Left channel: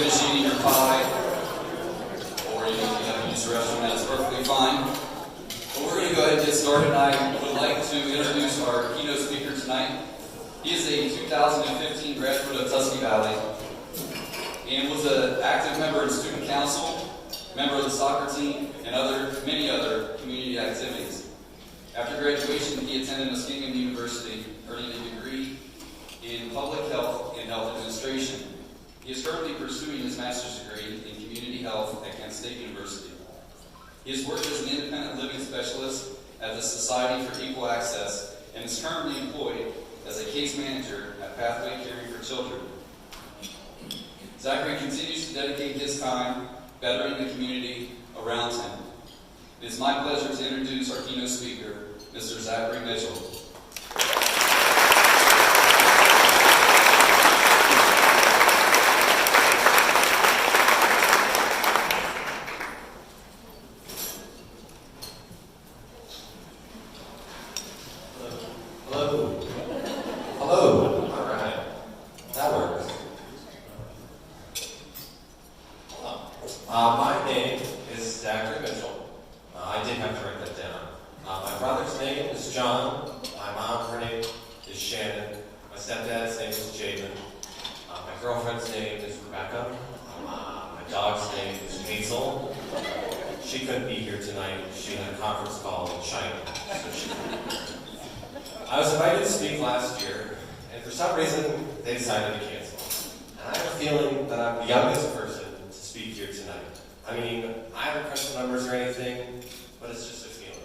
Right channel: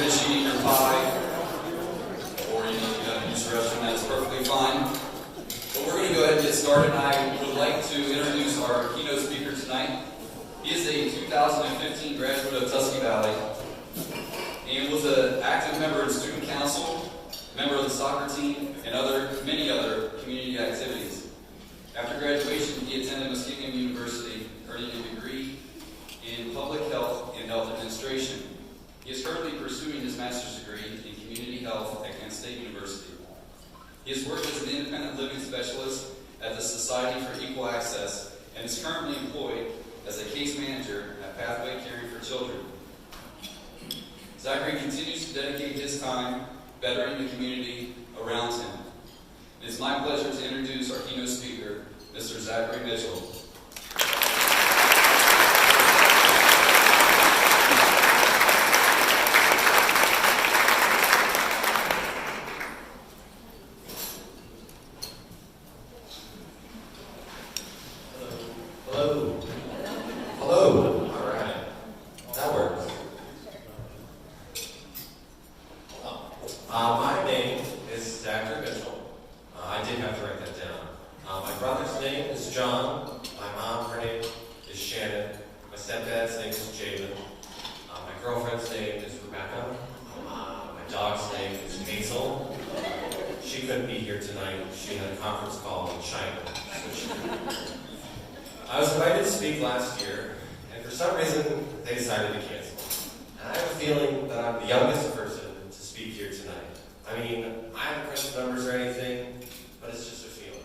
finish eating your pie, or you got to use the restroom, that's perfectly fine. But we're going to go ahead and get started. I would like to introduce our keynote speaker tonight. He is a 2015 graduate of Tusky Valley and was an active member of the student council, member of the soccer team, and many other community activities. After graduation, he attended Muskingum University, earning a degree in public health and health administration. He is currently pursuing his master's degree in community health at Kent State University. He has worked as an independent living specialist at the Society for Equal Access and is currently employed as a case manager at Pathway Caring for Children. Zachary continues to dedicate his time bettering the community around him. It is my pleasure to introduce our keynote speaker, Mr. Zachary Mitchell. My name is Zachary Mitchell. I did have to write that down. My brother's name is John. My mom, her name is Shannon. My stepdad's name is Javen. My girlfriend's name is Rebecca. My dog's name is Hazel. She couldn't be here tonight. She had a conference call in China. I was invited to speak last year, and for some reason, they decided to cancel. And I have a feeling that I'm the youngest person to speak here tonight. I mean, I haven't crunched the numbers or anything, but it's just a feeling.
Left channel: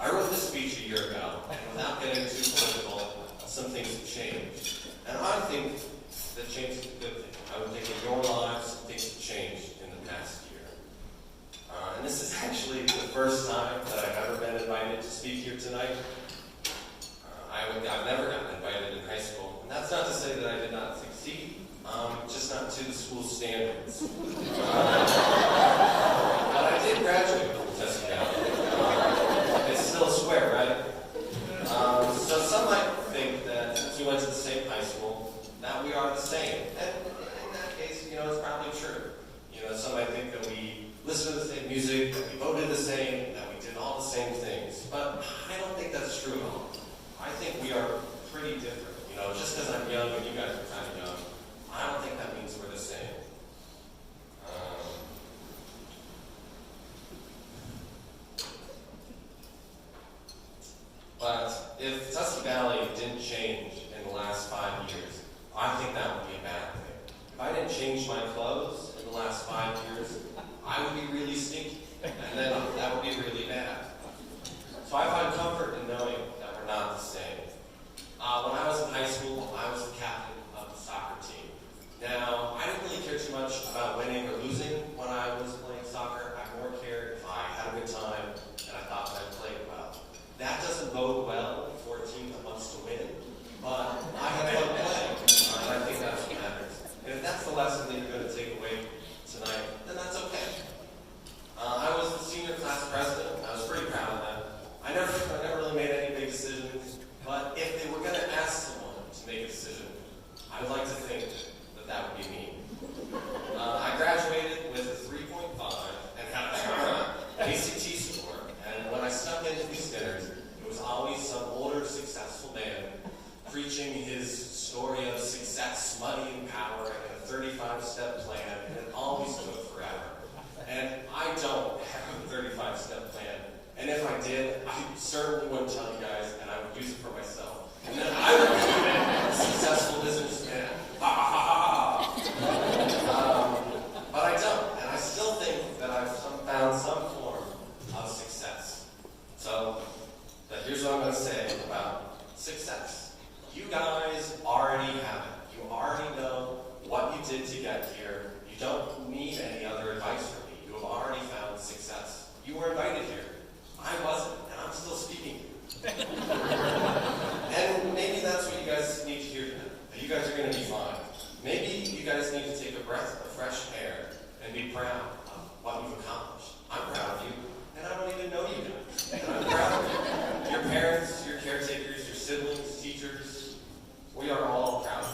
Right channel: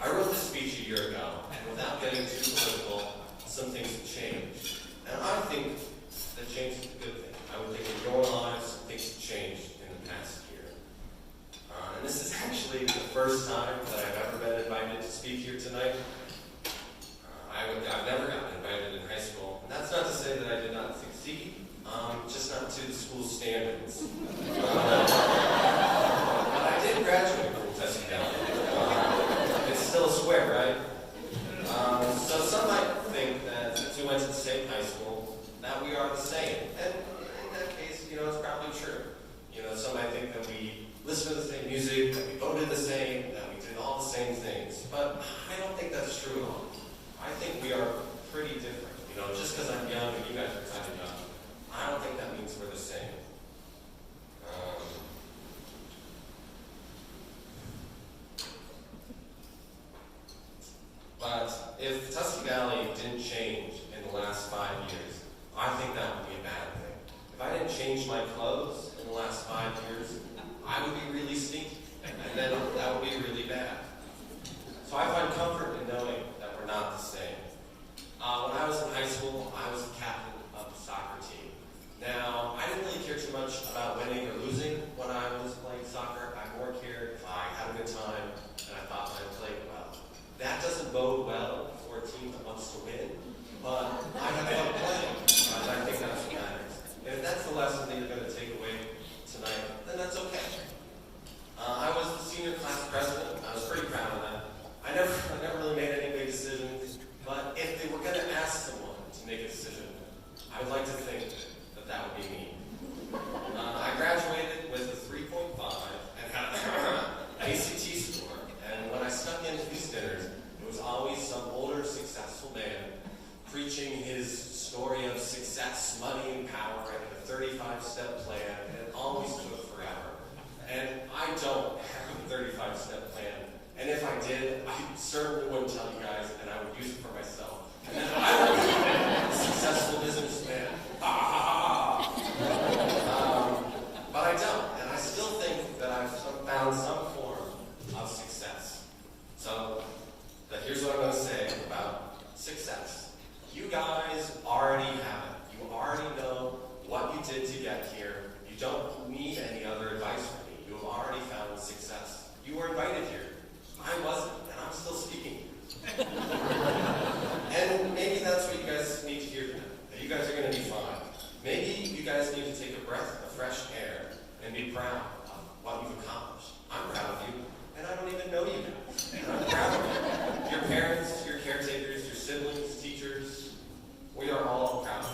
I wrote this speech a year ago, and without getting too political, some things have changed. And I think that change is a good thing. I would think in your lives, things have changed in the past year. And this is actually the first time that I've ever been invited to speak here tonight. I've never gotten invited in high school. And that's not to say that I did not succeed, just not to the school standards. But I did graduate from Tusky Valley. It's still a square, right? So some might think that since we went to the same high school, that we are the same. And in that case, it's probably true. Some might think that we listen to the same music, that we voted the same, that we did all the same things. But I don't think that's true at all. I think we are pretty different. Just because I'm young and you guys are kind of young, I don't think that means we're the same. But if Tusky Valley didn't change in the last 5 years, I think that would be a bad thing. If I didn't change my clothes in the last 5 years, I would be really stinky, and then that would be really bad. So I find comfort in knowing that we're not the same. When I was in high school, I was the captain of the soccer team. Now, I didn't really care too much about winning or losing when I was playing soccer. I more cared if I had a good time and I thought that I played well. That doesn't bode well for a team that wants to win, but I have fun playing, and I think that's what matters. And if that's the lesson that you're going to take away tonight, then that's okay. I was the senior class president. I was pretty proud of that. I never really made any big decisions, but if they were going to ask someone to make a decision, I would like to think that that would be me. I graduated with a 3.5 and had an ACT score, and when I snuck into these dinners, it was always some older, successful man preaching his story of success, money, and power, and a 35-step plan, and it always took forever. And I don't have a 35-step plan. And if I did, I certainly wouldn't tell you guys, and I would use it for myself. And then I would be a successful businessman. But I don't, and I still think that I've found some form of success. So, here's what I'm going to say about success. You guys already have it. You already know what you did to get here. You don't need any other advice from me. You have already found success. You were invited here. I wasn't, and I'm still speaking to you. And maybe that's what you guys need to hear tonight. That you guys are going to be fine. Maybe you guys need to take a breath of fresh air and be proud of what you've accomplished. I'm proud of you, and I don't even know you guys. And I'm proud of you. Your parents, your caretakers, your siblings, teachers, we are all proud of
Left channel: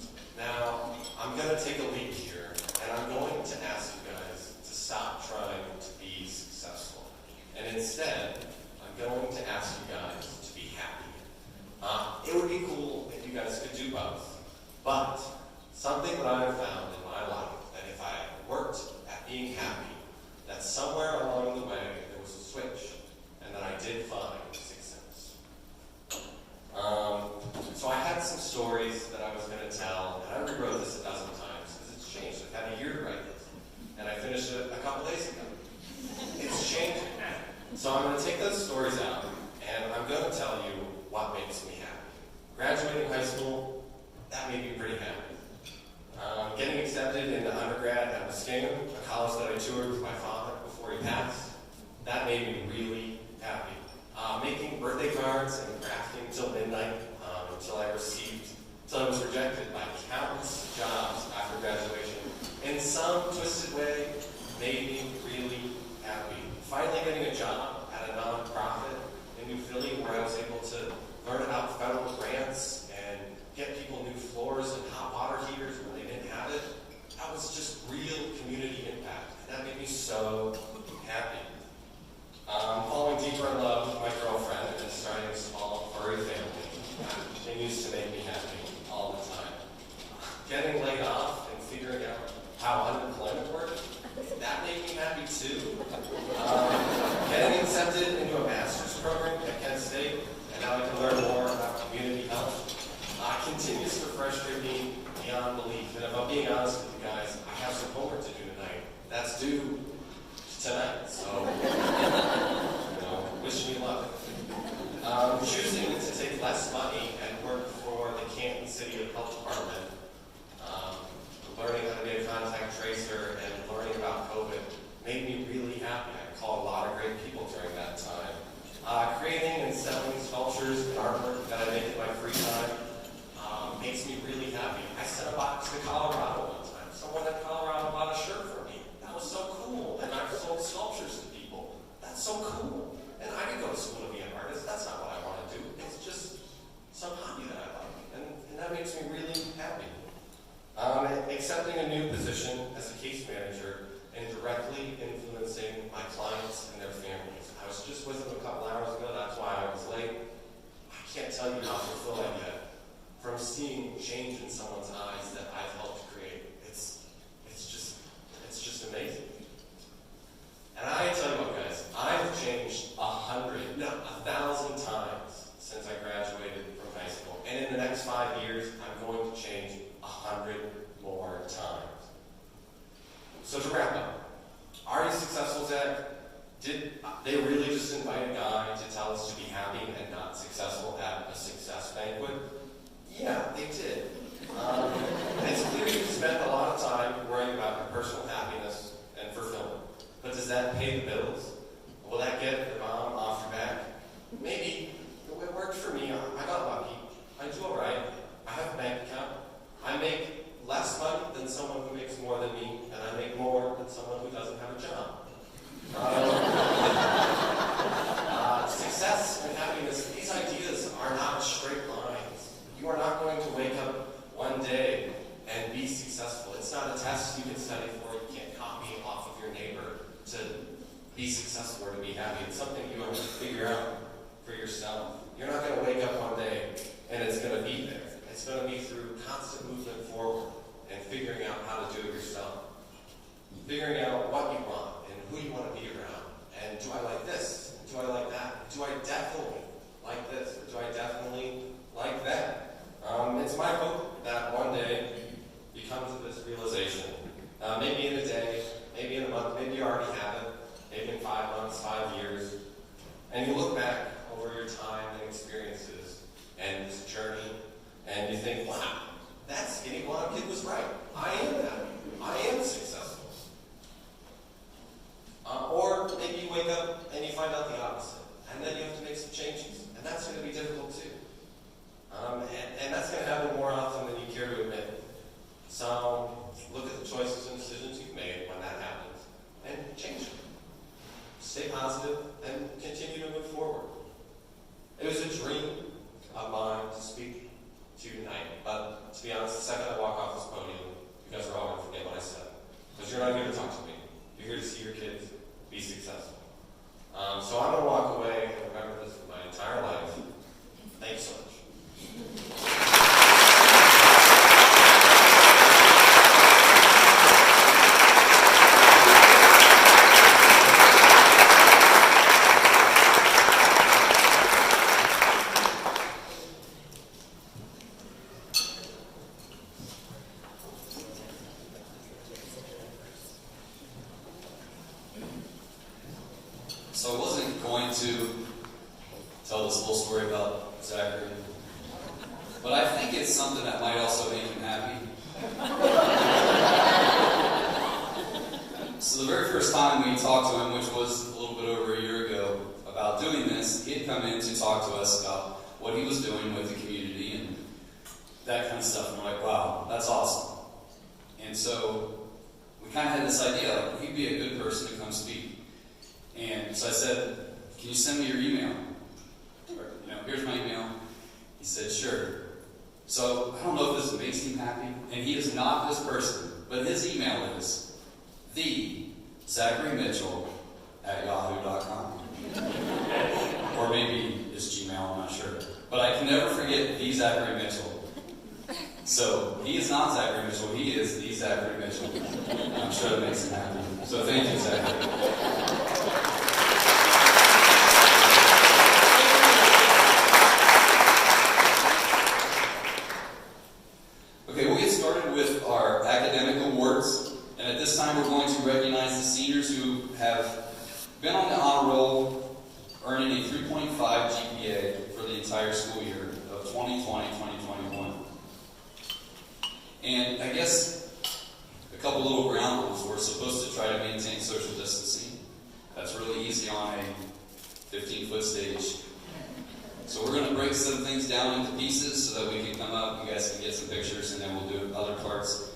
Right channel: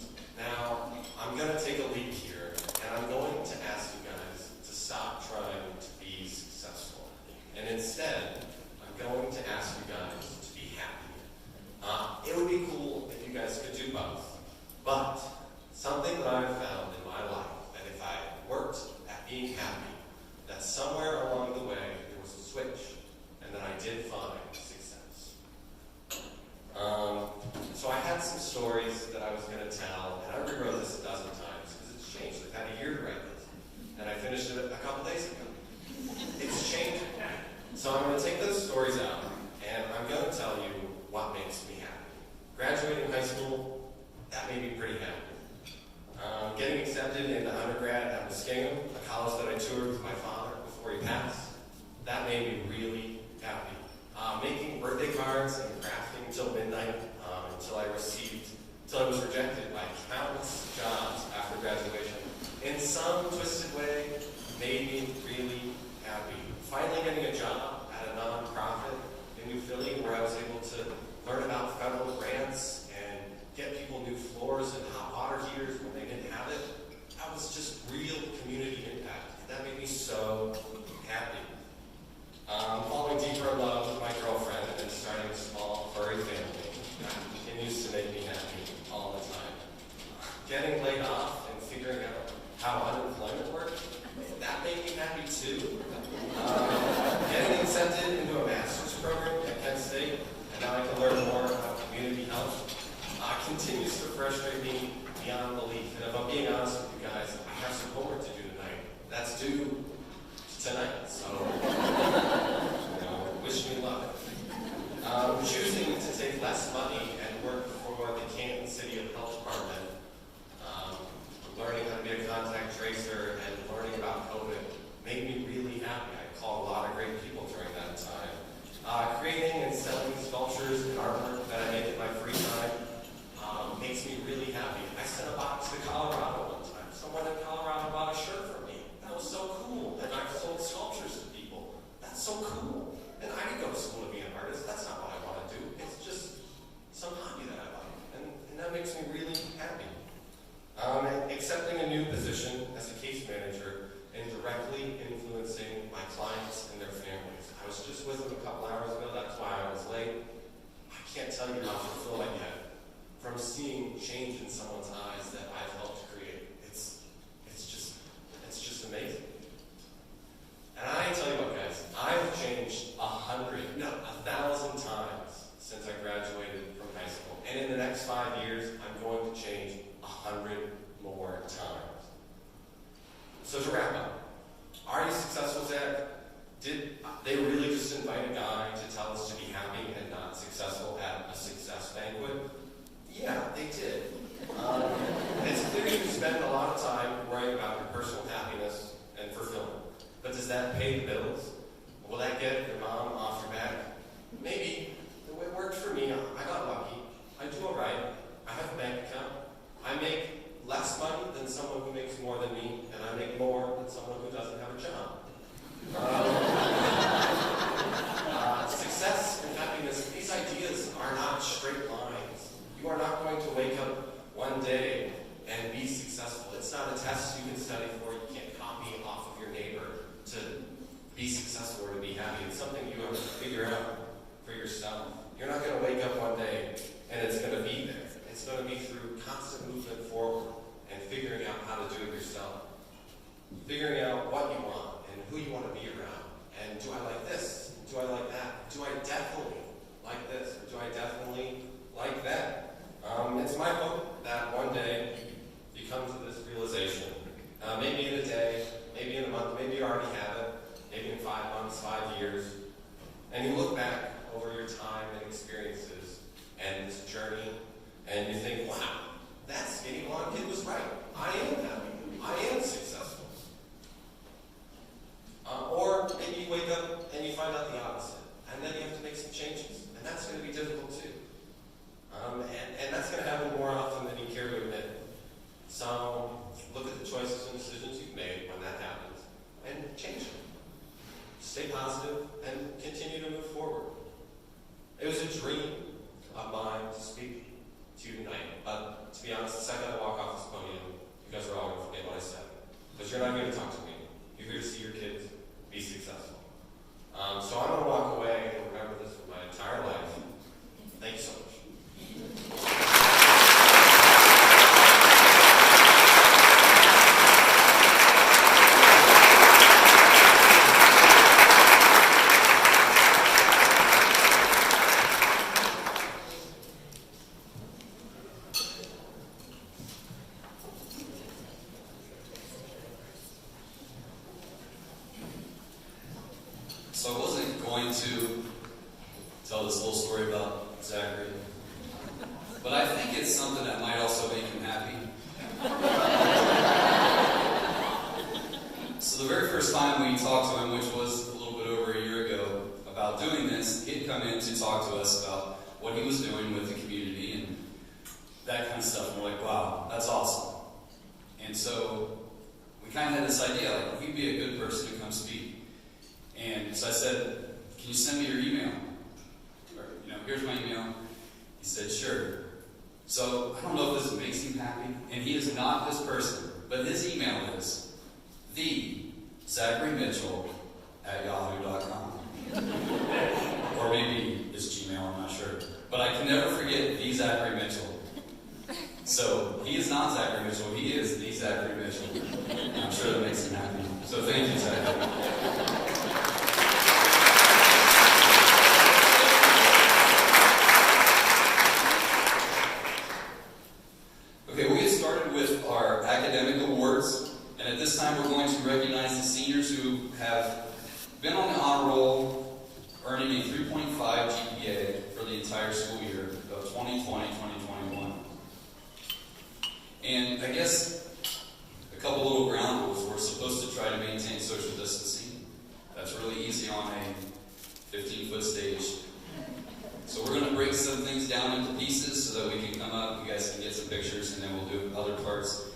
you. Now, I'm going to take a leap here, and So I'm going to take those stories out, and I'm going to tell you what makes me happy. Graduating high school, that made me pretty happy. Getting accepted into undergrad at Muskingum, a college that I toured with my father before he passed, that made me really happy. Making birthday cards and crafting till midnight until I was rejected by countless jobs after graduation. In some twisted way, made me really happy. Finally getting a job at a nonprofit in New Philly where I was able to learn about federal grants and get people new floors and hot water heaters when they didn't have it. That was just real community impact. That made me so happy. Falling deeper in love with my girlfriend and starting a small furry family. That continues to make me happy all the time. Getting laid off and figuring out how unemployment works, that made me happy too. Getting accepted into a master's program at Kent State, and now I can learn more about community health, continues to frustrate me beyond belief. And if I'm being honest with you guys, I have some homework to do tonight. That's due tonight, so wish me luck. Choosing to take less money and work for the Kansas City Health Department, learning how to be a contact tracer and learning about COVID made me really happy. I called a lot of great people during that time. Creating and selling sculptures and artwork that I make in my free time makes me really happy. I sent a box to Colorado one time. Someone in Colorado bought a shirt for me. That was so cool. And I've sold sculptures to people. That's so cool. And I didn't go to school to be an artist. That's not what I want to do. It's just some hobby that I like. And that makes me really happy. Accepting a new position as a case manager and directly influencing my clients and their families. I was just with them a couple hours ago. That's why I was late. I can't tell you how fulfilled I get from seeing change in someone's eyes that I've helped create. It's just amazing. And I tell you what, guys, I've changed 1,000 times since I graduated from high school. And in the next 5 years, I'm going to change 100 more times. So to wrap up, are you successful, Zach? Did they really just invite a guy to tell us to be happy and not successful at a success banquet? Yeah, they did. It's clear you spend a lot of time worrying about your personal happiness and fulfillment. But does that pay the bills? Will that get your mom off your back? Maybe. It worked for me. I got lucky. I do all right. I have a bank account. I make less money than someone who makes more than me, and I make more than someone who doesn't have a job. Success and happiness, these ideas are not straight lines. You are not going to wake up one day and be successful. It's not a test you can study for. You can't copy off of your neighbor to be successful or to be happy. It's something you have to figure out for yourself. You're not going to wake up one day and it's going to be there. It's going to be through constant movement forward and figuring out how to do it yourself. Figuring out what you want and who you want to be around. And do I like this? Do I like that? Do I definitely like this? Do I definitely like that? It's my hope that one day you come to this realization. Maybe in a day, maybe in a month, maybe you already have it, maybe in 5 months, 5 years, and you look back over your time and experiences and this journey, and you think, wow, that skinny blonde kid was right. I am happy. I am successful. Or maybe you wake up and you find out the opposite, and then you have to make some changes, and that's going to be difficult too. And that's going to happen more often to tell this little story about Zachary. But I think it's something that might also make him happy. So the very first time we talked to him, which was a little bit over a year ago, about doing this, he had come in to talk to us about what he was doing with the community and that kind of stuff. And we're like, wow, that's awesome. And so we kind of had this idea, like, he'd be a good person to come speak. And so I said, can you send me your email? Or, here's my email. He said, sure. So I don't know if this makes him happy, and he is not this person, but his email is theZacharyMitchell@yahoo.com. Or maybe it's Gmail, I'm not sure. But I can never forget the Zachary Mitchell. So he is not Zachary Mitchell, he is the Zachary Mitchell. And I'm sure that makes him happy. So thank you, Zachary. Okay, we'll get started with our academic awards. And at this time, we're going to recognize the seniors who have been on the honor roll, earning a 3.5 GPA for the entire school year of 2020-2021. And I guess a couple little ground rules. We're supposed to try to maintain social distancing. That's really easy on a 15-foot stage. So we're going to break some things down into pieces so that we can come up, you guys can get some pictures, and then we'll do other parts.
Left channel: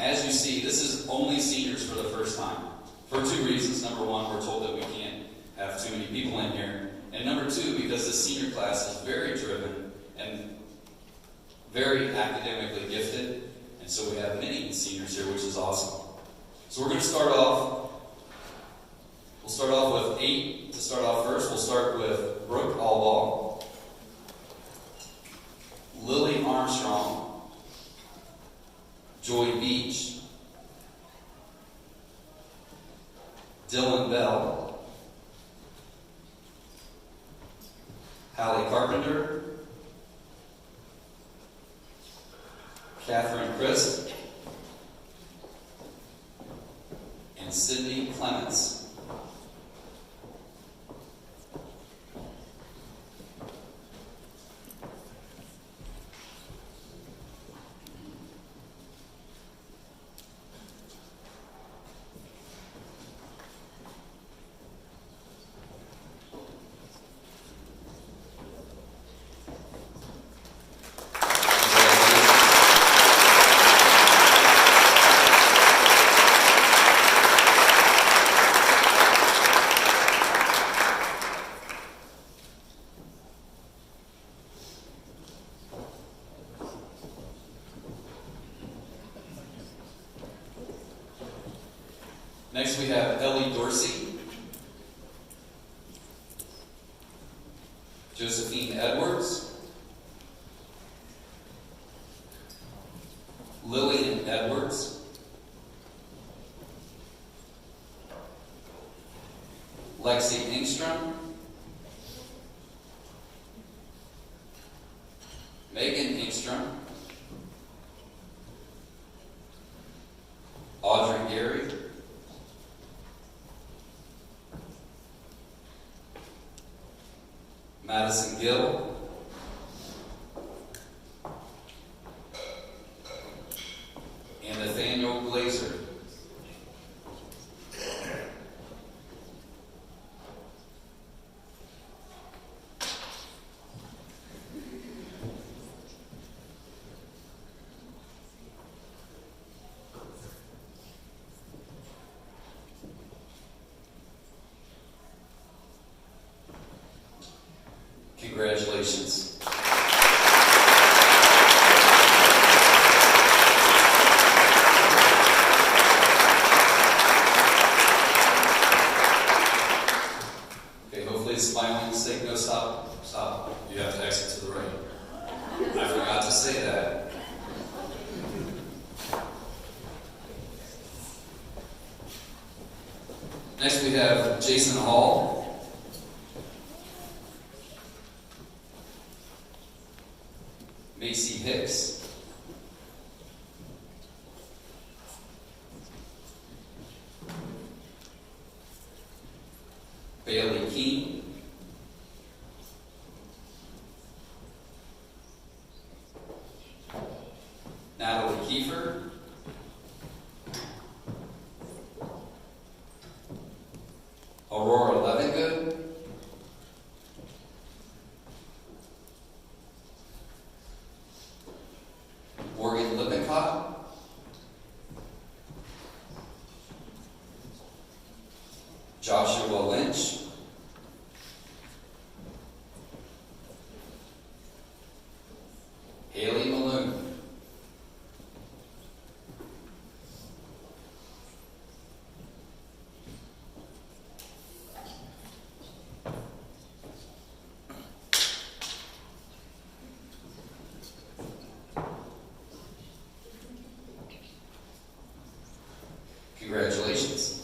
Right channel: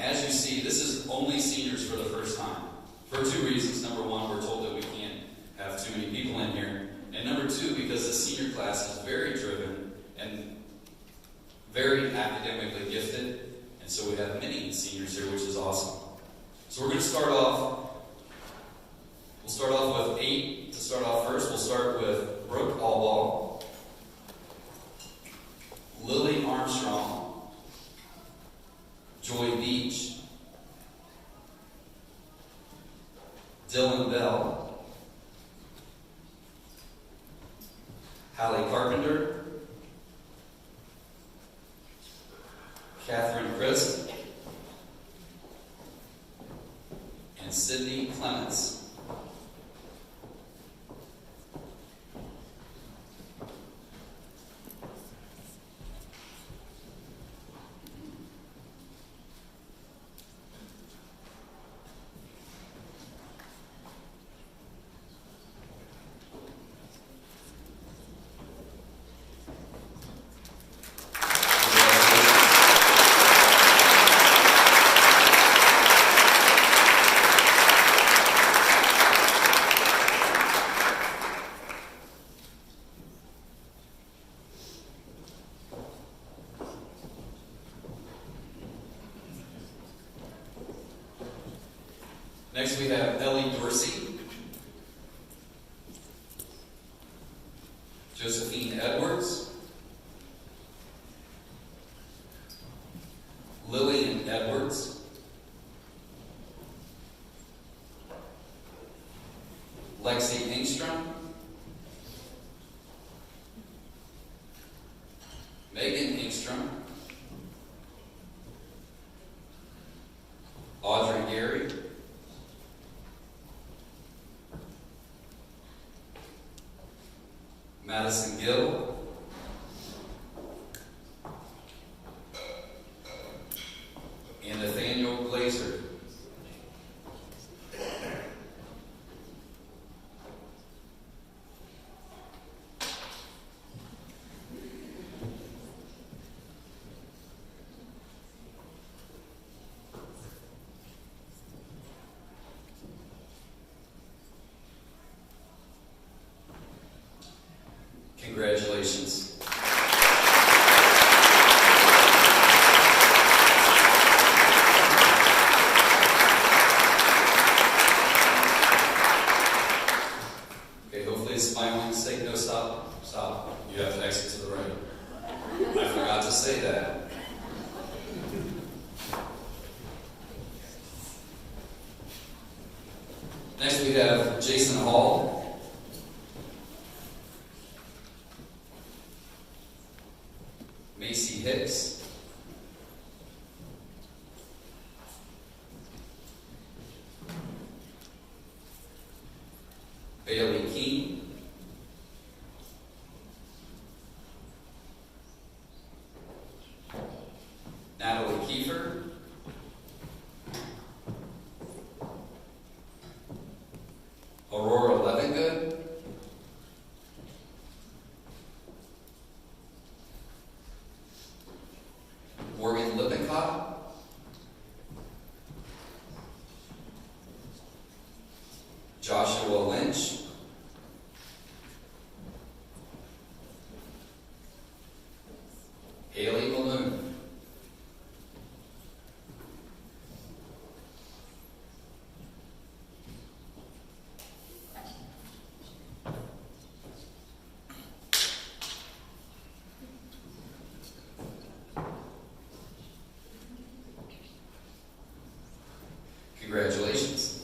As you see, this is only seniors for the first time. For two reasons. Number one, we're told that we can't have too many people in here. And number two, because the senior class is very driven and very academically gifted. And so we have many seniors here, which is awesome. So we're going to start off. We'll start off with 8 to start off first. We'll start with Brooke Alwall, Lily Armstrong, Joy Beach, Dylan Bell, Hallie Carpenter, Catherine Crisp, and Sydney Clements. Next we have Ellie Dorsey, Josephine Edwards, Lillian Edwards, Lexi Engstrom, Megan Engstrom, Audrey Gary, Madison Gill, and Nathaniel Glazer. Congratulations. Okay, hopefully it's final mistake. No, stop. Stop. You have to exit to the right. I forgot to say that. Next we have Jason Hall, Macy Hicks, Bailey Keene, Joshua Lynch, Haley Malone, congratulations.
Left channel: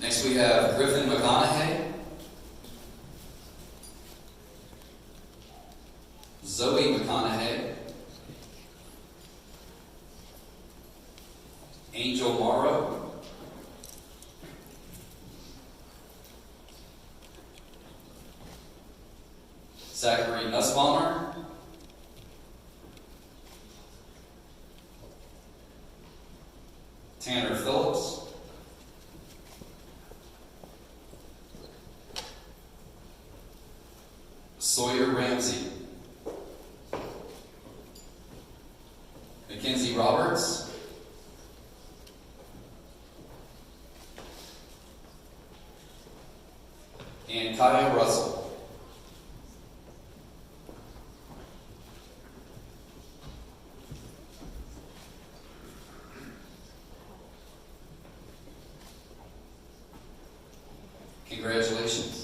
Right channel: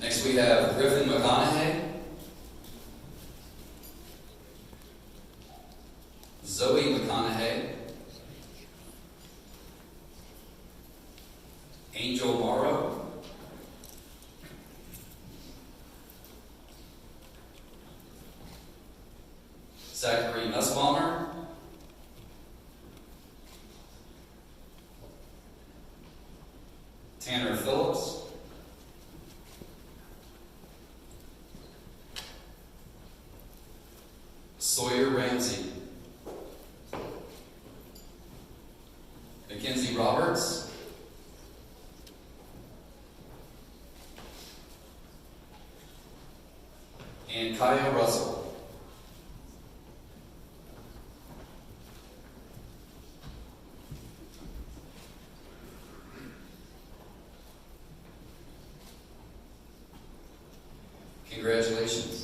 Next we have Griffin McConaughey, Zoe McConaughey, Angel Morrow, Zachary Nussbaumer, Tanner Phillips, Sawyer Ramsey, Mackenzie Roberts, and Kyle Russell. Congratulations.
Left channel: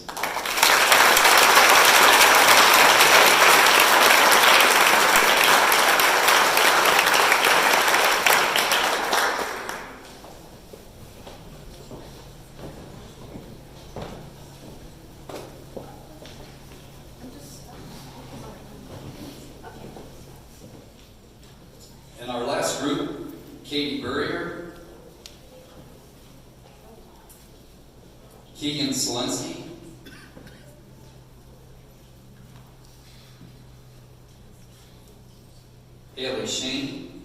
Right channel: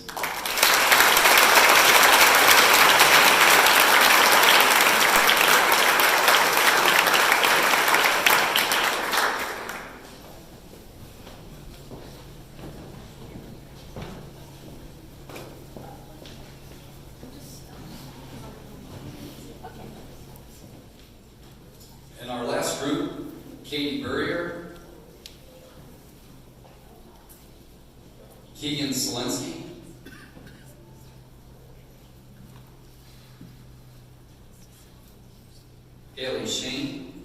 And our last group, Katie Burrier, Keegan Selensky, Haley Shane,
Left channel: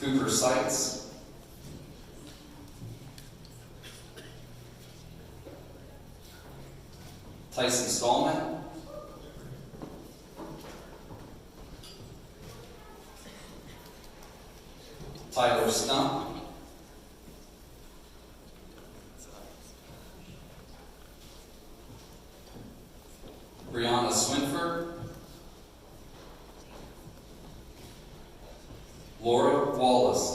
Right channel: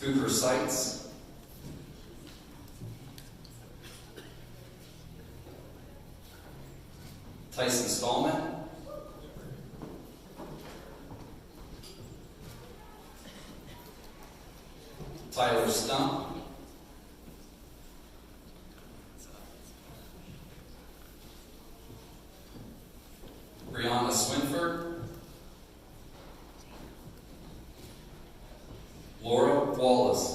Cooper Seitz, Tyson Stallman, Tyler Stump, Brianna Swinford, Laura Wallace,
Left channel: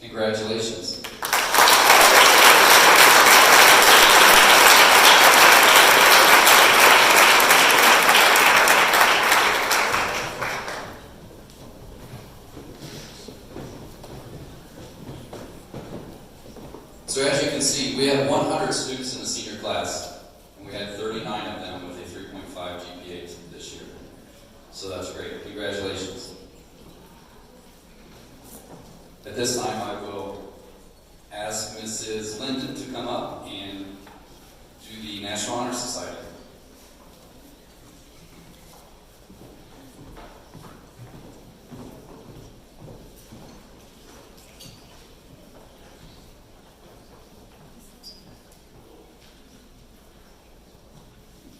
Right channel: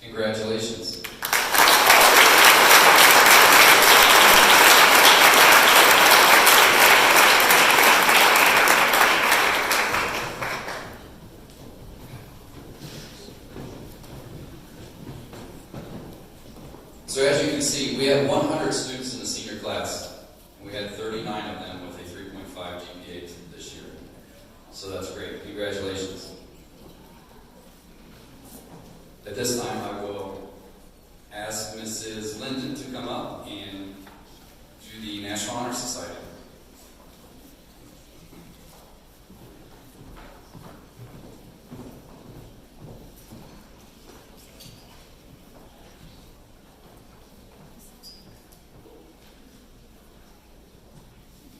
congratulations. So as you can see, we had 100 students in the senior class, and we had 39 of them with a 3.5 GPA this year. So that's great. Congratulations. At this time, I will ask Mrs. Linden to come up and do the National Honor Society.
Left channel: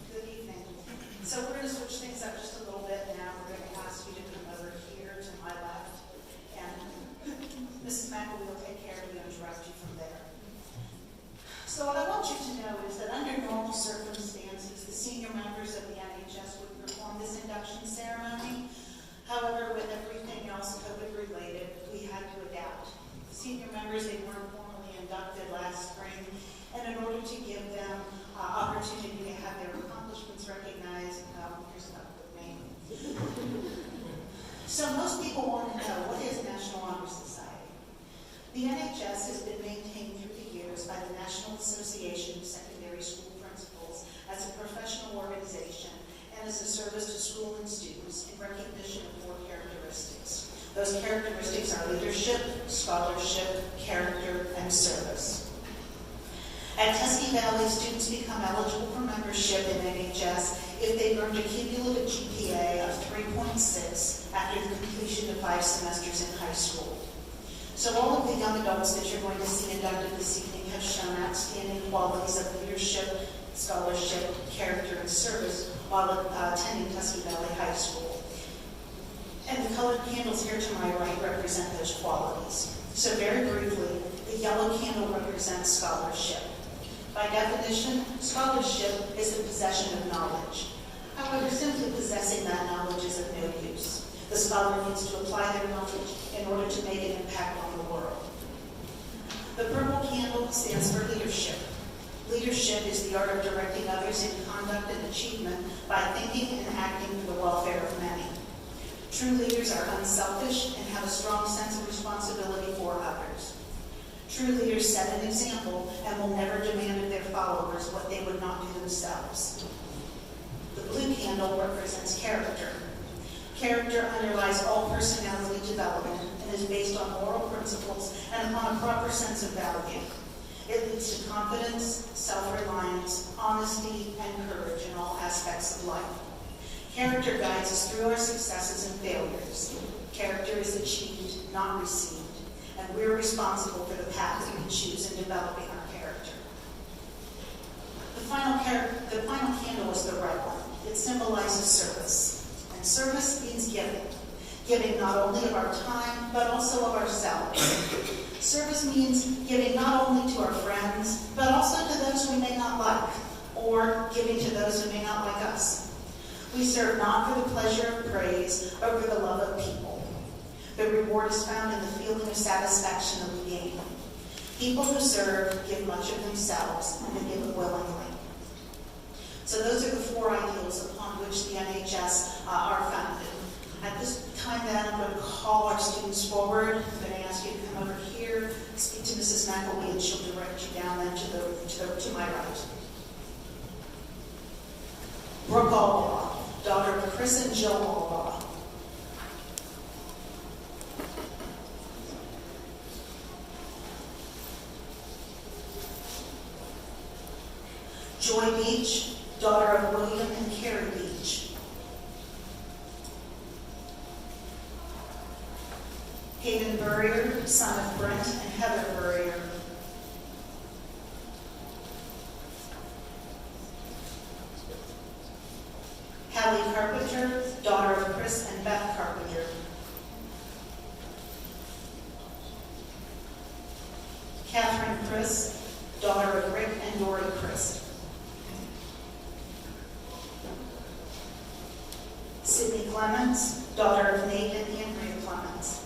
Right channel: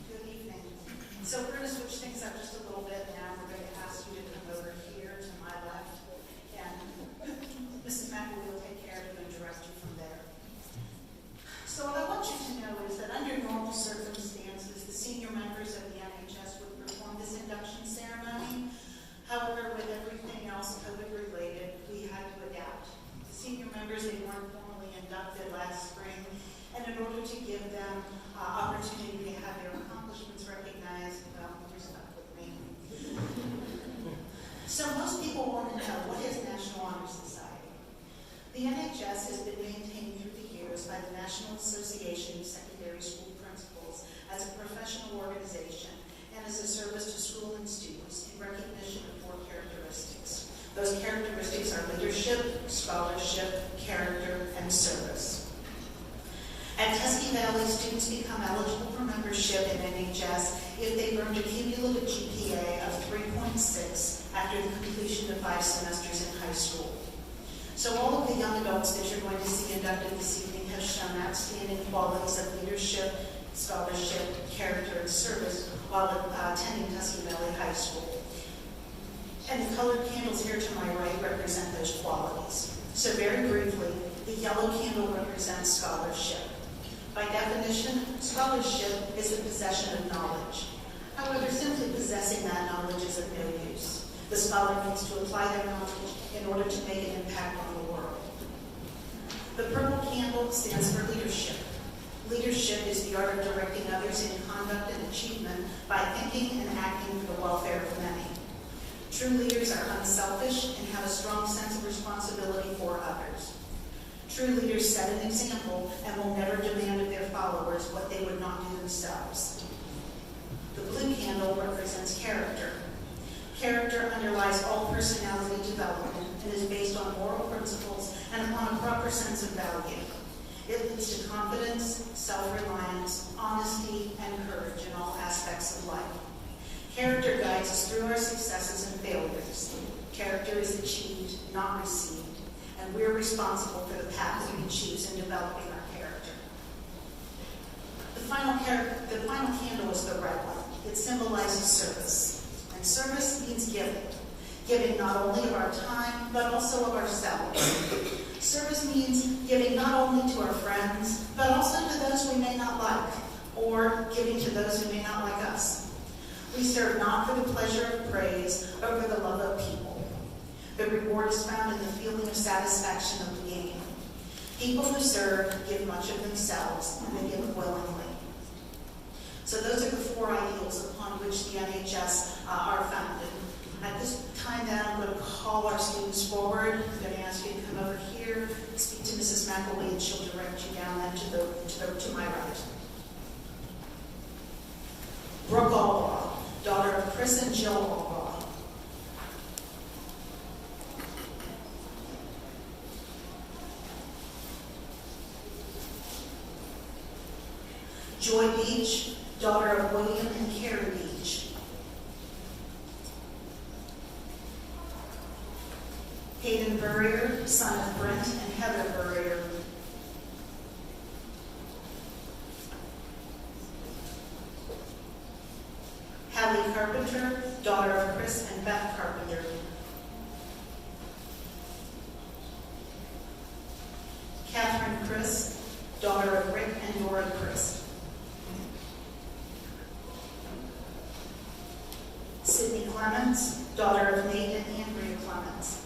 Good evening. So we're going to switch things up just a little bit now. We're going to ask you to come over here to my left. And Mrs. McElwee will take care of you and direct you from there. So what I want you to know is that under normal circumstances, the senior members of the NHS would perform this induction ceremony. However, with everything else COVID-related, we had to adapt. The senior members, they weren't formally inducted last spring, and in order to give them opportunity to have their accomplishments recognized, you're stuck with me. TVHS has been maintained through the years by the National Association of Secondary School Principals as a professional organization and as a service to school and students in recognition of 4 characteristics. Those characteristics are leadership, scholarship, character, and service. At Tusky Valley, students become eligible for membership in NHS if they've earned a cumulative GPA of 3.6 after the completion of 5 semesters in high school. So all of the young adults that you're going to see inducted this evening have shown outstanding qualities of leadership, scholarship, character, and service while attending Tusky Valley High School. And the colored candles here to my right represent those qualities. So very briefly, the yellow candle represents scholarship. By definition, scholarship is the possession of knowledge. However, simply possessing that knowledge is of no use. The scholar needs to apply their knowledge in order to make an impact on the world. The purple candle stands for leadership. Leadership is the art of directing others in conduct and achievement by thinking and acting for the welfare of many. True leaders are unselfish and have a strong sense of responsibility for others. True leaders set an example and will never demand of their followers what they would not do themselves. The blue candle represents character. Character underlies all personality development and is based on moral principles and upon a proper sense of value. It leads to confidence, self-reliance, honesty, and courage in all aspects of life. Character guides us through our successes and failures. Character is achieved, not received, and we're responsible for the path that we choose in developing our character. The final candle is the red one. It symbolizes service. And service means giving. Giving not only of our time, but also of ourselves. Service means giving not only to our friends, but also to those we may not like, or giving to those who may not like us. We serve not for the pleasure of praise, but for the love of people. The reward is found in the feeling of satisfaction of the gain. People who serve give much of themselves and give it willingly. So those are the 4 ideals upon which the NHS are founded. At this time then, I'm going to call our students forward. I'm going to ask you to come over here, speak to Mrs. McElwee, and she'll direct you down then to my right. Brooke Albaugh, daughter of Chris and Jill Albaugh. Joy Beach, daughter of William and Carrie Beach. Hayden Burrier, son of Brent and Heather Burrier. Hallie Carpenter, daughter of Chris and Beth Carpenter. Catherine Chris, daughter of Rick and Lori Chris. Sydney Clements, daughter of Nate and Andrea Clements.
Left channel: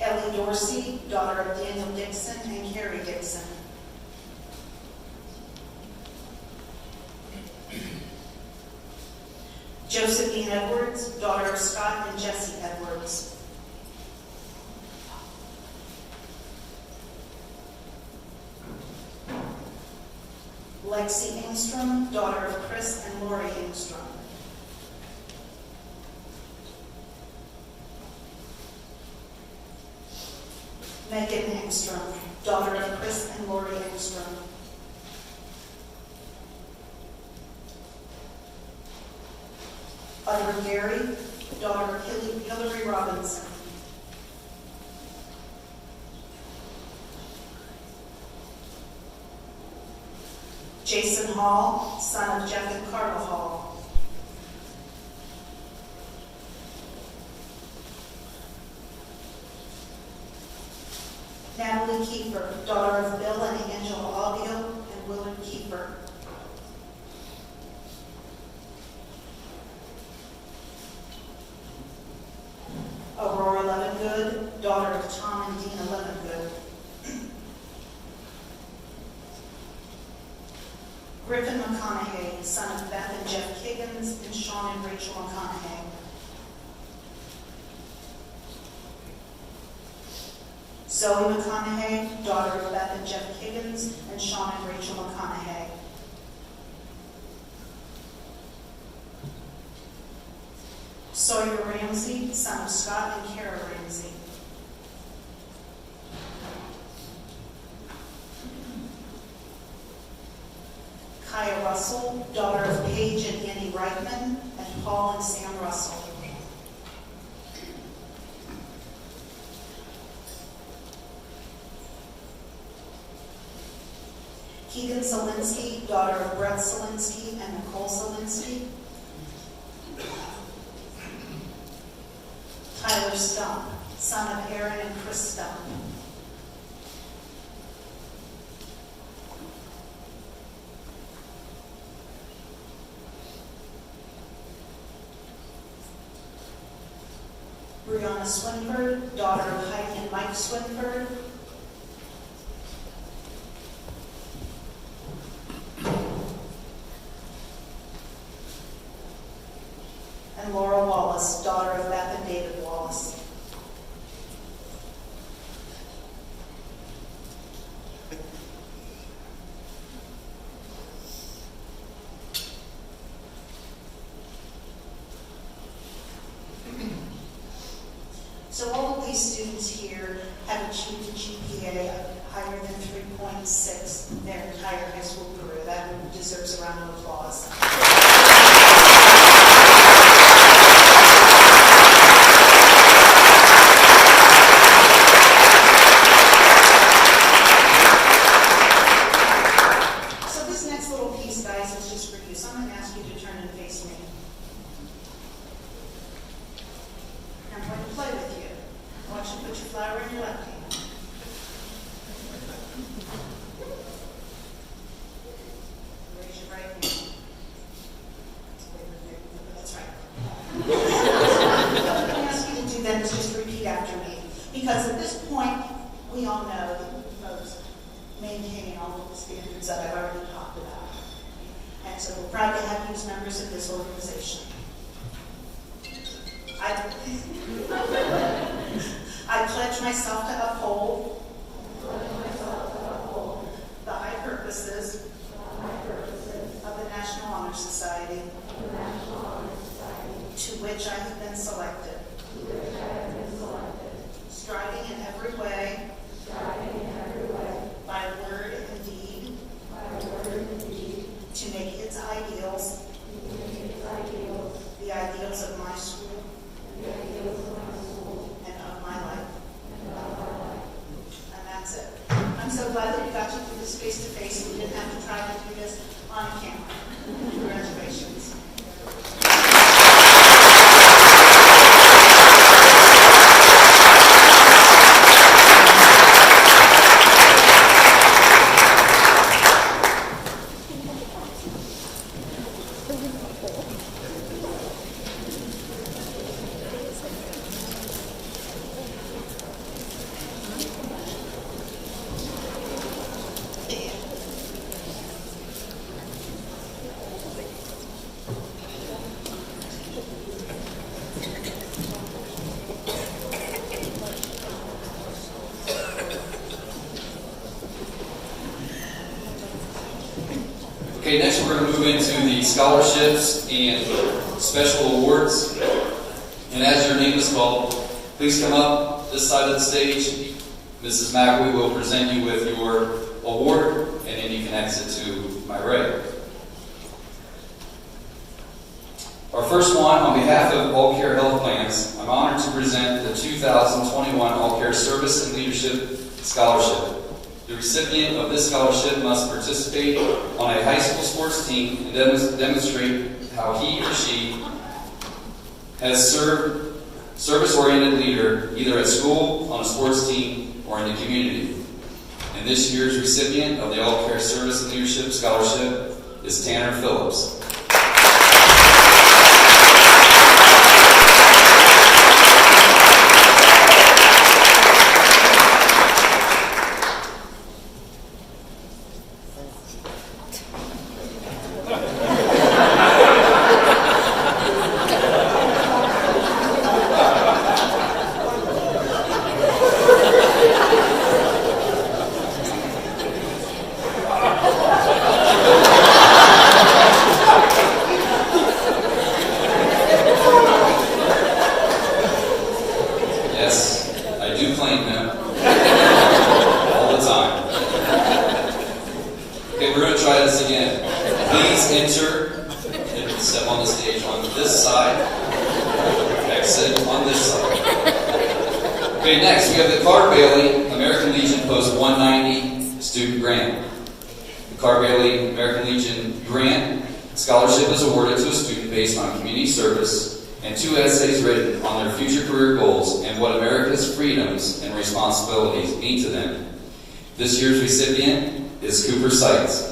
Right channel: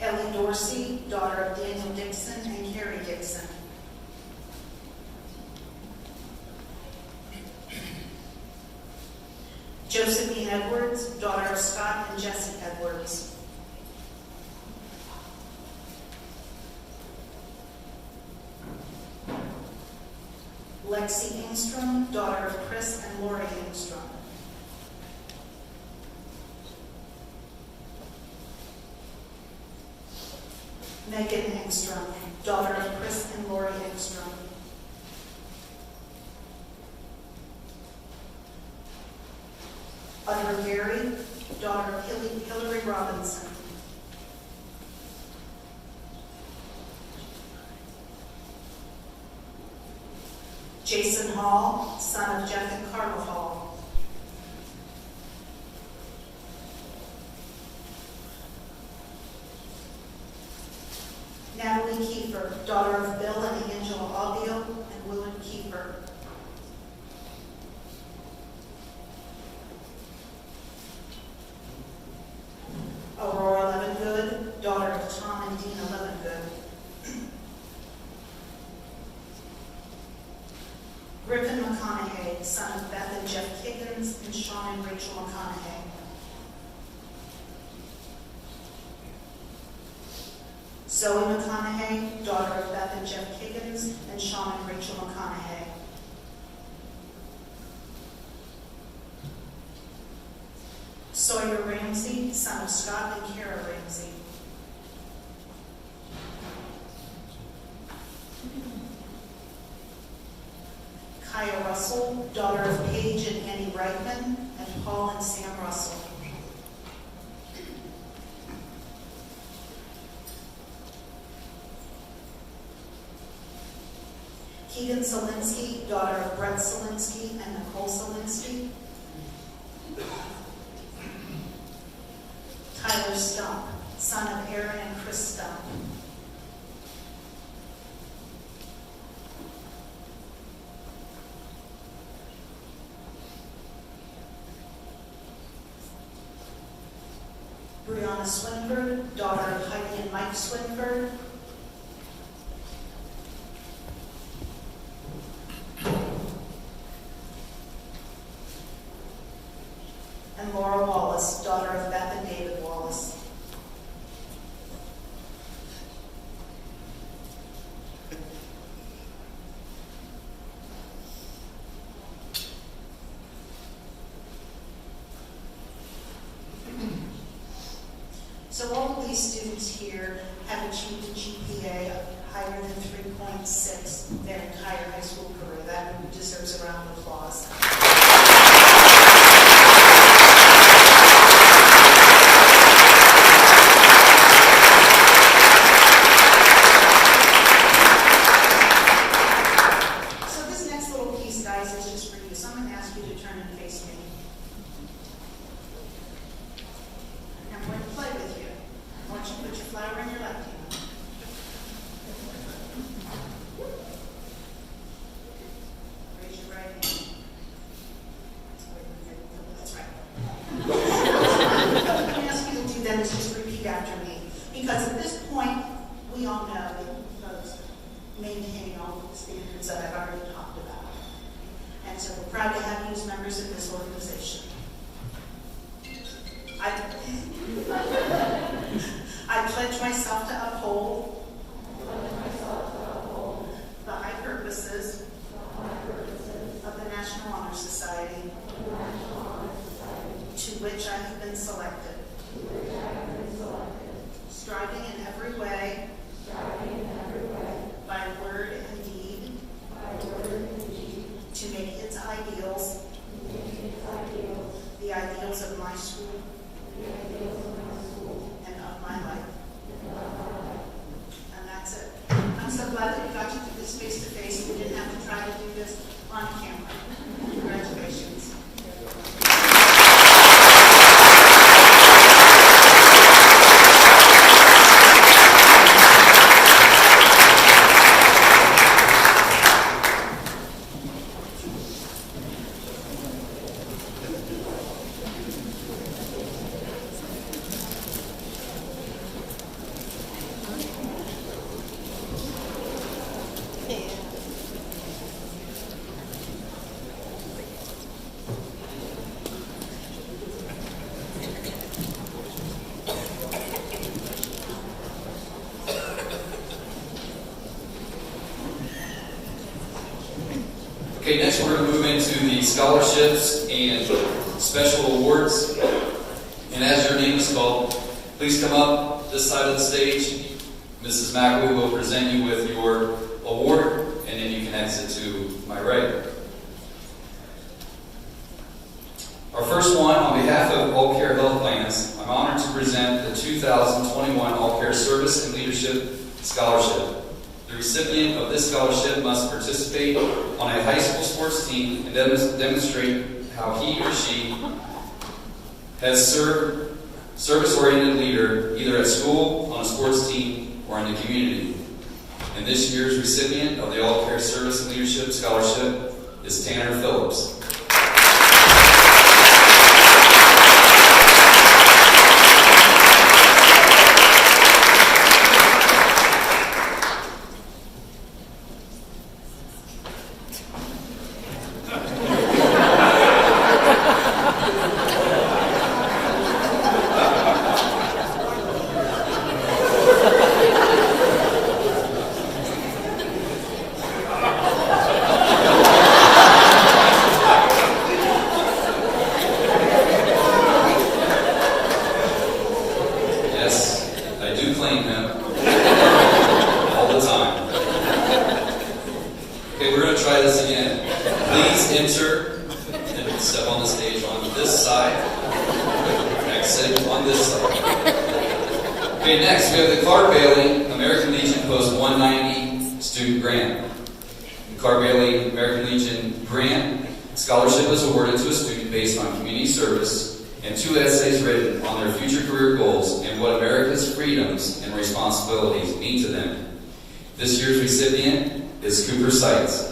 Ellie Dorsey, daughter of Daniel Dixon and Carrie Dixon. Josephine Edwards, daughter of Scott and Jesse Edwards. Lexi Engstrom, daughter of Chris and Lori Engstrom. Megan Engstrom, daughter of Chris and Lori Engstrom. Audrey Gary, daughter of Hillary Robinson. Jason Hall, son of Jeff and Carla Hall. Natalie Kiefer, daughter of Bill and Angela Alvio and Willard Kiefer. Aurora Levengood, daughter of Tom and Dina Levengood. Griffin McConaughey, son of Beth and Jeff Kiggin Higgins, and Sean and Rachel McConaughey. Zoe McConaughey, daughter of Beth and Jeff Higgins, and Sean and Rachel McConaughey. Sawyer Ramsey, son of Scott and Kara Ramsey. Kaya Russell, daughter of Paige and Annie Reitman, and Paul and Sam Russell. Keegan Zelinsky, daughter of Brett Zelinsky and Nicole Zelinsky. Tyler Stump, son of Aaron and Chris Stump. Brianna Swinford, daughter of Heidi and Mike Swinford. And Laura Wallace, daughter of Beth and David Wallace. So all of these students here have achieved a GPA of higher than 3.6 their entire high school career. That deserves a round of applause. So this next little piece, guys, is just for you. So I'm going to ask you to turn and face me. And I'm going to play with you. I want you to put your flower in your left hand. Raise your right hand. That's right. What I'm going to ask you to do then is just repeat after me. Because at this point, we all know that folks maintain all the standards that I've already talked about. And so we're proud to have you as members of this organization. I pledge myself to uphold the high purposes of the National Honor Society to which I have been selected, striving in every way, by word and deed, to make its ideals the ideals of my school and of my life. And that's it. I'm so glad that we got to do this face to face. We didn't have to try to do this on camera. Congratulations. Okay, next we're going to move into the scholarships and special awards. And as your name is called, please come up this side of the stage. Mrs. McAwee will present you with your award, and then you can exit to my right. Our first one, on behalf of All Care Health Plans, I'm honored to present the 2021 All Care Service and Leadership Scholarship. The recipient of this scholarship must participate on a high school sports team and demonstrate how he or she has served service-oriented leader either at school, on a sports team, or in the community. And this year's recipient of the All Care Service and Leadership Scholarship is Tanner Phillips. enter, step on the stage on this side, exit on this side. Okay, next we have the Carter Bailey American Legion Post 190 Student Grant. The Carter Bailey American Legion Grant scholarship is awarded to a student based on community service and 2 essays written on their future career goals and what America's freedoms and responsibilities mean to them. This year's recipient is Cooper Seitz.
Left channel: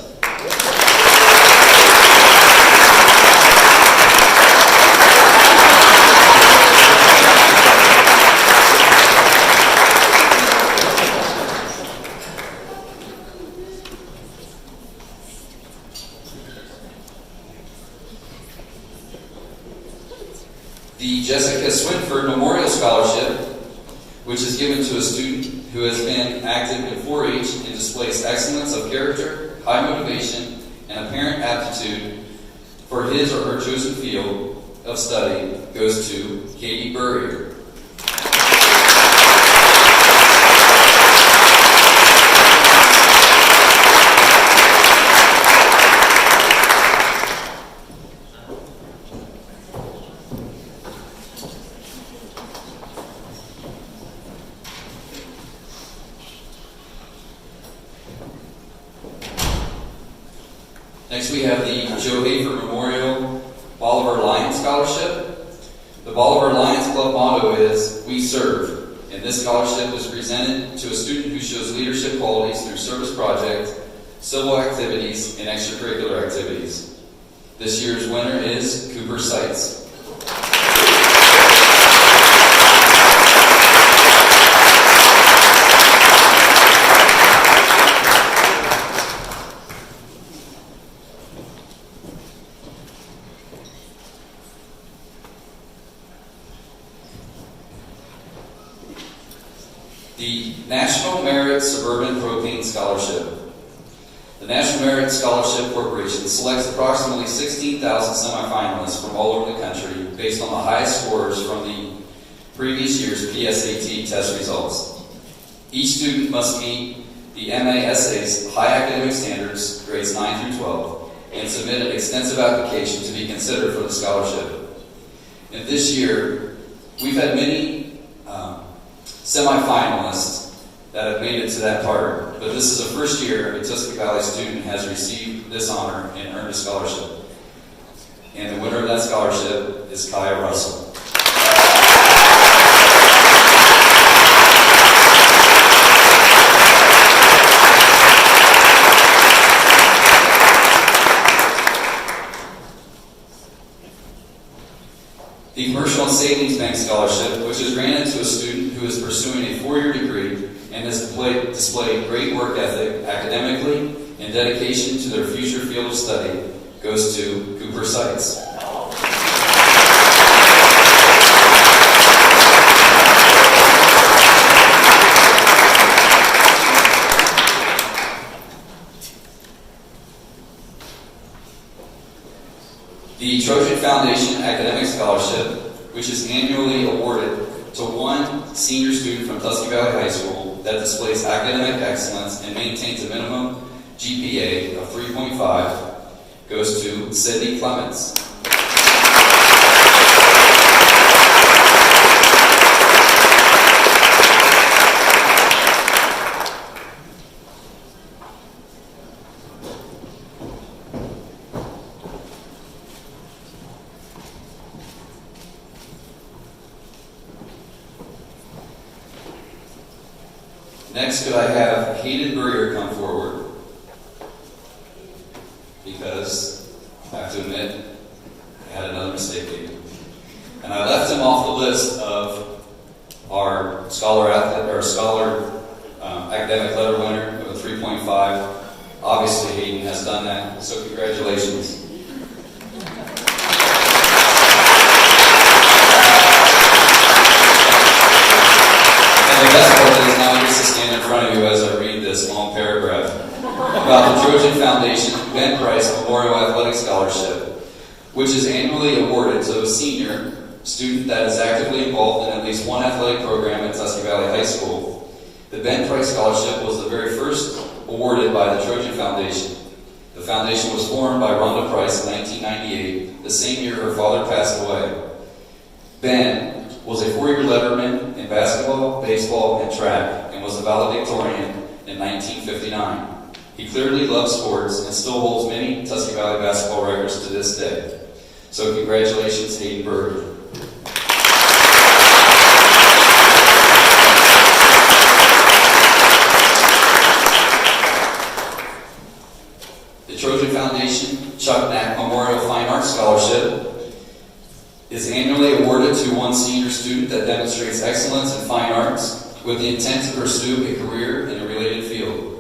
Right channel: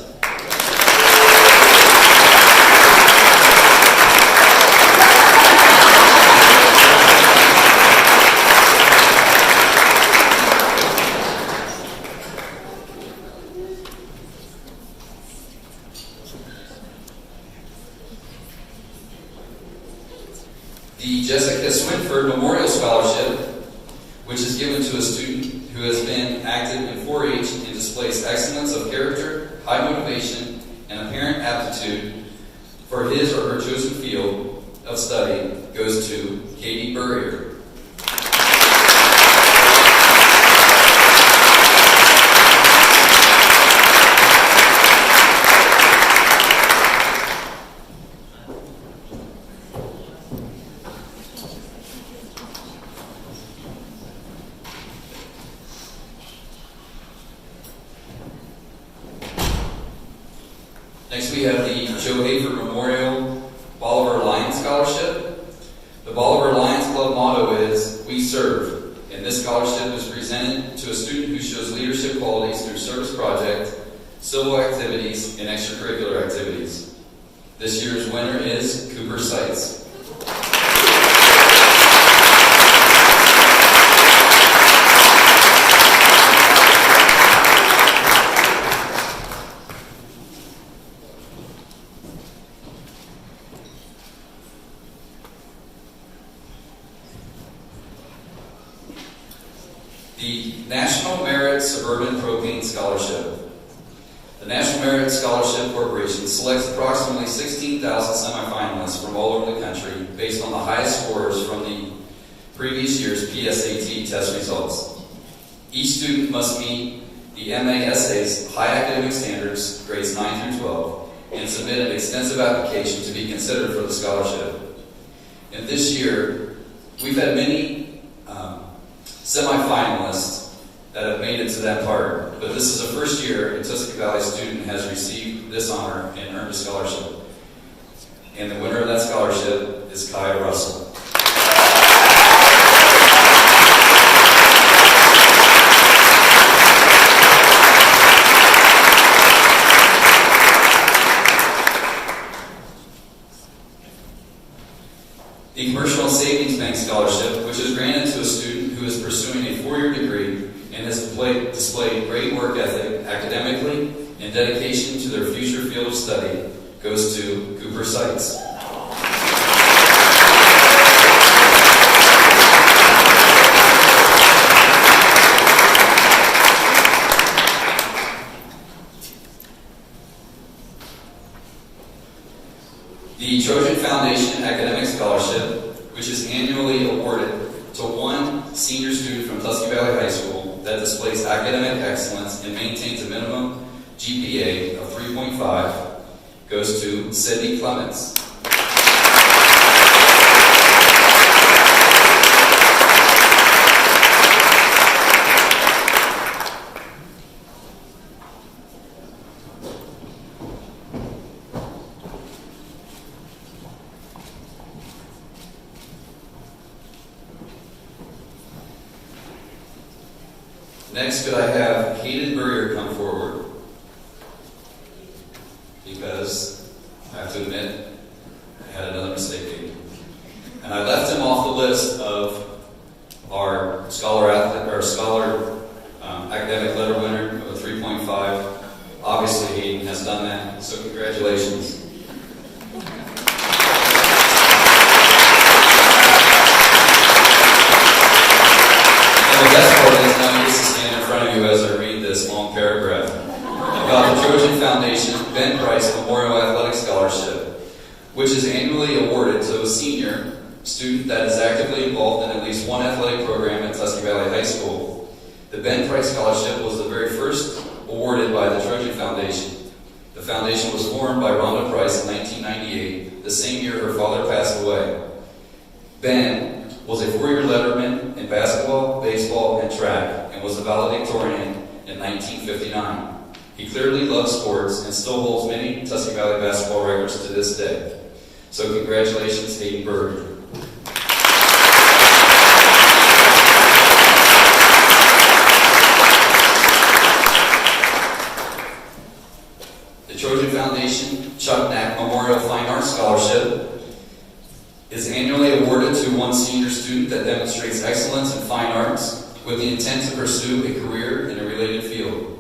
The Jessica Swinford Memorial Scholarship, which is given to a student who has been active in 4-H and displays excellence of character, high motivation, and apparent aptitude for his or her chosen field of study, goes to Katie Burrier. Next we have the Joe Hafer Memorial Bolivar Lions Scholarship. The Bolivar Lions Club motto is, "We serve," and this scholarship is presented to a student who shows leadership qualities through service project, civil activities, and extracurricular activities. This year's winner is Cooper Seitz. The National Merit Suburban Propane Scholarship. The National Merit Scholarship Corporation selects approximately 16,000 semifinalists from all over the country based on the highest scores from the previous year's PSAT test results. Each student must meet the MA Essays High Academic Standards, grades 9 through 12, and submit an extensive application to be considered for the scholarship. And this year, we've had many semi-finalists that have made it to that part, but this is the first year a Tusky Valley student has received this honor and earned a scholarship. And the winner of that scholarship is Kaya Russell. The Commercial and Savings Bank Scholarship, which is granted to a student who is pursuing a 4-year degree and has displayed great work ethic academically and dedication to their future field of study, goes to Cooper Seitz. The Trojan Foundation Academic Scholarship, which is annually awarded to one senior student from Tusky Valley High School that displays academic excellence and maintains a minimum GPA of 3.5, goes to Sydney Clements. Next, could I have Hayden Burrier come forward? Because, I have to admit, I had another mistake made. And I left him off the list of our scholar academic letter winner of a 3.5. Obviously, Hayden has done that, so congratulations. And the best part is now he gets to stand in front of you as I read this long paragraph about the Trojan Foundation Ben Price Memorial Athletic Scholarship, which is annually awarded to a senior student that is actively involved in at least one athletic program at Tusky Valley High School. The Ben Price Scholarship was the very first awarded by the Trojan Foundation. The foundation was formed by Rhonda Price in 1998, the same year her father passed away. Ben was a 4-year letterman in basketball, baseball, and track, and was a valedictorian in 1959. He clearly loves sports and still holds many Tusky Valley basketball records to this day. So congratulations, Hayden Berger. The Trojan Foundation Chuck Knack Memorial Fine Arts Scholarship is annually awarded to one senior student that demonstrates excellence in fine arts with the intent to pursue a career in a related field.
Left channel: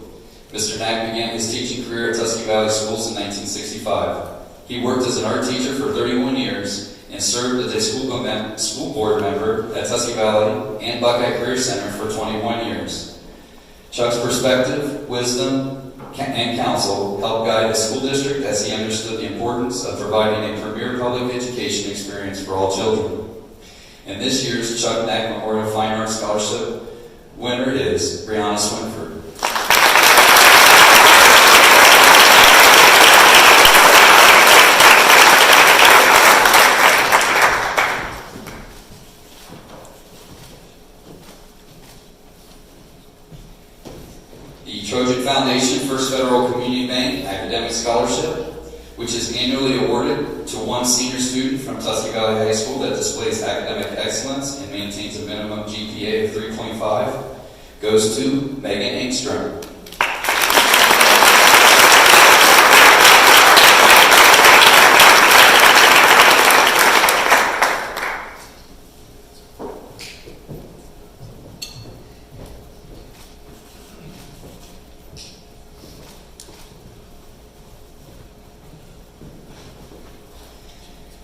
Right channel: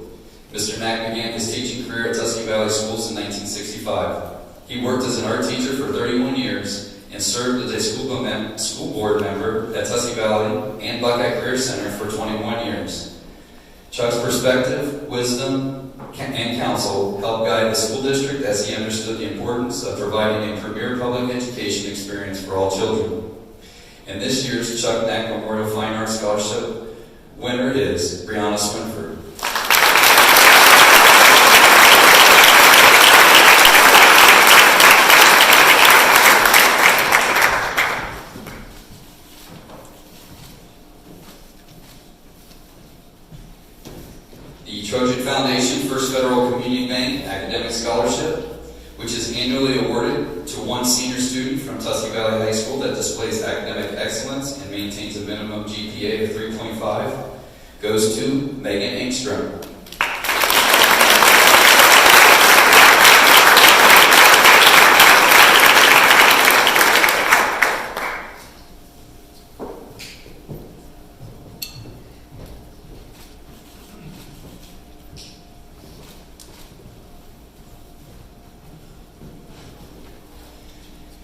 Mr. Knack began his teaching career at Tusky Valley Schools in 1965. He worked as an art teacher for 31 years and served as a school board member at Tusky Valley and Buckeye Career Center for 21 years. Chuck's perspective, wisdom, and counsel helped guide the school district as he understood the importance of providing a premier public education experience for all children. And this year's Chuck Knack Memorial Fine Arts Scholarship winner is Brianna Swinford. The Trojan Foundation First Federal Community Bank Academic Scholarship, which is annually awarded to one senior student from Tusky Valley High School that displays academic excellence and maintains a minimum GPA of 3.5, goes to Megan Engstrom.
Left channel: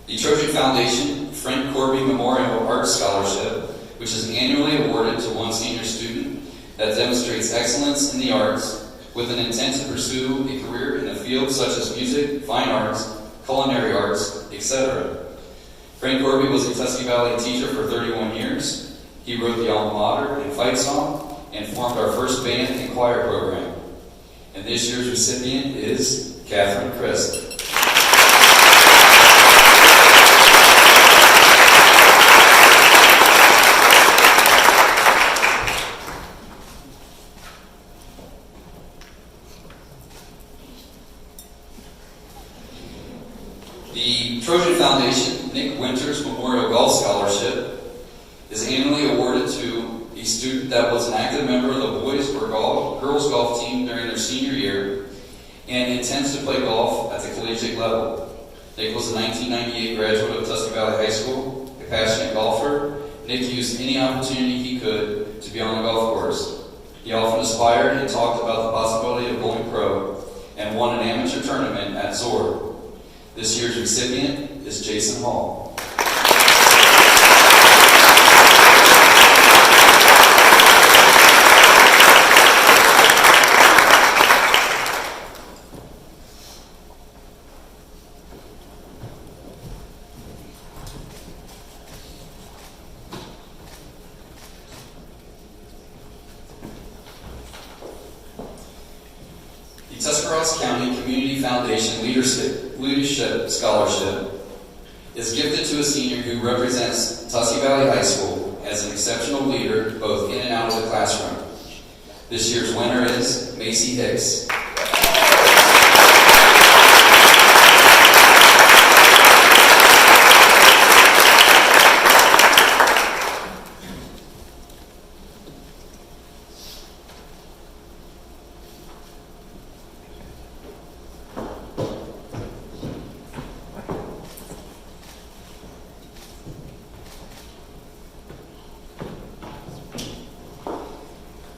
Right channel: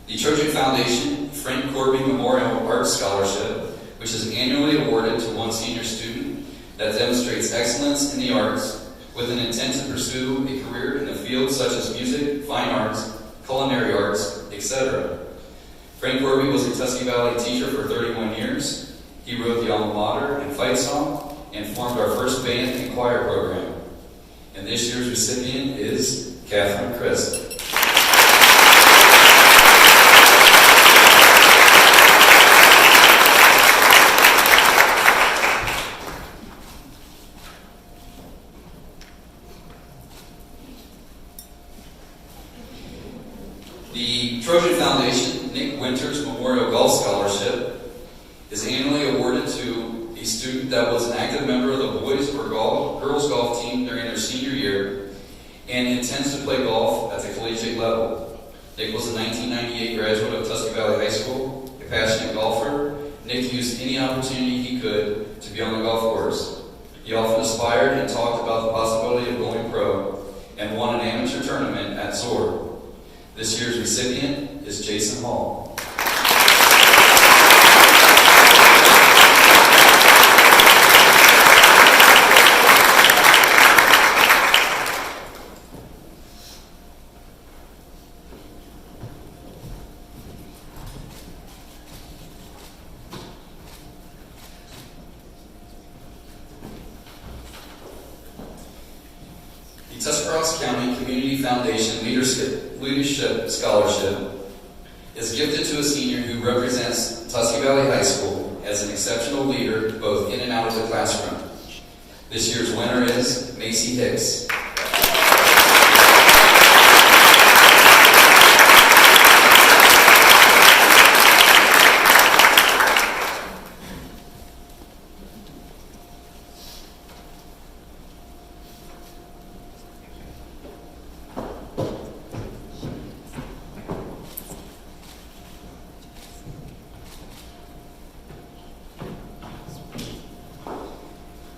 The Trojan Foundation Frank Corby Memorial Arts Scholarship, which is annually awarded to one senior student that demonstrates excellence in the arts with an intent to pursue a career in a field such as music, fine arts, culinary arts, etc. Frank Corby was a Tusky Valley teacher for 31 years. He wrote the alma mater and fight song and formed our first band and choir program. And this year's recipient is Catherine Christ. The Trojan Foundation Nick Winters Memorial Golf Scholarship is annually awarded to a student that was an active member of the boys or girls golf team during their senior year and intends to play golf at the collegiate level. Nick was a 1998 graduate of Tusky Valley High School, a passionate golfer. Nick used any opportunity he could to be on the golf course. He often aspired and talked about the possibility of going pro and won an amateur tournament at Zor. This year's recipient is Jason Hall. The Tuscarawas County Community Foundation Leadership Scholarship is gifted to a senior who represents Tusky Valley High School as an exceptional leader both in and out of the classroom. This year's winner is Beci Hicks.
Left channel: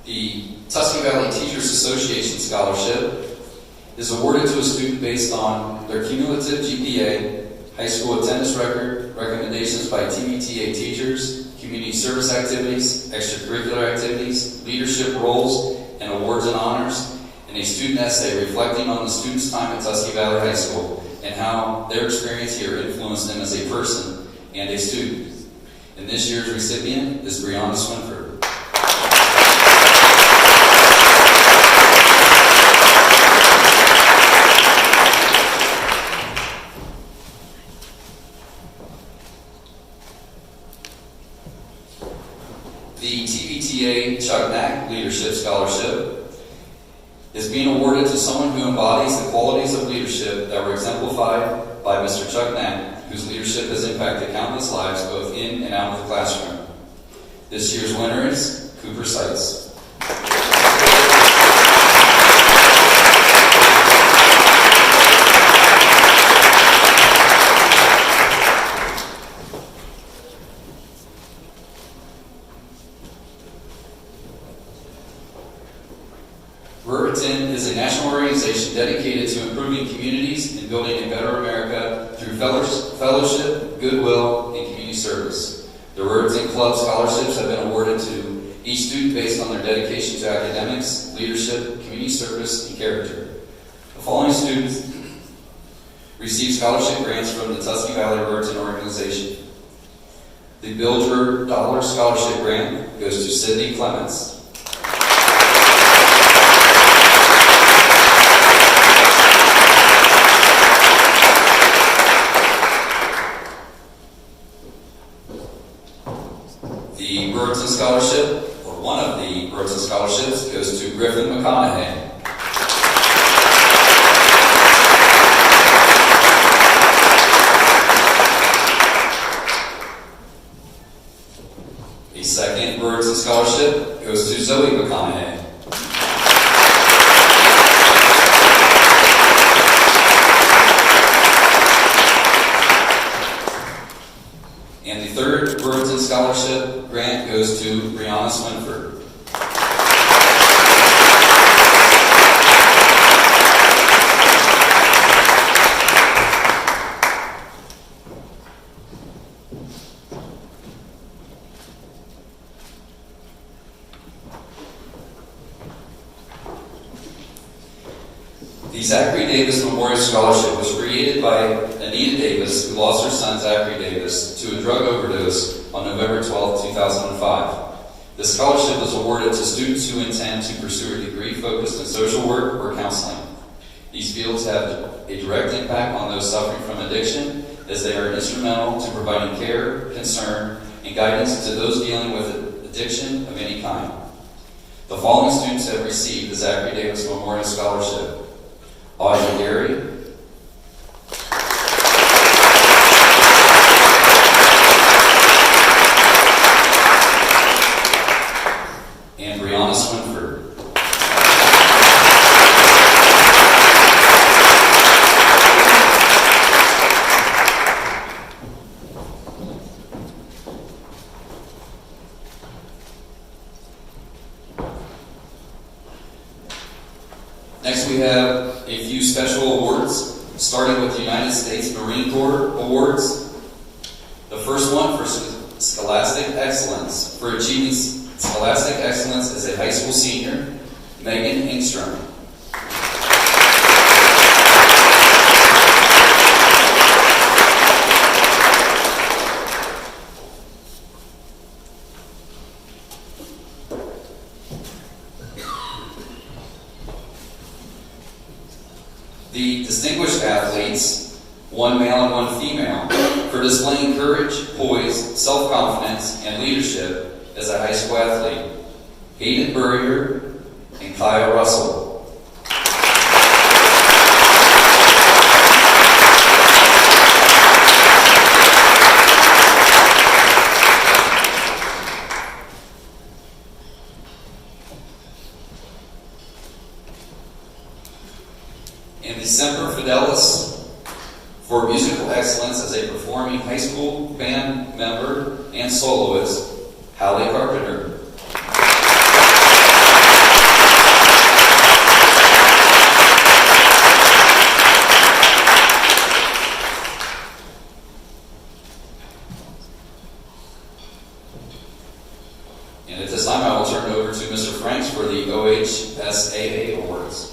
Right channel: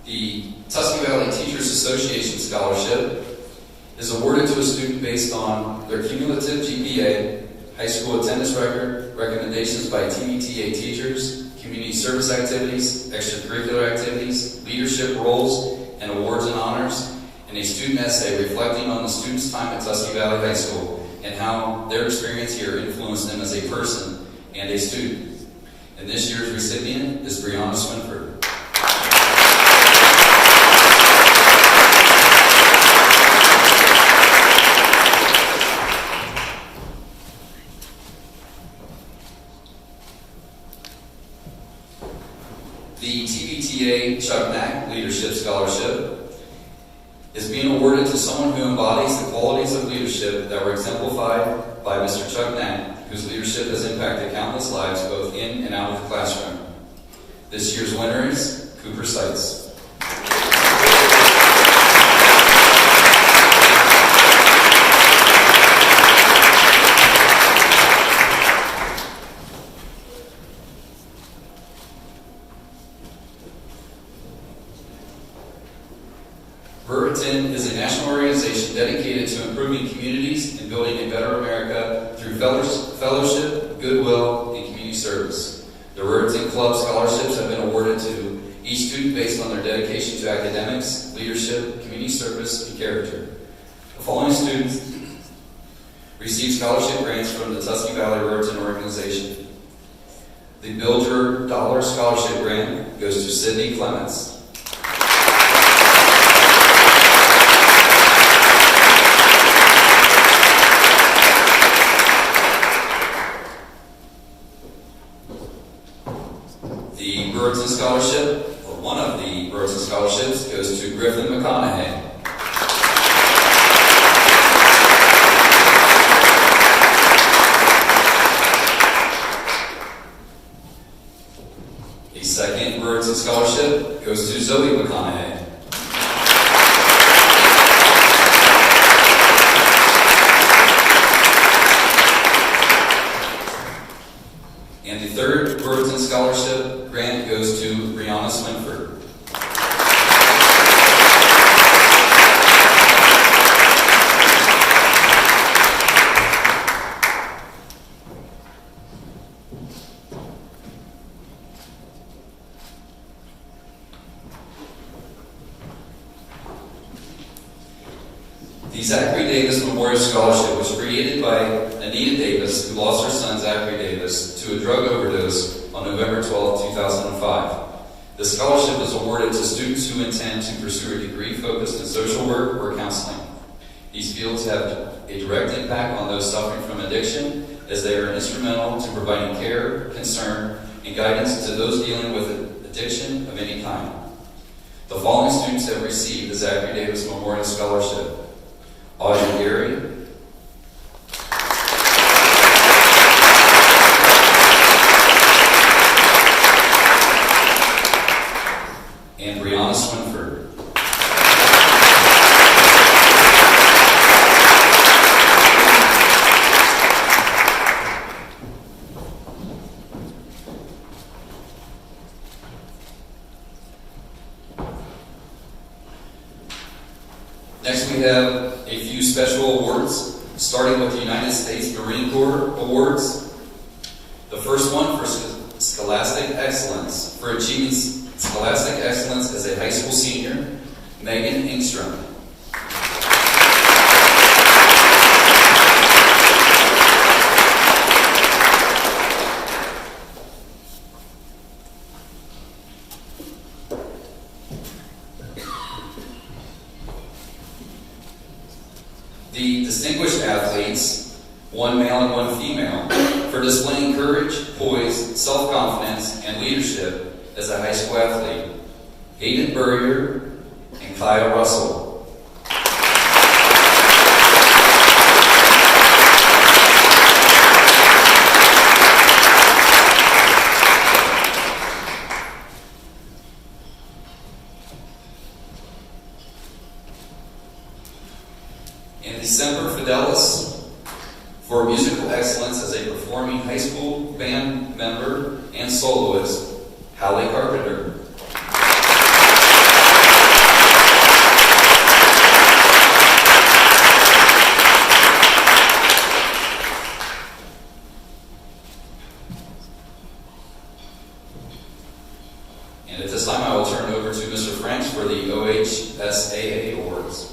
The Tusky Valley Teachers Association Scholarship is awarded to a student based on their cumulative GPA, high school attendance record, recommendations by TVTA teachers, community service activities, extracurricular activities, leadership roles, and awards and honors, and a student essay reflecting on the student's time at Tusky Valley High School and how their experience here influenced them as a person and a student. And this year's recipient is Brianna Swinford. awarded to someone who embodies the qualities of leadership that were exemplified by Mr. Chuck Knapp, whose leadership has impacted countless lives both in and out of the classroom. This year's winner is Cooper Seitz. Is a national organization dedicated to improving communities and building a better America through fellowship, goodwill, and community service. The Ruritan Club scholarships have been awarded to each student based on their dedication to academics, leadership, community service, and character. The following students receive scholarship grants from the Tusky Valley Ruritan organization. The Build Your Dollar Scholarship Grant goes to Sydney Clements. The Ruritan Scholarship, or one of the Ruritan Scholarships, goes to Griffin McConaughey. The second Ruritan Scholarship goes to Zoe McConaughey. And the third Ruritan Scholarship grant goes to Brianna Swinford. The Zachary Davis Memorial Scholarship was created by Anita Davis, who lost her son Zachary Davis to a drug overdose on November 12, 2005. The scholarship is awarded to students who intend to pursue a degree focused in social work or counseling. These fields have a direct impact on those suffering from addiction, as they are instrumental to providing care, concern, and guidance to those dealing with addiction of any kind. The following students have received the Zachary Davis Memorial Scholarship: Audrey Gary, and Brianna Swinford. Next we have a few special awards, starting with the United States Marine Corps Awards. The first one for Scholastic Excellence, for achieving Scholastic Excellence as a high school senior, Megan Engstrom. The distinguished athletes, one male and one female, for displaying courage, poise, self-confidence, and leadership as a high school athlete, Hayden Burrier and Kyle Russell. And the Semper Fidelis for musical excellence as a performing high school band member and soloist, Hallie Carpenter. And at this time, I will turn it over to Mr. Franks for the OHSAA Awards.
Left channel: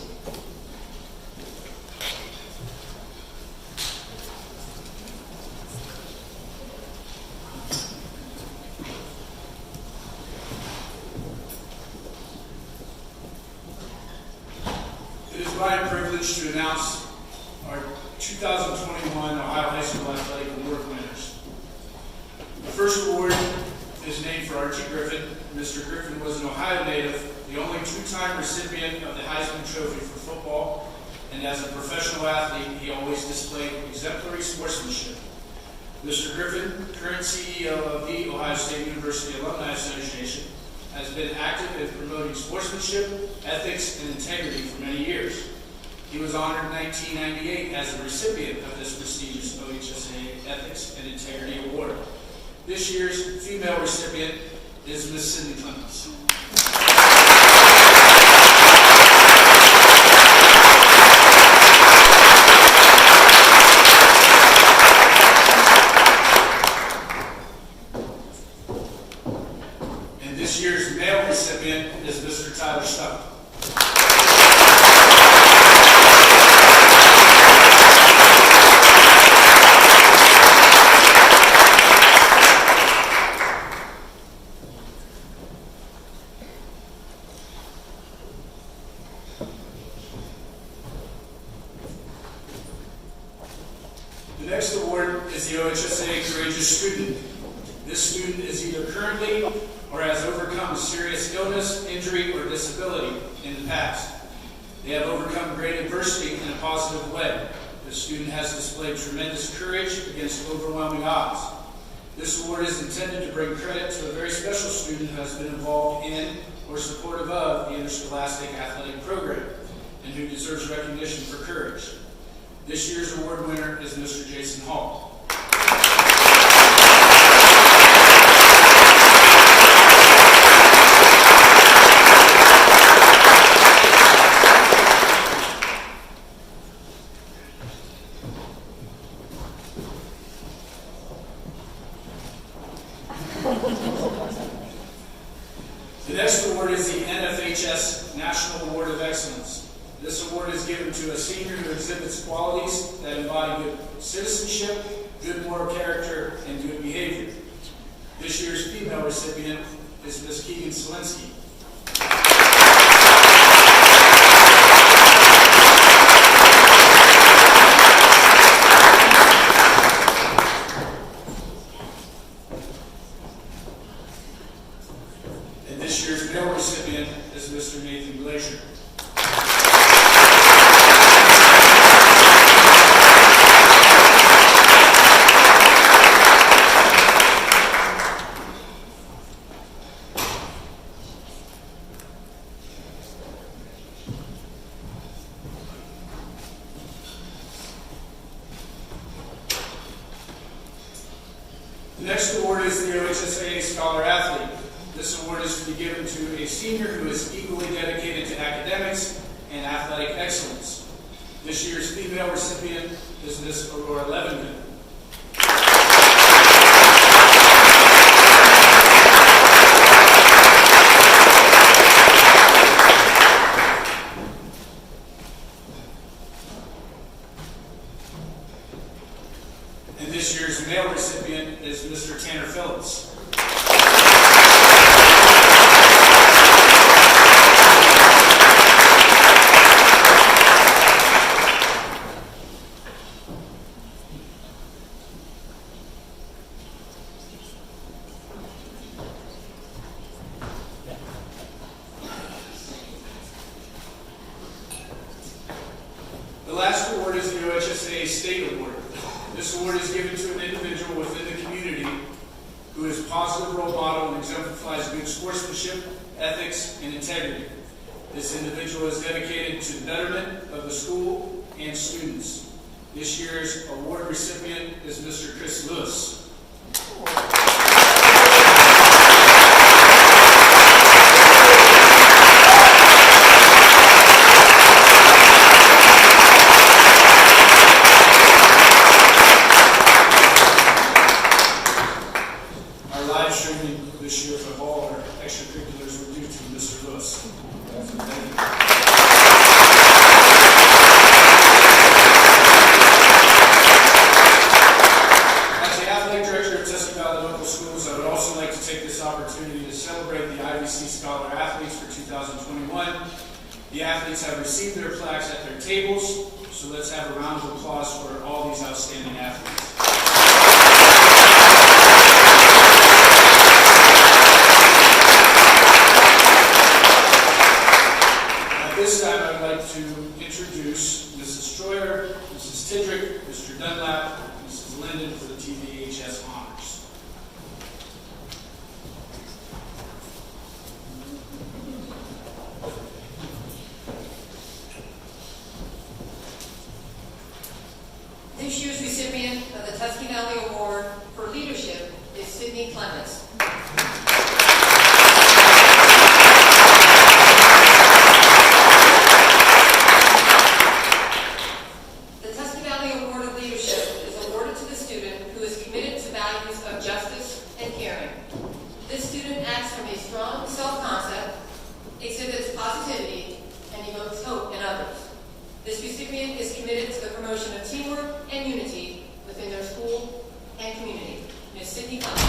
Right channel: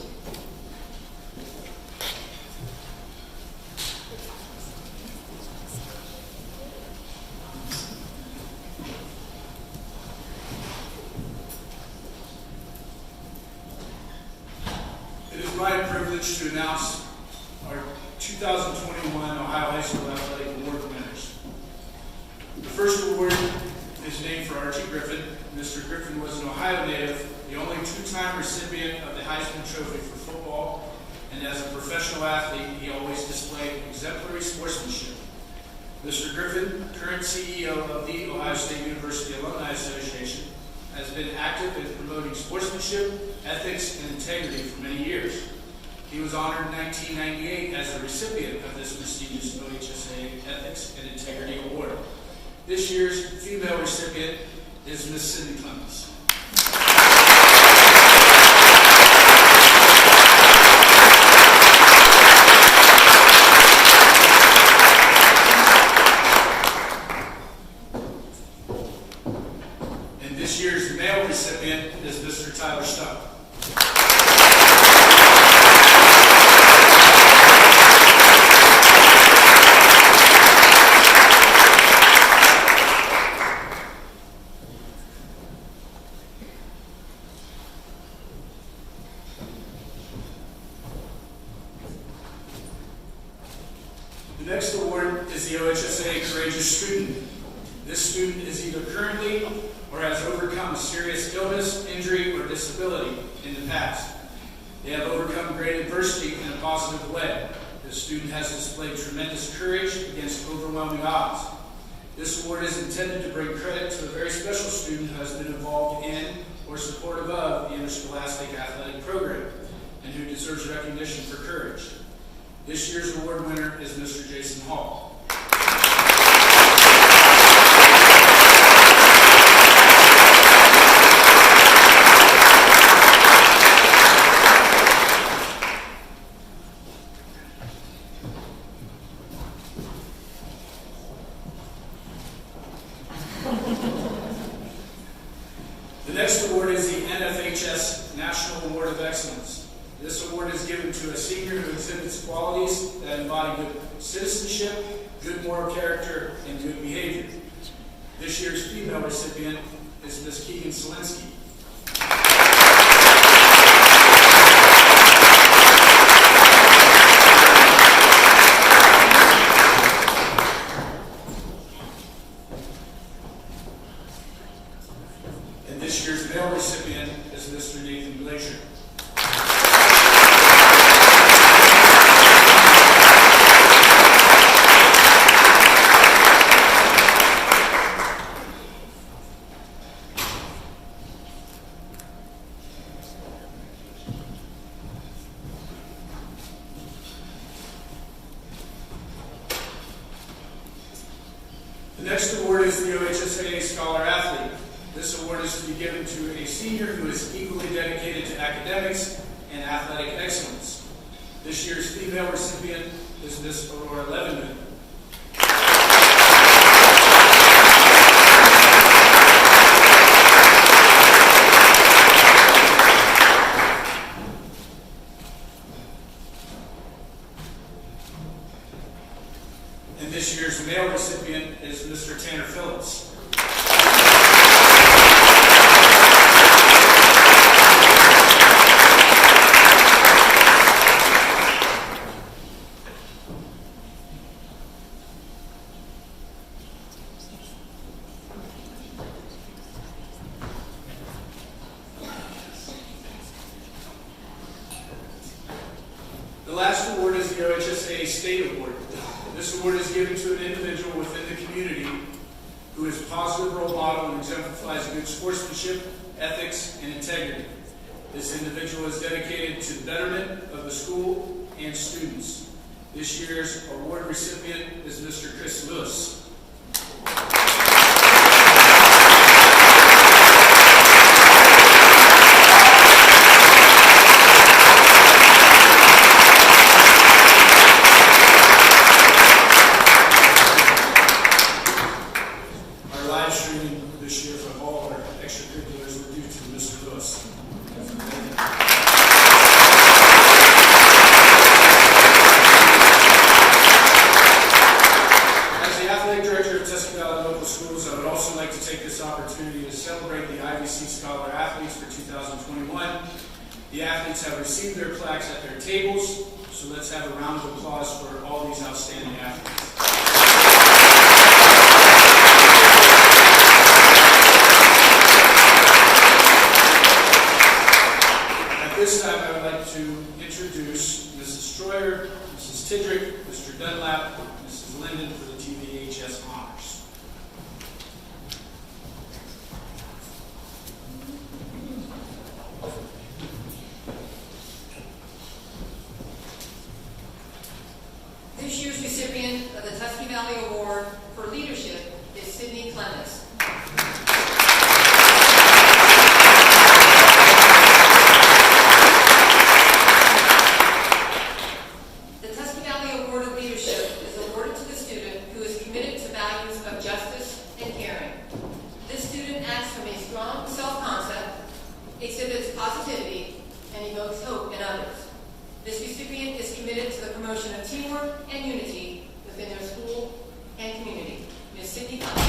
It is my privilege to announce our 2021 Ohio High School Athletic Award winners. The first award is named for Archie Griffin. Mr. Griffin was an Ohio native, the only two-time recipient of the Heisman Trophy for football and as a professional athlete, he always displayed exemplary sportsmanship. Mr. Griffin, current CEO of the Ohio State University Alumni Association, has been active in promoting sportsmanship, ethics, and integrity for many years. He was honored in 1998 as a recipient of this prestigious OHSA Ethics and Integrity Award. This year's female recipient is Ms. Cindy Clemens. And this year's male recipient is Mr. Tyler Stuck. The next award is the OHSA Courageous Student. This student is either currently or has overcome serious illness, injury, or disability in the past. They have overcome great adversity in a positive way. This student has displayed tremendous courage against overwhelming odds. This award is intended to bring credit to a very special student who has been involved in or supportive of the interscholastic athletic program and who deserves recognition for courage. This year's award winner is Mr. Jason Hall. The next award is the NFHS National Award of Excellence. This award is given to a senior who exhibits qualities that embody good citizenship, good moral character, and good behavior. This year's female recipient is Ms. Keegan Selinsky. And this year's male recipient is Mr. Nathan Glacier. The next award is the OHSA Scholar Athlete. This award is to be given to a senior who is equally dedicated to academics and athletic excellence. This year's female recipient is Ms. Aurora Levenman. And this year's male recipient is Mr. Tanner Phillips. The last award is the OHSA State Award. This award is given to an individual within the community who is a positive role model and exemplifies good sportsmanship, ethics, and integrity. This individual is dedicated to the betterment of the school and students. This year's award recipient is Mr. Chris Lewis. Our live streaming this year for all our extracurriculars were due to Mr. Lewis. As the athletic director of Tusky Valley Local Schools, I would also like to take this opportunity to celebrate the IVC Scholar Athletes for 2021. The athletes have received their plaques at their tables, so let's have a round of applause for all these outstanding athletes. At this time, I would like to introduce introduce Mrs. Stroyer, Mrs. Tidrick, Mr. Dunlap, Mrs. Linden for the TVHS honors. This year's recipient of the Tusky Valley Award for Leadership is Sydney Clements. The Tusky Valley Award of Leadership is awarded to the student who is committed to values of justice and caring. This student acts from a strong self-concept, exhibits positivity, and evokes hope in others. This recipient is committed to the promotion of teamwork and unity within their school and community. Ms. Sydney Clements.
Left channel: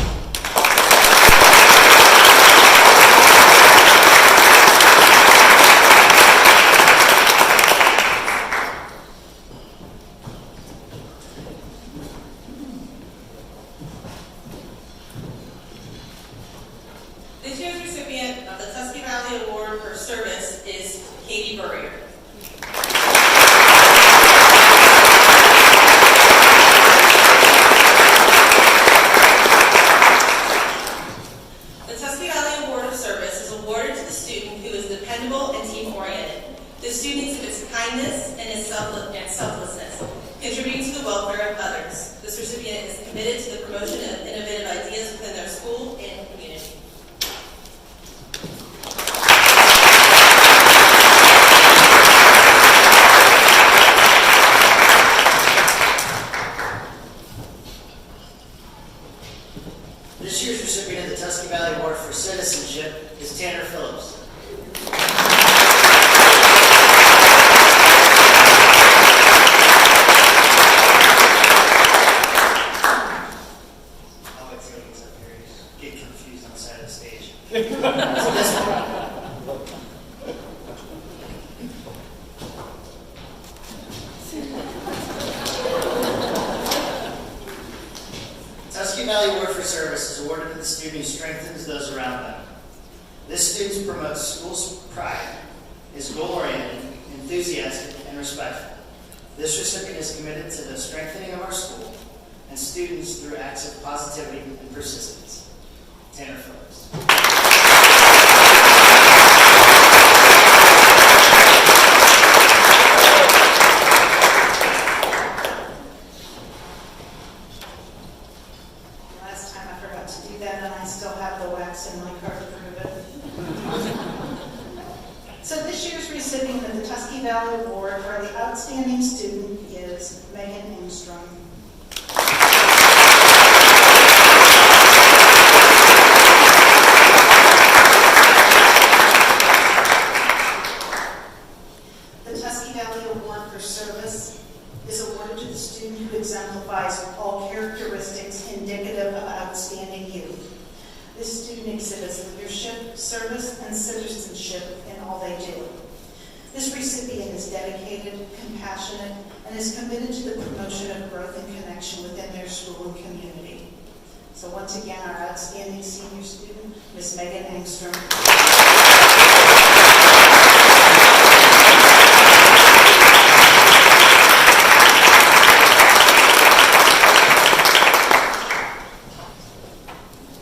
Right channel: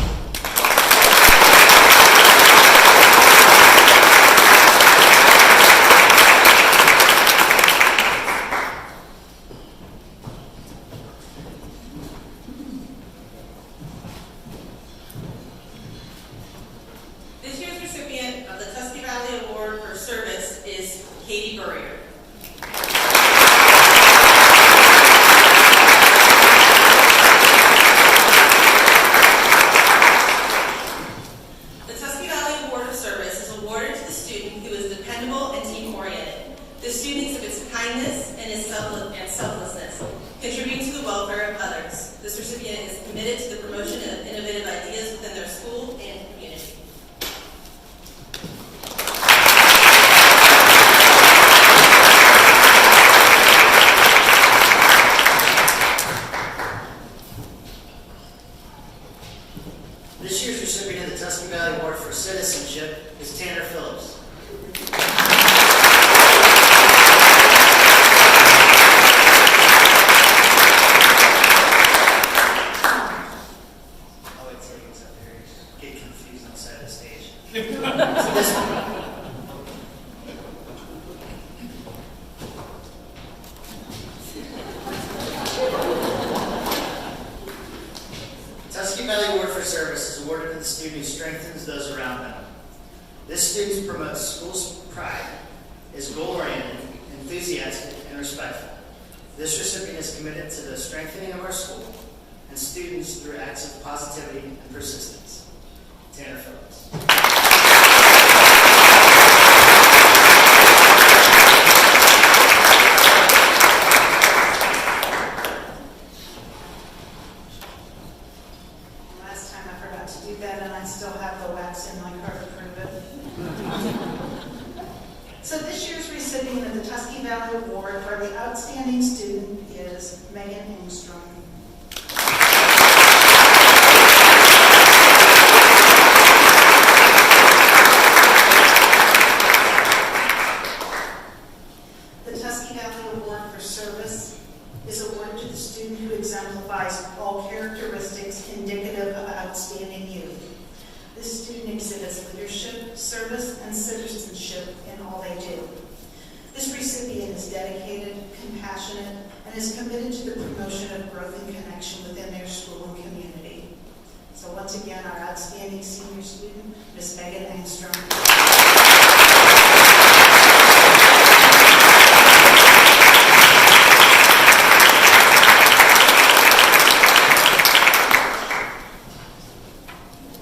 This year's recipient of the Tusky Valley Award for Service is Katie Burrier. The Tusky Valley Award of Service is awarded to the student who is dependable and team-oriented. This student exhibits kindness and selflessness, contributing to the welfare of others. This recipient is committed to the promotion of innovative ideas within their school and community. This year's recipient of the Tusky Valley Award for Citizenship is Tanner Phillips. I like tables up here. Get confused on the side of the stage. Tusky Valley Award for Service is awarded to the student who strengthens those around them. This student promotes school's pride, is goal-oriented, enthusiastic, and respectful. This recipient is committed to the strengthening of our school and students through acts of positivity and persistence. Tanner Phillips. Last time I forgot to do that, and I still have the wax in my car to prove it. So this year's recipient of the Tusky Valley Award for the outstanding student is Megan Engstrom. The Tusky Valley Award for Service is awarded to the student who exemplifies all characteristics indicative of outstanding youth. This student exhibits leadership, service, and citizenship in all they do. This recipient is dedicated, compassionate, and is committed to the promotion of growth and connection within their school and community. So once again, our outstanding senior student, Ms. Megan Engstrom.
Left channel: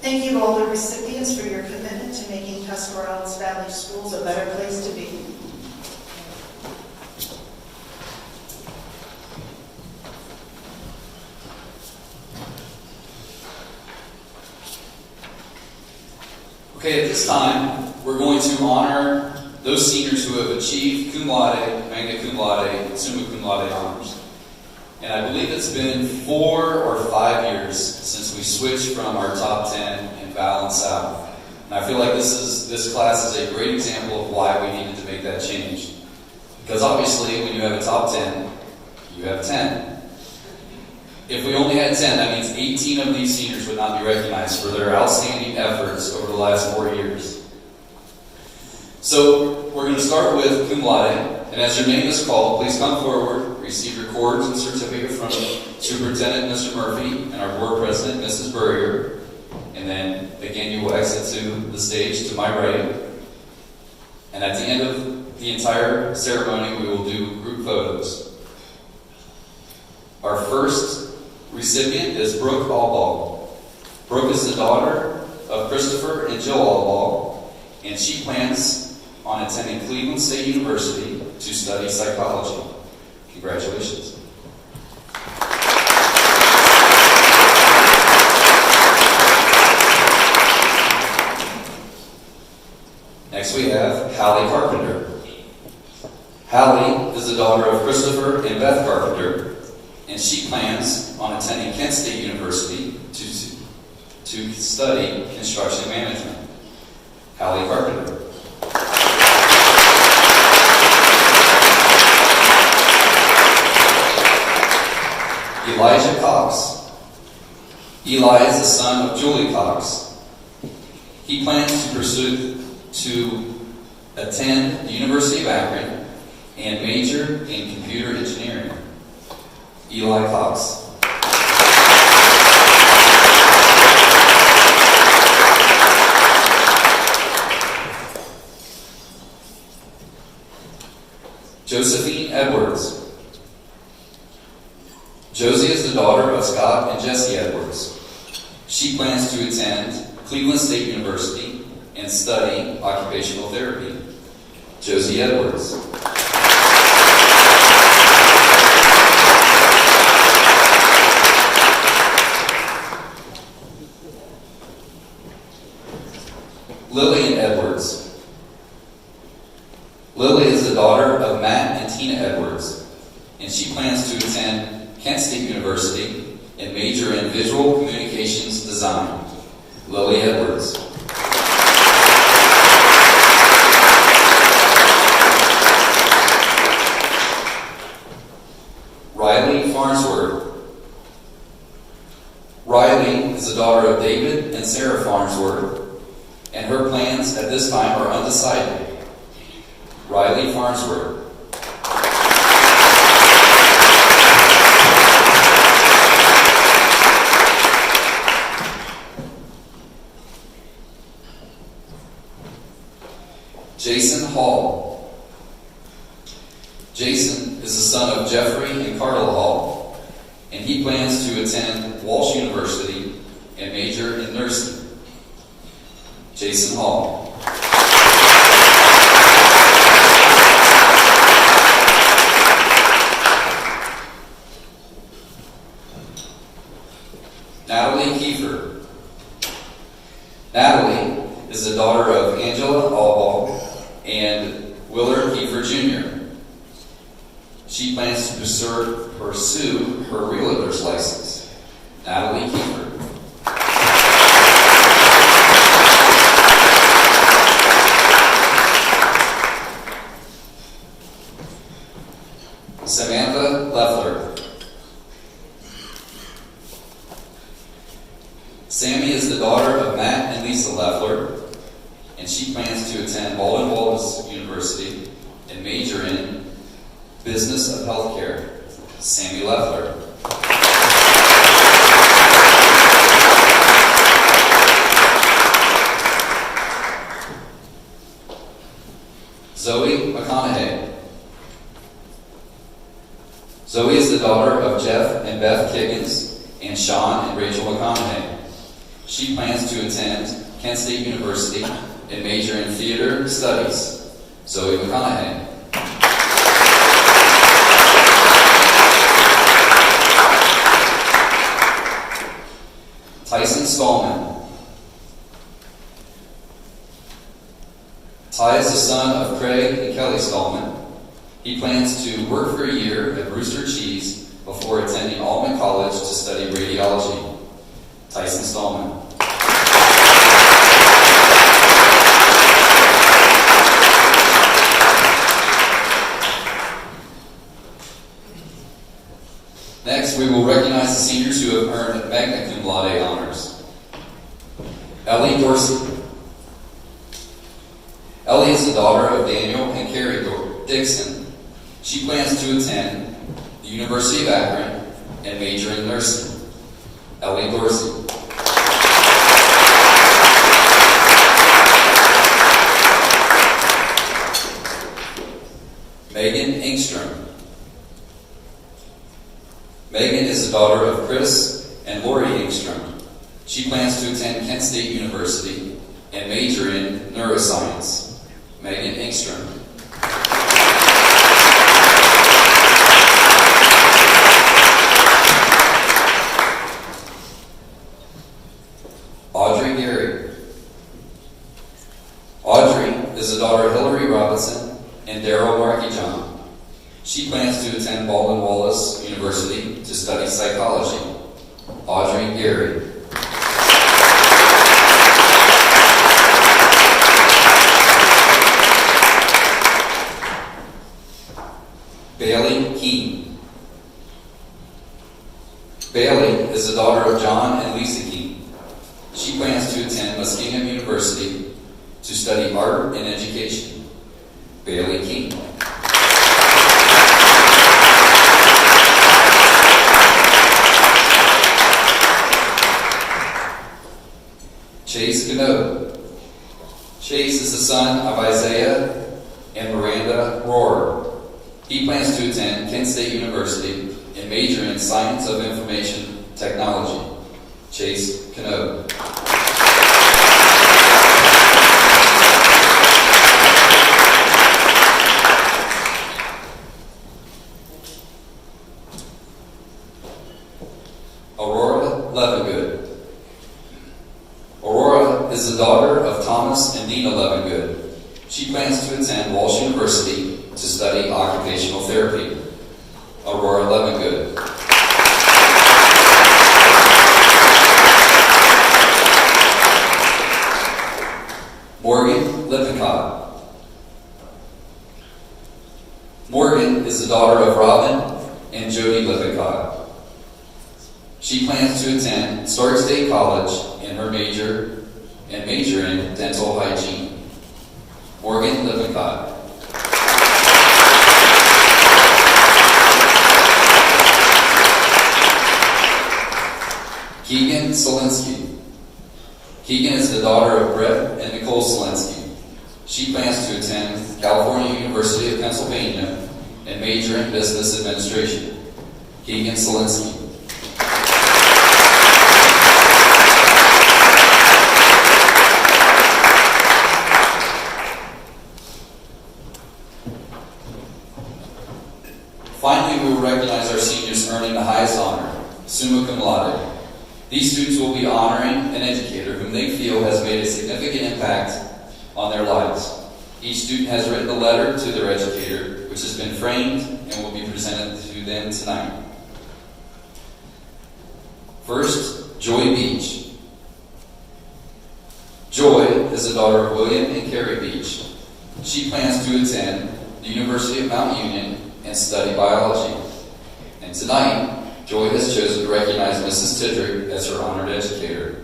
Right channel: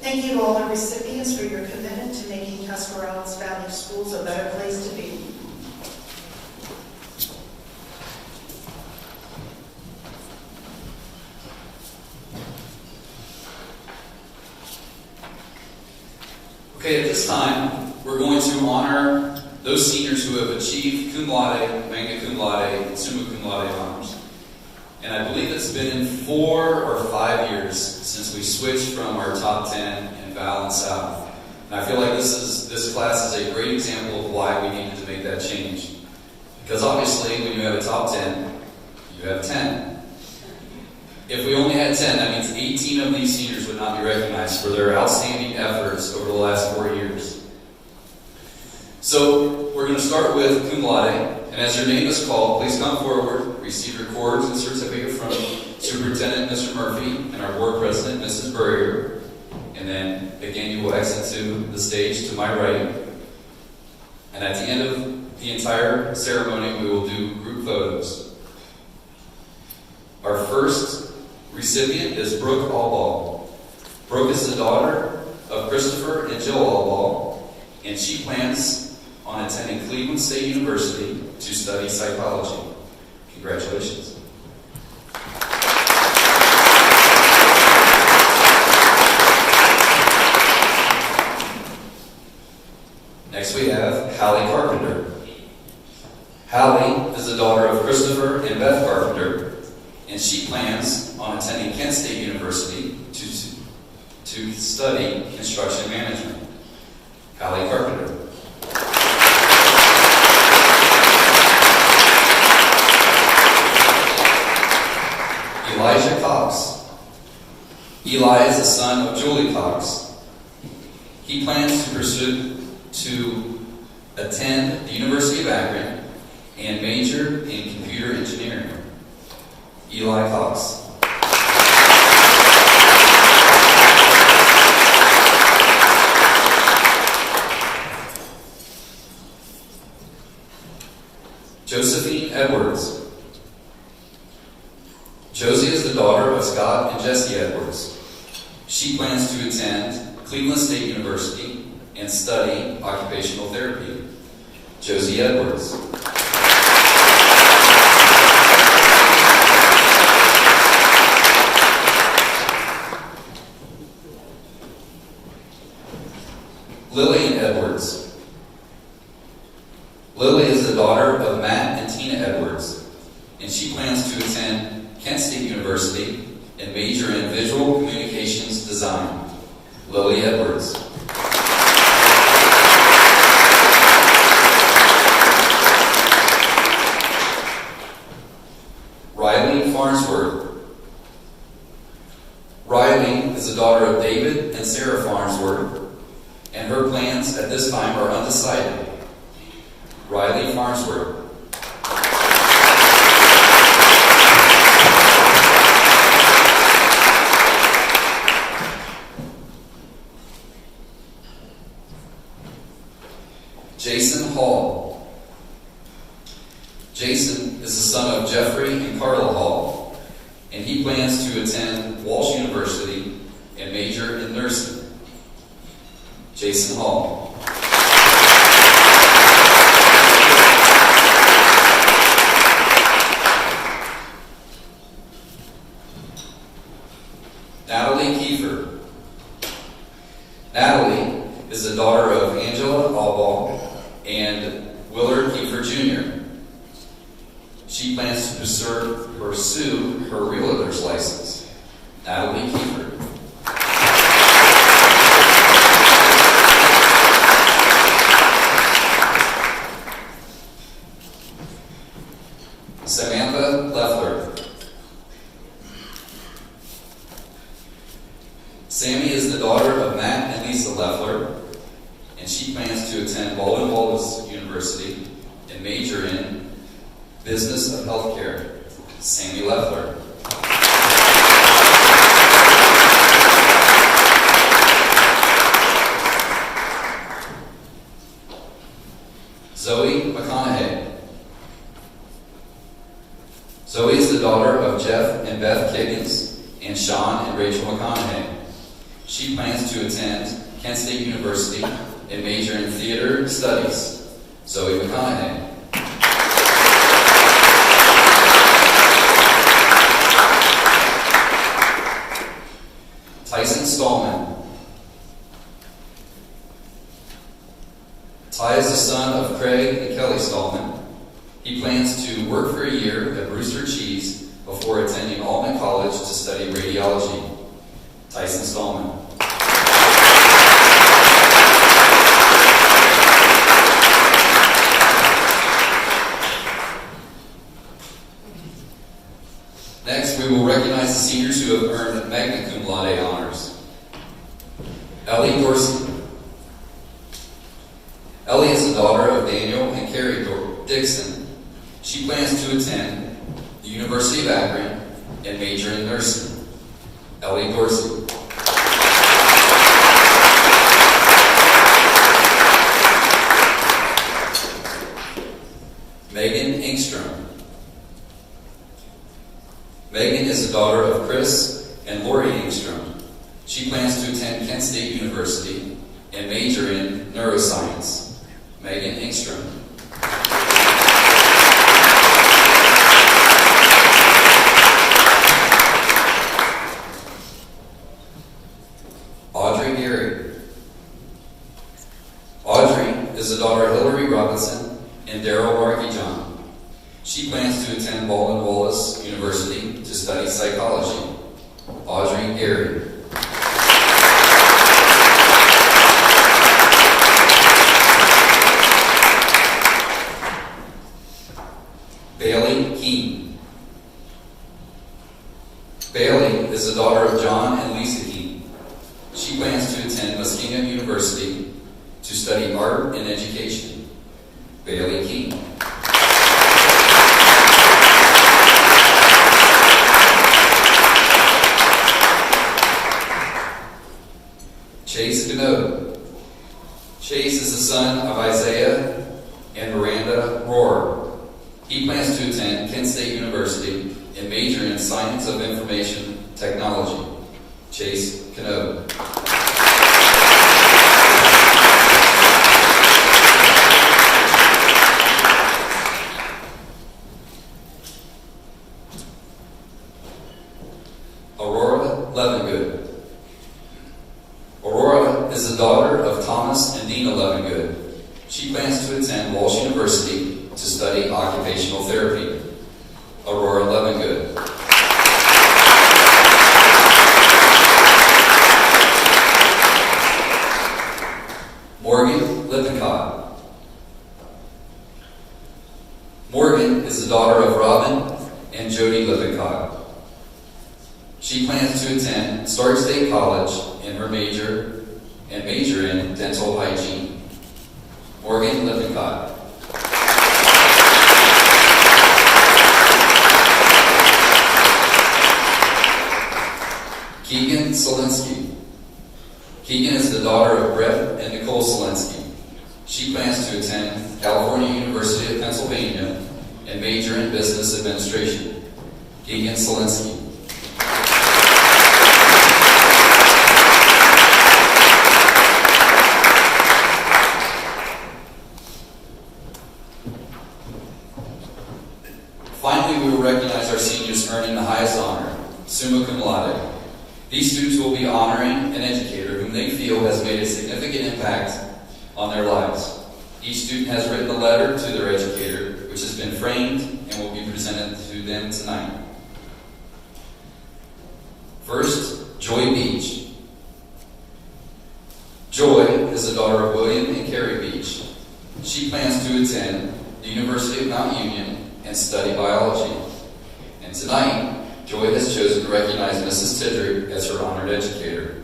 Thank you to all the recipients for your commitment to making Tuscarawas Valley Schools a better place to be. Okay, at this time, we're going to honor those seniors who have achieved cum laude, magna cum laude, and summa cum laude honors. And I believe it's been 4 or 5 years since we switched from our top 10 in Val and South. And I feel like this class is a great example of why we needed to make that change. Because obviously, when you have a top 10, you have 10. If we only had 10, that means 18 of these seniors would not be recognized for their outstanding efforts over the last 4 years. So, we're going to start with cum laude, and as your name is called, please come forward, receive your cords and certificate from Superintendent Mr. Murphy and our Board President, Mrs. Burrier, and then again you will exit to the stage to my right. And at the end of the entire ceremony, we will do group photos. Our first recipient is Brooke Allball. Brooke is the daughter of Christopher and Jill Allball, and she plans on attending Cleveland State University to study psychology. Congratulations. Next we have Hallie Carpenter. Hallie is the daughter of Christopher and Beth Carpenter, and she plans on attending Kent State University to study construction management. Hallie Carpenter. Elijah Cox. Eli is the son of Julie Cox. He plans to attend the University of Akron and major in computer engineering. Eli Cox. Josephine Edwards. Josie is the daughter of Scott and Jesse Edwards. She plans to attend Cleveland State University and study occupational therapy. Josie Edwards. Lillian Edwards. Lily is the daughter of Matt and Tina Edwards, and she plans to attend Kent State University and major in visual communications design. Lily Edwards. Riley Farnsworth. Riley is the daughter of David and Sarah Farnsworth, and her plans at this time are undecided. Riley Farnsworth. Jason Hall. Jason is the son of Jeffrey and Carla Hall, and he plans to attend Walsh University and major in nursing. Jason Hall. Natalie Kiefer. Natalie is the daughter of Angela Allball and Willard Kiefer Jr. She plans to pursue her realtor's license. Natalie Kiefer. Samantha Leffler. Sammy is the daughter of Matt and Lisa Leffler, and she plans to attend Baldwin Wallace University and major in business of healthcare. Sammy Leffler. Zoe McConaughey. Zoe is the daughter of Jeff and Beth Kiggins and Sean and Rachel McConaughey. She plans to attend Kent State University and major in theater studies. Zoe McConaughey. Tyson Stallman. Ty is the son of Craig and Kelly Stallman. He plans to work for a year at Rooster Cheese before attending Altman College to study radiology. Tyson Stallman. Next, we will recognize the seniors who have earned magna cum laude honors. Ellie Dorsey. Ellie is the daughter of Daniel and Carrie Dixon. She plans to attend the University of Akron and major in nursing. Ellie Dorsey. Megan is the daughter of Chris and Lori Engstrom. She plans to attend Kent State University and major in neuroscience. Megan Engstrom. Audrey Gary. Audrey is the daughter of Hillary Robinson and Daryl Markey-John. She plans to attend Baldwin Wallace University to study psychology. Audrey Gary. Bailey Keene. Bailey is the daughter of John and Lisa Keene. She plans to attend Muskingum University to study art and education. Bailey Keene. Chase Gano. Chase is the son of Isaiah and Miranda Rohrer. He plans to attend Kent State University and major in Science of Information Technology. Chase Gano. Aurora Levengood. Aurora is the daughter of Thomas and Dina Levengood. She plans to attend Walsh University to study occupational therapy. Aurora Levengood. Morgan Lippincott. Morgan is the daughter of Robin and Jody Lippincott. She plans to attend Stark State College in her major in dental hygiene. Morgan Lippincott. Keegan Solinsky. Keegan is the daughter of Brett and Nicole Solinsky. She plans to attend California University of Pennsylvania and major in business administration. Keegan Solinsky. Finally, we will recognize our seniors earning the highest honor, summa cum laude. These students will be honoring an educator whom they feel has made a significant impact on their lives. Each student has written a letter to their educator, which has been framed and will be presented to them tonight. First, Joy Beach. Joy is the daughter of William and Carrie Beach. She plans to attend the University of Mount Union and study biology. And tonight, Joy has chosen to recognize Mrs. Tidrick as her honored educator.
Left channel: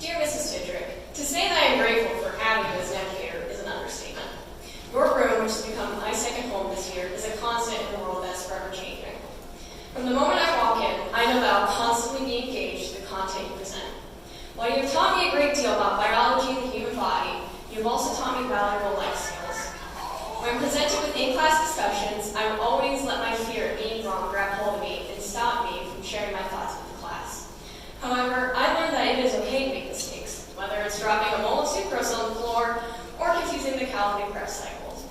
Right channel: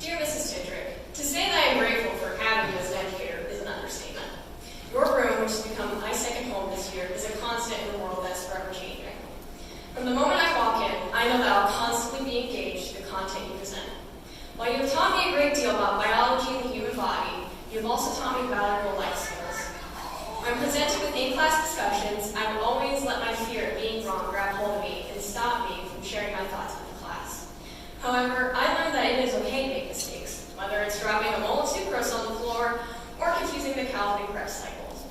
Dear Mrs. Tidrick, to say that I am grateful for having you as an educator is an understatement. Your room, which has become my second home this year, is a constant in a world that's forever changing. From the moment I walk in, I know that I'll constantly be engaged with the content you present. While you have taught me a great deal about biology and the human body, you have also taught me valuable life skills. When I'm presented with in-class discussions, I will always let my fear of being wrong grab hold of me and stop me from sharing my thoughts with the class. However, I learned that it is okay to make mistakes, whether it's dropping a mold of sucrose on the floor or confusing the calorie prep cycles.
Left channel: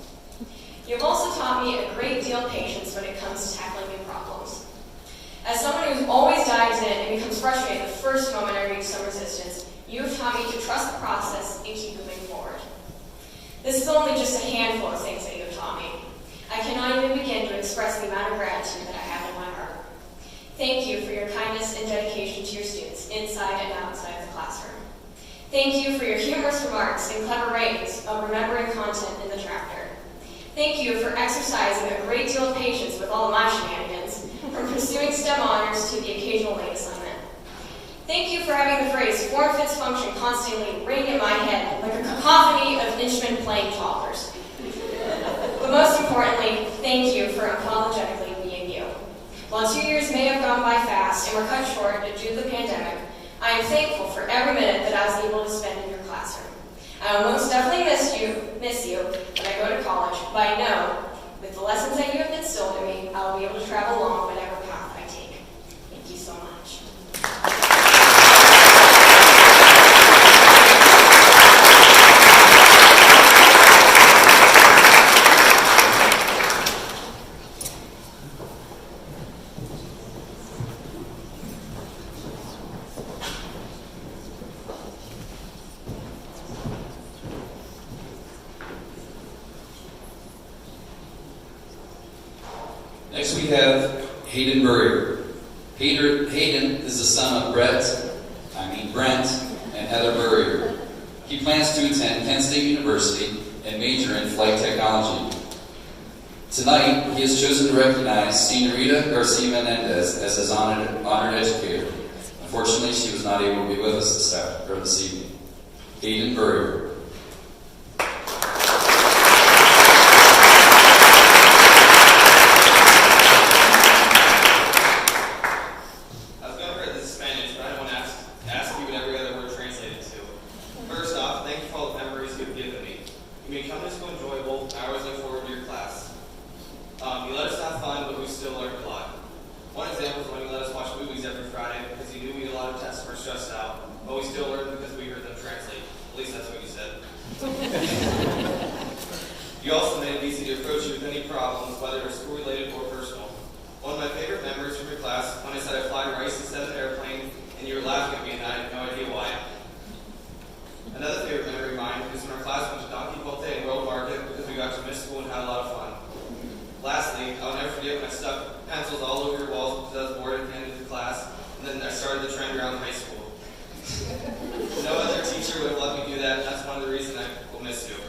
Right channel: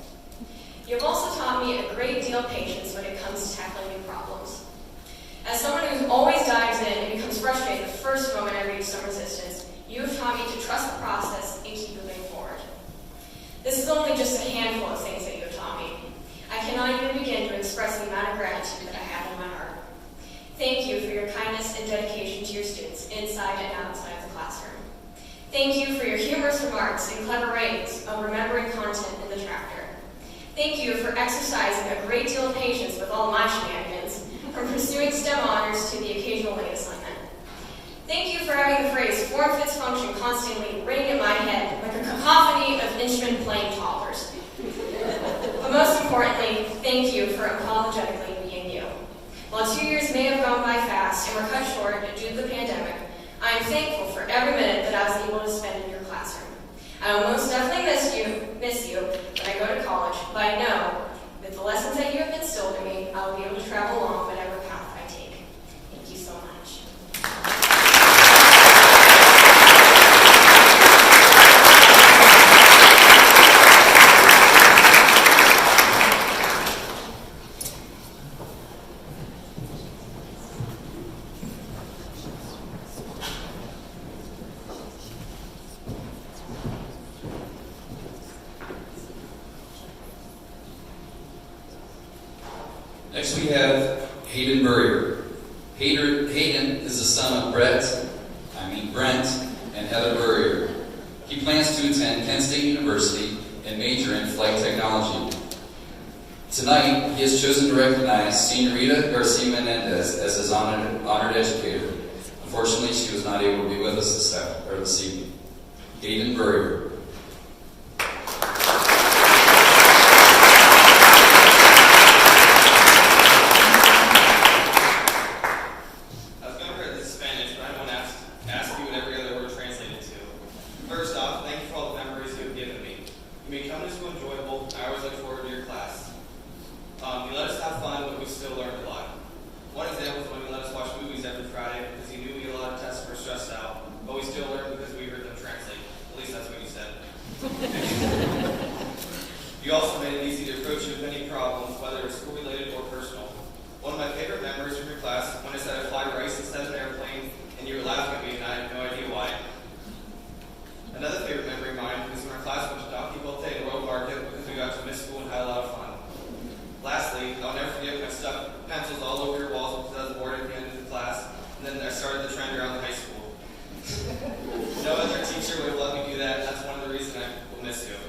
You have also taught me a great deal of patience when it comes to tackling new problems. As someone who always dives in and becomes frustrated the first moment I reach some resistance, you have taught me to trust the process and keep moving forward. This is only just a handful of things that you have taught me. I cannot even begin to express the amount of gratitude that I have in my heart. Thank you for your kindness and dedication to your students, inside and outside of the classroom. Thank you for your humorous remarks and clever ways of remembering content in the chapter. Thank you for exercising a great deal of patience with all my shenanigans, from pursuing STEM honors to the occasional late assignment. Thank you for having the phrase form fits function constantly ring in my head like a cacophony of instrument playing toddlers. short due to the pandemic, I am thankful for every minute that I was able to spend in your classroom. I will most definitely miss you when I go to college, but I know with the lessons that you have instilled in me, I will be able to travel along whatever path I take. Thank you so much. Next we have Hayden Burrier. Hayden is the son of Brent and Heather Burrier. He plans to attend Penn State University and major in flight technology. Tonight, he has chosen to recognize Senorita Garcia Menendez as his honored educator. Unfortunately, she was not able to be with us this evening. Hayden Burrier. You also made it easy to approach you with any problems, whether it's school-related or personal. One of my favorite memories from your class, when I said I fly rice instead of airplane, and you were laughing at me and I had no idea why. Another favorite memory of mine was when our class went to Donkey Bote at World Market because we got to miss school and had a lot of fun. Lastly, I'll never forget when I stuck pencils all over your walls because I was bored at the end of the class, and then I started the trend around high school. No other teacher would have let me do that, and that's one of the reasons I will miss you.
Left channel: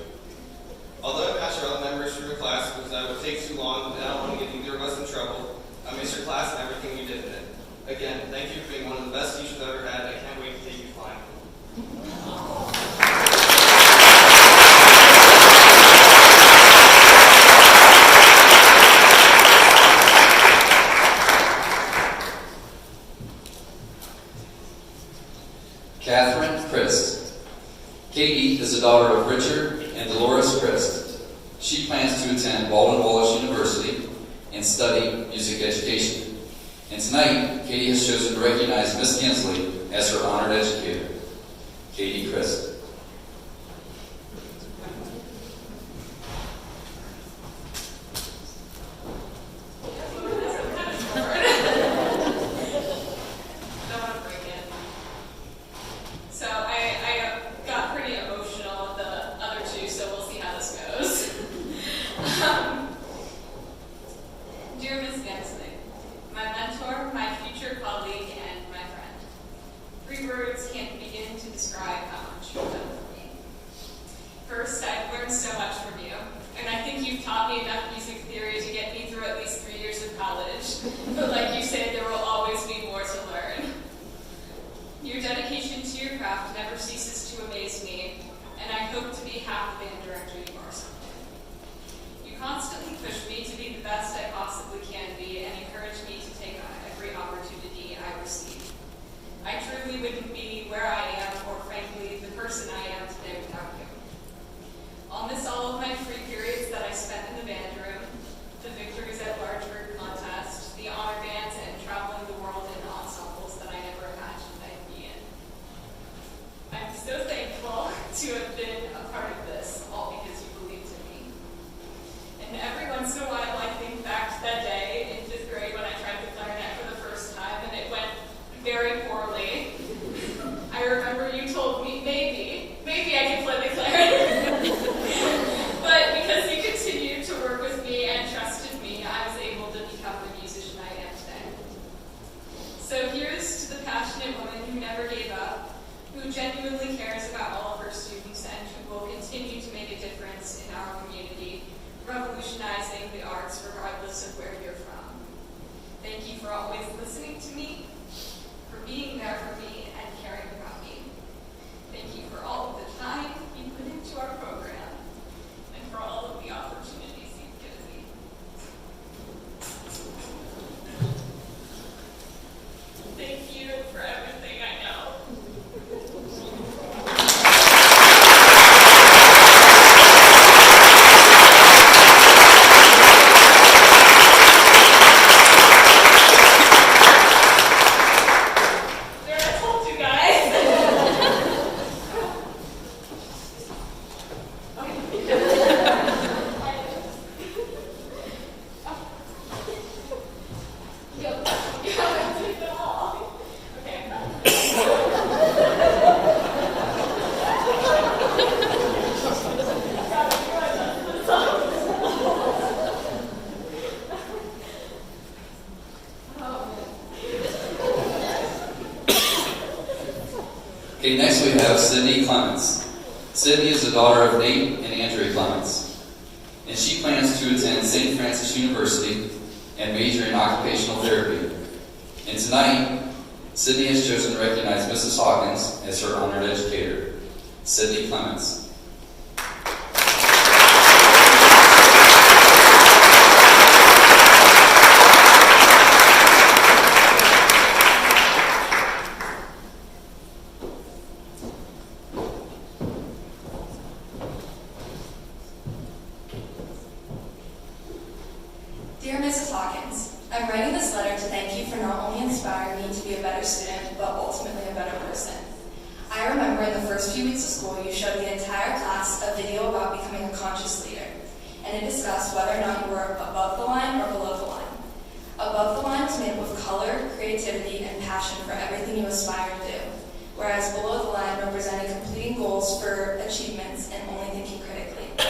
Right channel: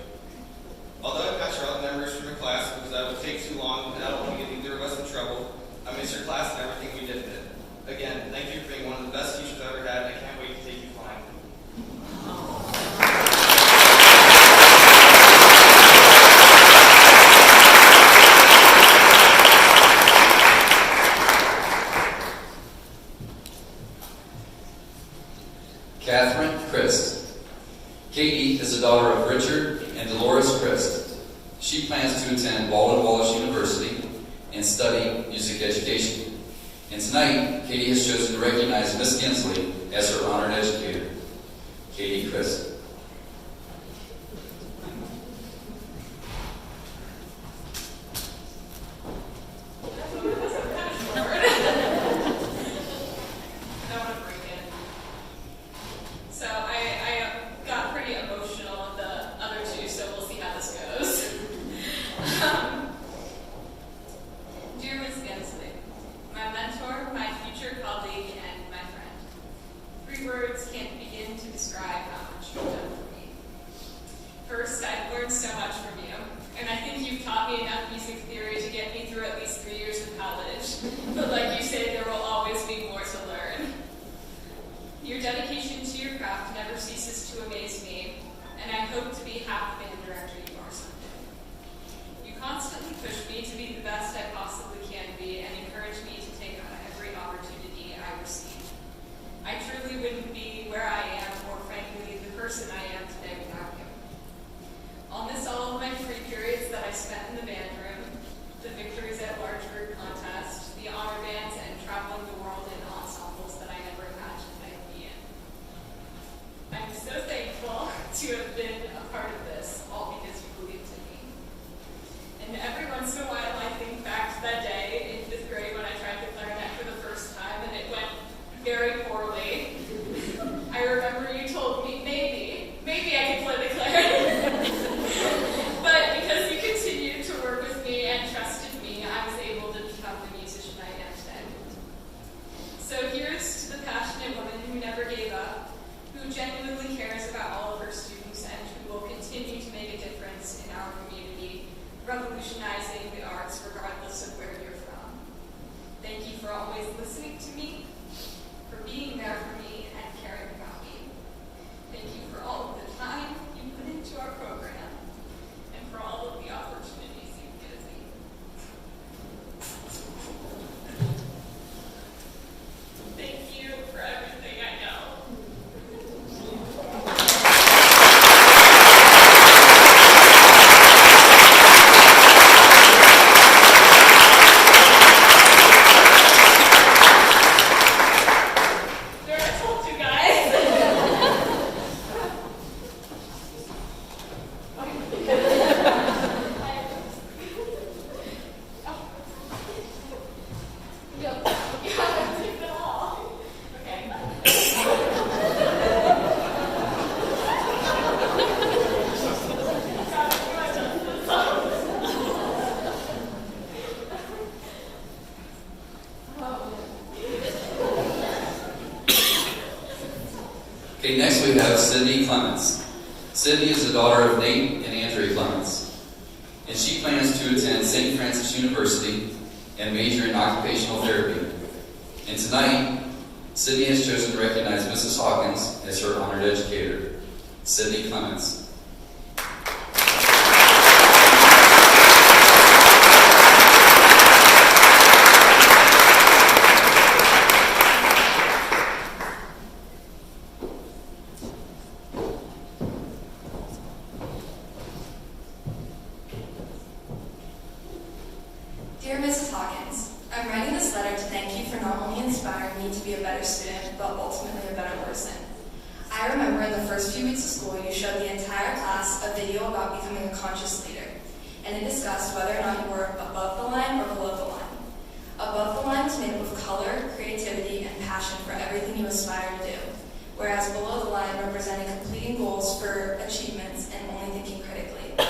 Although I'm not sure all the memories from your class because that would take too long and I don't want to get either of us in trouble, I miss your class and everything we did in it. Again, thank you for being one of the best teachers I've ever had. I can't wait to take you flying. Catherine Christ. Katie is the daughter of Richard and Dolores Christ. She plans to attend Walden Wallace University and study music education. And tonight, Katie has chosen to recognize Miss Kinsley as her honored educator. Katie Christ. First, I've learned so much from you, and I think you've taught me enough music theory to get me through at least 3 years of college. But like you said, there will always be more to learn. Your dedication to your craft never ceases to amaze me, and I hope to be half band director you are someday. You constantly push me to be the best I possibly can be and encourage me to take on every opportunity I receive. I truly wouldn't be where I am, or frankly, the person I am today without you. I'll miss all of my free periods that I spent in the band room, the victories at large group contests, the honor bands, and traveling the world in ensembles that I never imagined I'd be in. I'm so thankful to have been a part of this, all because you believed in me. And every once in a while, I think back to that day in 5th grade when I tried the clarinet for the first time, and it went very poorly. I remember you told me, maybe I can play the clarinet. But because you continued to work with me and trusted me, I was able to become the musician I am today. So here's to the passionate woman who never gave up, who genuinely cares about all of her students, and who will continue to make a difference in our community, revolutionizing the arts regardless of where you're from. Thank you for always listening to me, for being there for me, and caring about me. Thank you for all of the time you put into our program, and for all of the opportunities you've given me. Thank you have Sydney Clements. Sydney is the daughter of Nate and Andrea Clements, and she plans to attend St. Francis University and major in occupational therapy. And tonight, Sydney has chosen to recognize Mrs. Hawkins as her honored educator, Sydney Clements. Dear Mrs. Hawkins, I'm writing this letter to thank you for not only inspiring me to be a better student, but ultimately a better person. I remember in the first few weeks of school, you showed the entire class a video about becoming a conscious leader, and it discussed whether or not you were above the line or below the line. Above the line is made up of color, creativity, and passion for everything you aspire to do, whereas below the line representing completing goals for achievements and only thinking critically.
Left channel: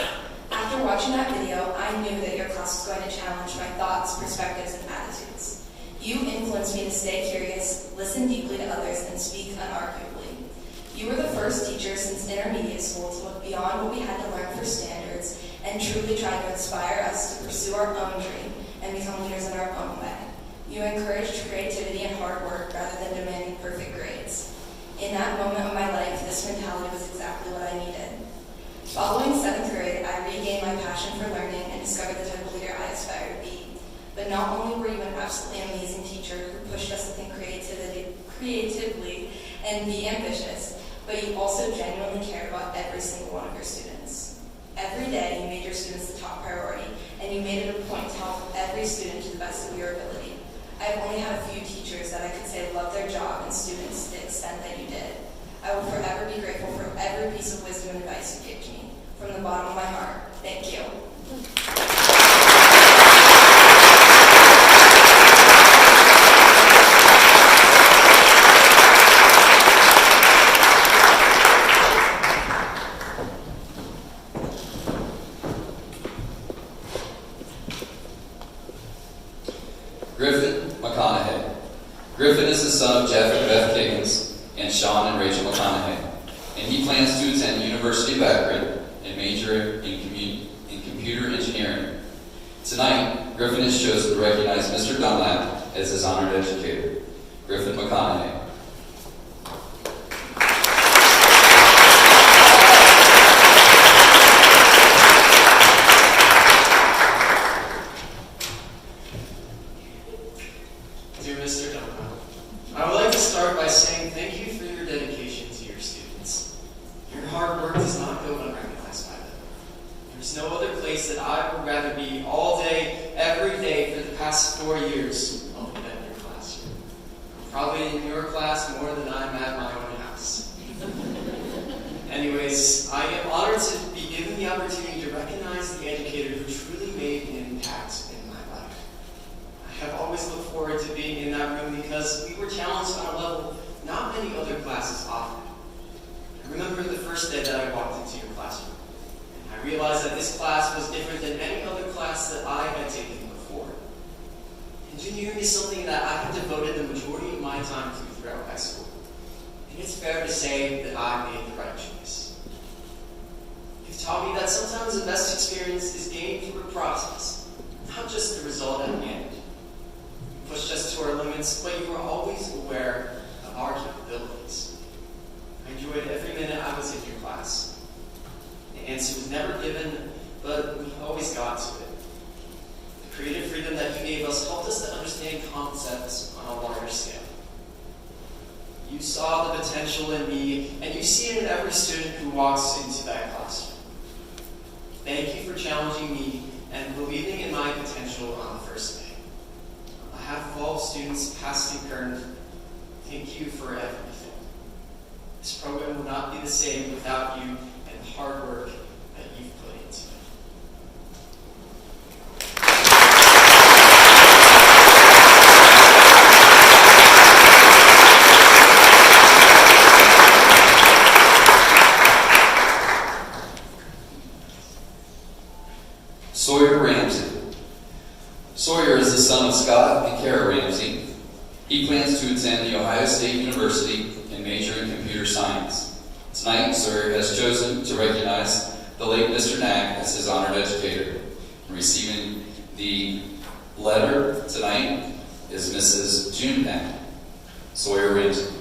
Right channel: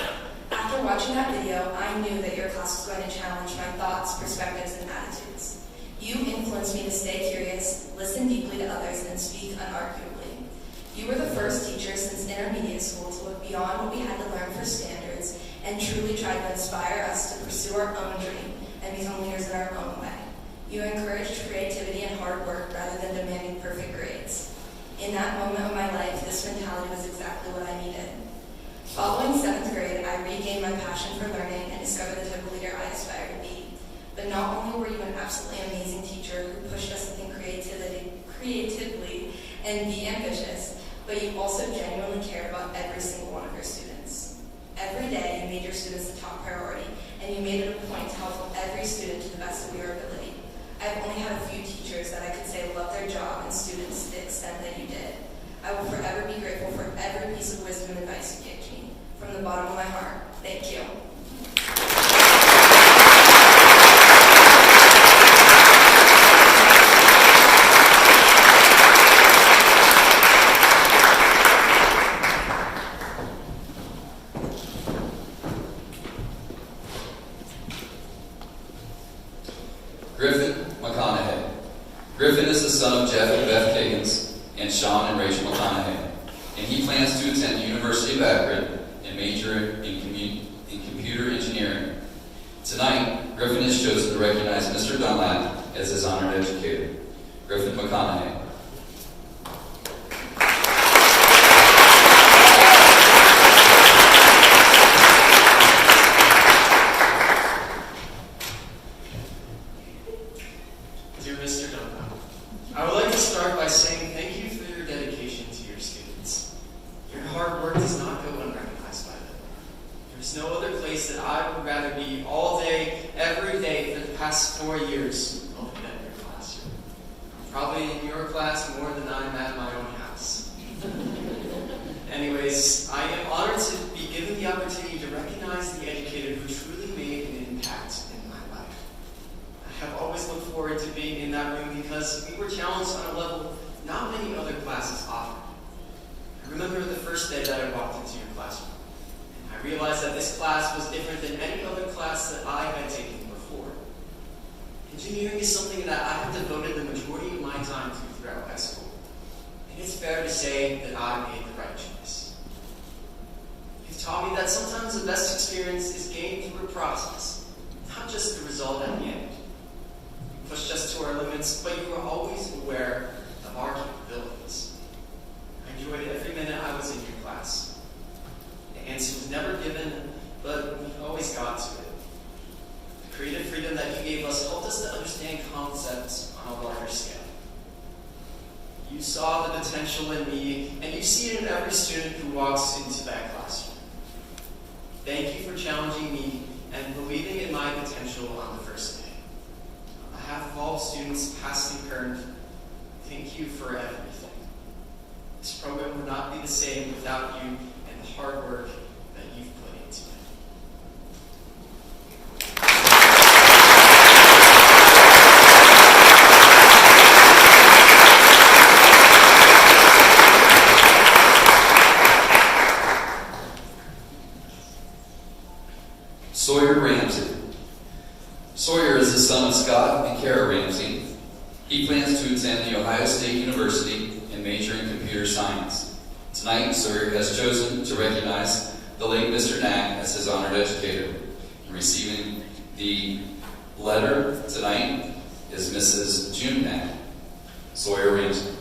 After watching that video, I knew that your class was going to challenge my thoughts, perspectives, and attitudes. You influenced me to stay curious, listen deeply to others, and speak unarguably. You were the first teacher since intermediate school to look beyond what we had to learn for standards and truly try to inspire us to pursue our own dream and become leaders in our own way. You encouraged creativity and hard work rather than demanding perfect grades. In that moment of my life, this mentality was exactly what I needed. Following 7th grade, I regained my passion for learning and discovered the type of leader I aspire to be. But not only were you an absolutely amazing teacher who pushed us to think creatively and be ambitious, but you also genuinely cared about every single one of your students. Every day, you made your students the top priority, and you made it a point to help every student to the best of your ability. I've only had a few teachers that I could say loved their job and students to the extent that you did. I will forever be grateful for every piece of wisdom and advice you gave to me. From the bottom of my heart, thank you. Griffin McConaughey. Griffin is the son of Jeff and Beth Higgins and Sean and Rachel McConaughey, and he plans to attend the University of Akron and major in computer engineering. Tonight, Griffin has chosen to recognize Mr. Dunlap as his honored educator, Griffin McConaughey. Dear Mr. Dunlap, I would like to start by saying thank you for your dedication to your students. Your hard work does not go unrecognized by them. There's no other place that I would rather be all day, every day for the past 4 years only than in your classroom. I'm probably in your class more than I'm at my own house. Anyways, I am honored to be given the opportunity to recognize the educator who truly made an impact in my life. I have always looked forward to being in that room because we were challenged on a level not many other classes offer. I remember the first day that I walked into your classroom, and I realized that this class was different than any other class that I had taken before. Engineering is something that I have devoted the majority of my time to throughout high school, and it's fair to say that I made the right choice. You've taught me that sometimes the best experience is gained through a process, not just the result at the end. You pushed us to our limits, but you were always aware of our capabilities. I enjoyed every minute I was in your class. The answer was never given, but we always got to it. The creative freedom that you gave us helped us to understand concepts on a larger scale. You saw the potential in me, and you see it in every student who walks into that classroom. Thank you for challenging me and believing in my potential on the first day. On behalf of all students, past and current, thank you for everything. This program would not be the same without you and the hard work that you've put into it. Sawyer Ramsey. Sawyer is the son of Scott and Kara Ramsey. He plans to attend the Ohio State University and major in computer science. Tonight, Sir has chosen to recognize the late Mr. Knack as his honored educator. And receiving the letter tonight is Mrs. June Knack. Sawyer Winton.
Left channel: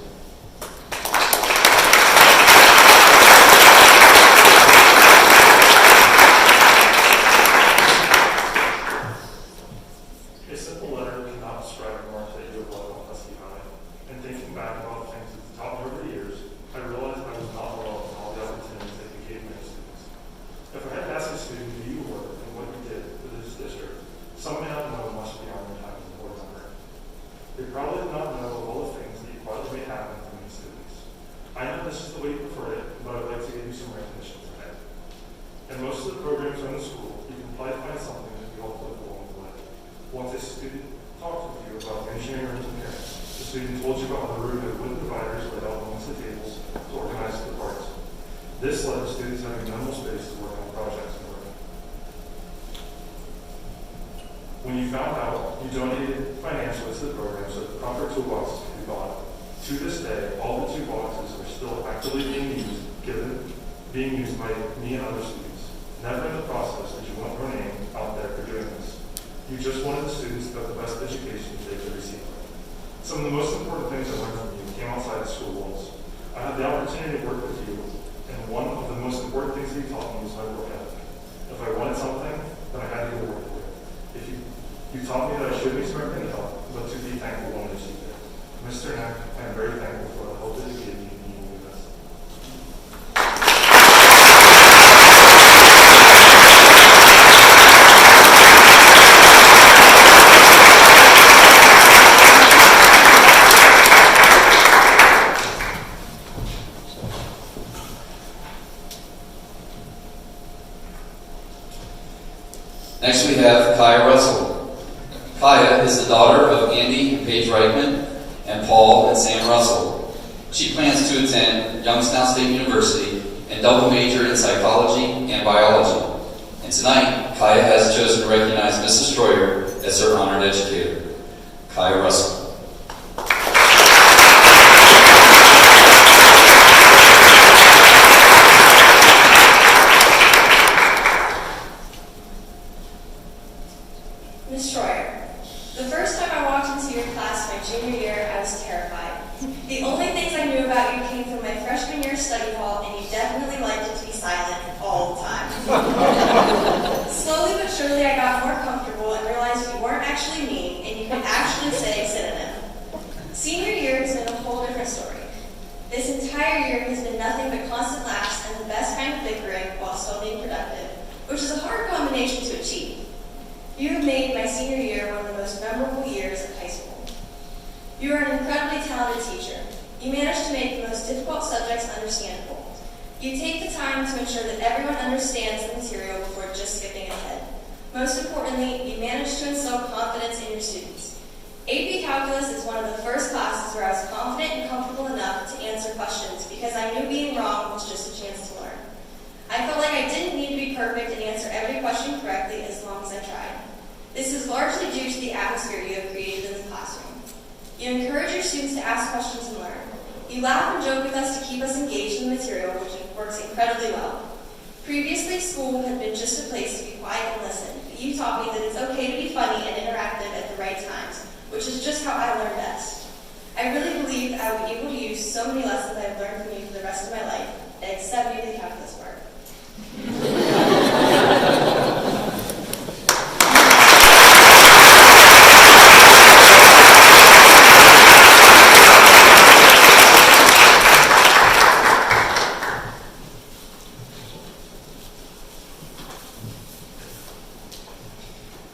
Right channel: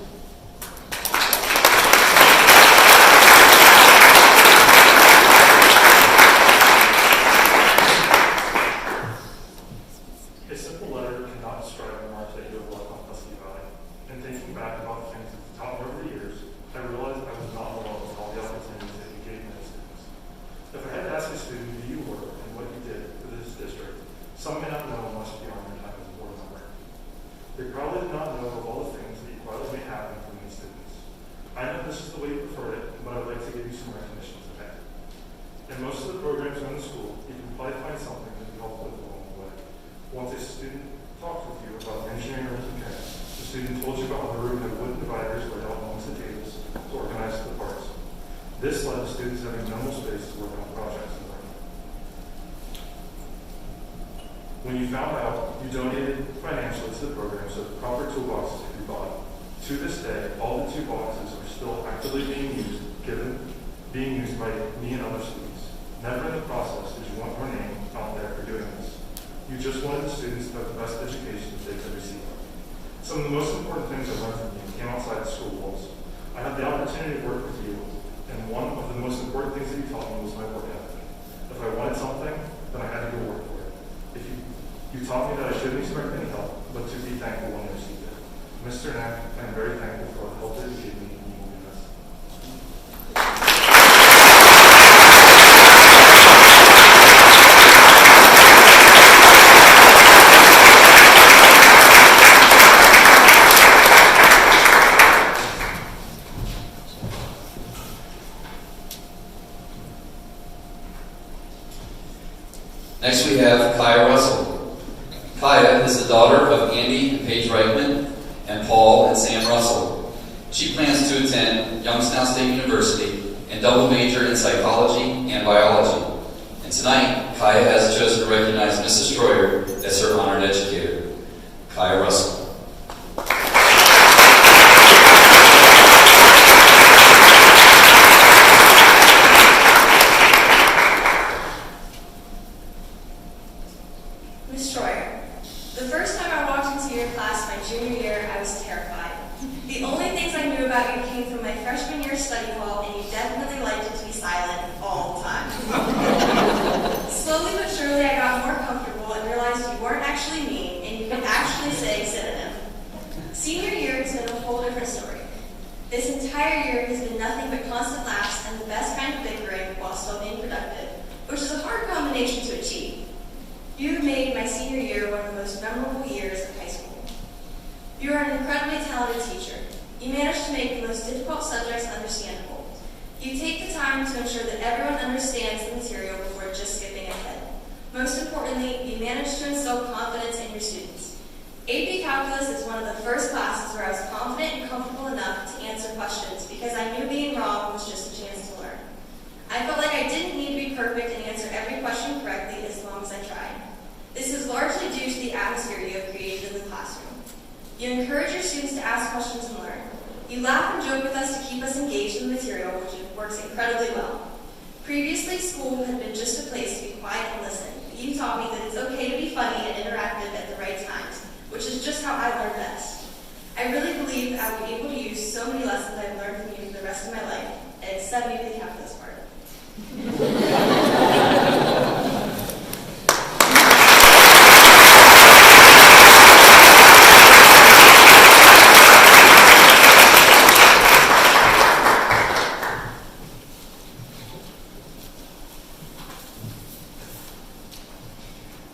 A simple letter cannot describe how much I do love on Tusky Valley. And thinking back about the things that taught me over the years, I realized I was not alone in all the opportunities that he gave me as students. If I had to ask a student who you were and what you did for this district, some may not know much beyond your time as a board member. They probably did not know of all the things that you quietly made happen for many students. I know this is the way you preferred it, but I'd like to give you some recognition today. In most of the programs around the school, you can probably find something that you all put along the way. Once a student talked with you about engineering rooms and parents, the student told you about the room that wooden dividers laid out amongst the tables to organize the parts. This led to students having minimal space to work on projects in the room. When you found out, you donated financially to the program so that proper toolboxes could be bought. To this day, all the toolboxes are still actively being used by me and other students. Never in the process did you want her name out there for doing this. You just wanted the students to have the best education they could receive. Some of the most important things I learned from you came outside the school walls. I had the opportunity to work with you, and one of the most important things that you taught me was my work ethic. If I wanted something, then I had to go work for it. You taught me that I shouldn't expect any help, but to be thankful when I received it. Mr. Knack, I am very thankful for the help that you gave me, and you will be missed. Next we have Kaya Russell. Kaya is the daughter of Andy and Paige Reichman and Paul and Sam Russell. She plans to attend Youngstown State University and double major in psychology and biology. And tonight, Kaya has chosen to recognize Mrs. Troyer as her honored educator. Kaya Russell. Ms. Troyer, the first time I walked into your class my junior year, I was terrified. The only things I knew about you came from my freshman year study hall, and you definitely liked it to be silent all the time. Slowly but surely, I got more comfortable and realized you weren't actually mean, and you could actually say synonym. Senior year has been a whole different story. This entire year has been nothing but constant laughs and the best kind of bickering while still being productive, which is a hard combination to achieve. You have made my senior year one of the most memorable years of high school. You are an incredibly talented teacher. You manage to make the most difficult subjects understandable. You take the time to ensure that everyone understands the material before just skipping ahead. Most importantly, you manage to instill confidence in your students. AP Calculus is one of the first classes where I was confident and comfortable enough to answer questions because I knew being wrong was just a chance to learn. I felt like I didn't need to be perfect and answer every question correctly as long as I tried. This is largely due to the atmosphere you have created in the classroom. You encourage your students to ask questions and learn. You laugh and joke with us to keep us engaged in the material, which works incredibly well. Previously, school had been just a place to be quiet and listen, but you taught me that it's okay to be funny and interactive at the right times, which is just how I learn best. I really believe that I will be able to use so many lessons I've learned from you for the rest of my life, except maybe the calculus part.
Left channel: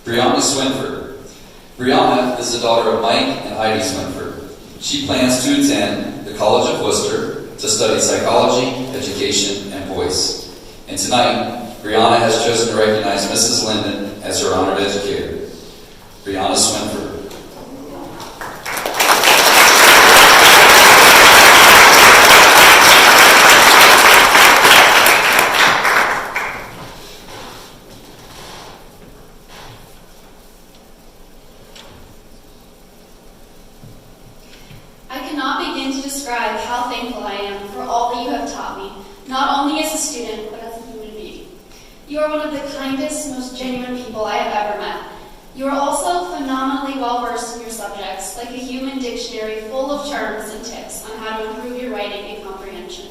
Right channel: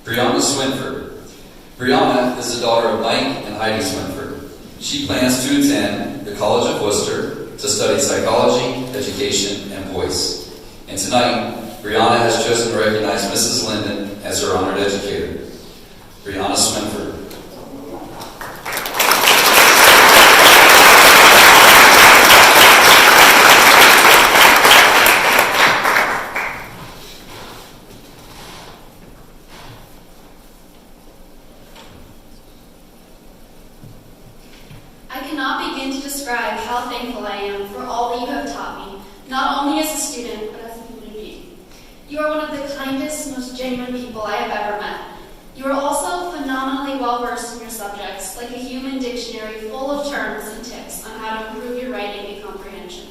Brianna Swinford. Brianna is the daughter of Mike and Heidi Swinford. She plans to attend the College of Worcester to study psychology, education, and voice. And tonight, Brianna has chosen to recognize Mrs. Linden as her honored educator. Brianna Swinford. I cannot begin to describe how thankful I am for all that you have taught me. You are one of the kindest, most genuine people I have ever met. You are also phenomenally well-versed in your subjects, like a human dictionary full of terms and tips on how to improve your writing and comprehension.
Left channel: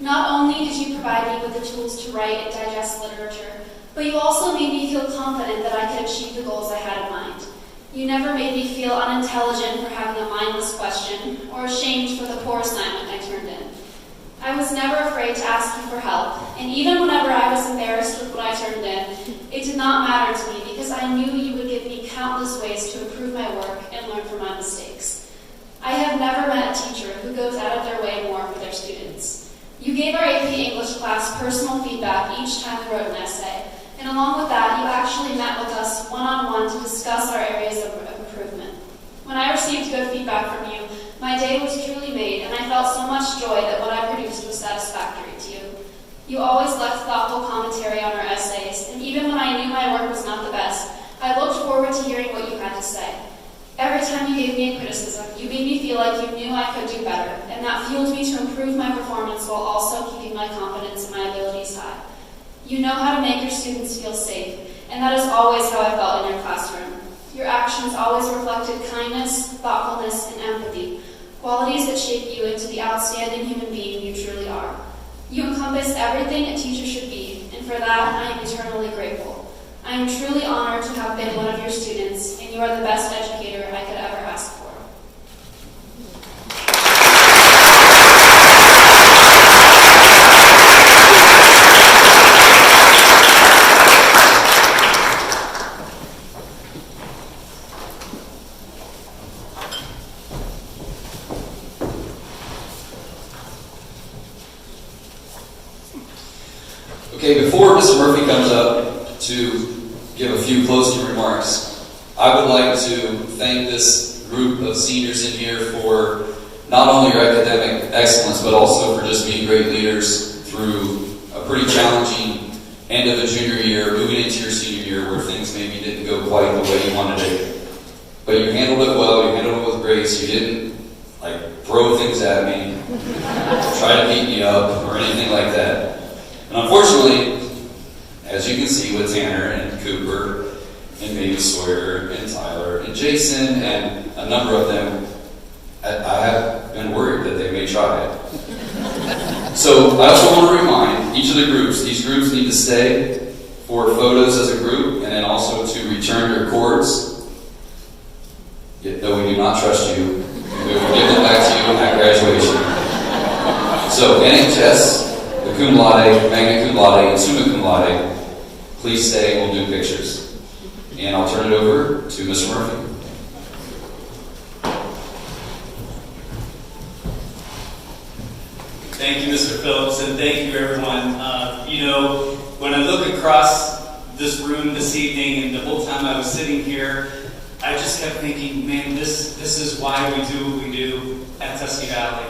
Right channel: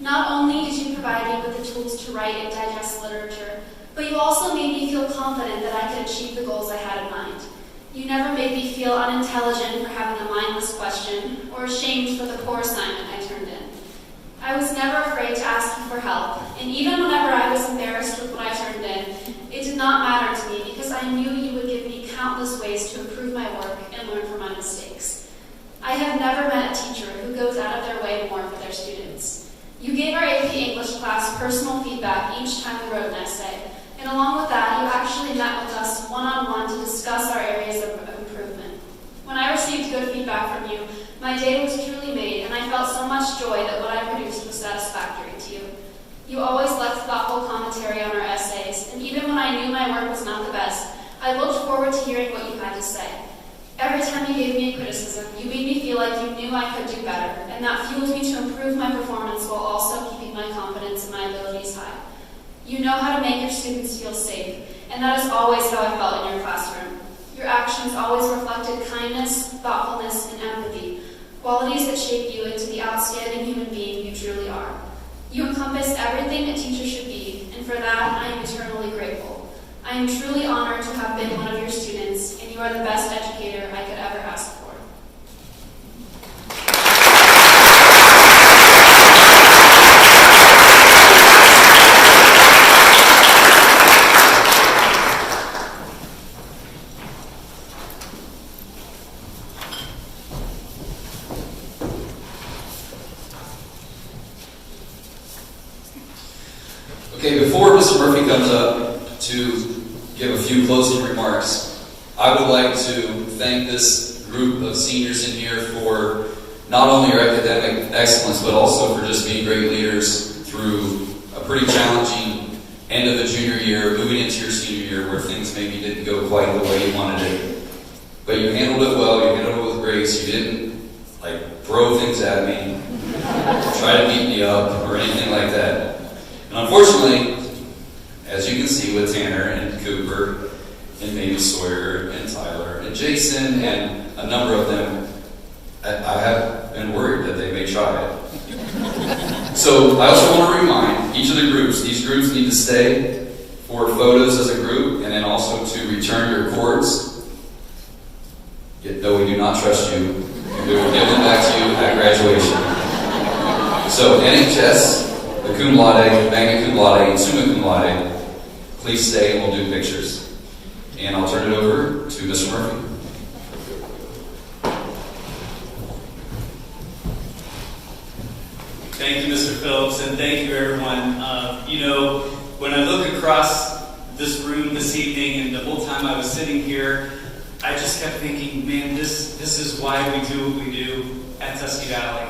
Not only did you provide me with the tools to write and digest literature, but you also made me feel confident that I could achieve the goals I had in mind. You never made me feel unintelligent for having a mindless question or ashamed for the poor assignment I turned in. I was never afraid to ask you for help, and even whenever I was embarrassed with what I turned in, it did not matter to me because I knew you would give me countless ways to improve my work and learn from my mistakes. I have never met a teacher who goes out of their way more for their students. You gave our AP English class personal feedback each time we wrote an essay, and along with that, you actually met with us one-on-one to discuss our areas of improvement. When I received good feedback from you, my day was truly made, and I felt so much joy that what I produced was satisfactory to you. You always left thoughtful commentary on our essays, and even when I knew my work was not the best, I looked forward to hearing what you had to say. Every time you gave me a criticism, you made me feel like you knew I could do better, and that fueled me to improve my performance while also keeping my confidence in my abilities high. You know how to make your students feel safe, and that is always how I felt in your classroom. Your actions always reflected kindness, thoughtfulness, and empathy, qualities that shape you into the outstanding human being you truly are. You encompass everything a teacher should be, and for that I am eternally grateful. I am truly honored to have been one of your students, and you are the best educator I could ever ask for. Okay, before Mr. Murphy comes up to give a few closing remarks, I would like to thank this group of seniors in here for not only your academic excellence, but also for just being great leaders through a pretty challenging end of the junior year, moving into your senior year where things maybe didn't go quite the way you wanted it. But you handled it well, you handled it with grace, you didn't throw things at me, try to beat me up, or anything like that. And unfortunately, as you can see with Tanner and Cooper and maybe Sawyer and Tyler and Jason and a number of them, I have been worried that they may try it. So I also want to remind each of the groups, these groups need to stay for photos as a group and then also to return your cords. Yet, though we do not trust you, we will give them back to you at graduation. So NHS, the cum laude, magna cum laude, and summa cum laude, please stay and we'll do pictures. And I'll turn it over to Mr. Murphy. Thank you, Mr. Phillips, and thank you, everyone. When I look across this room this evening and the whole time I was sitting here, I just kept thinking, man, this is why we do what we do at Tusky Valley.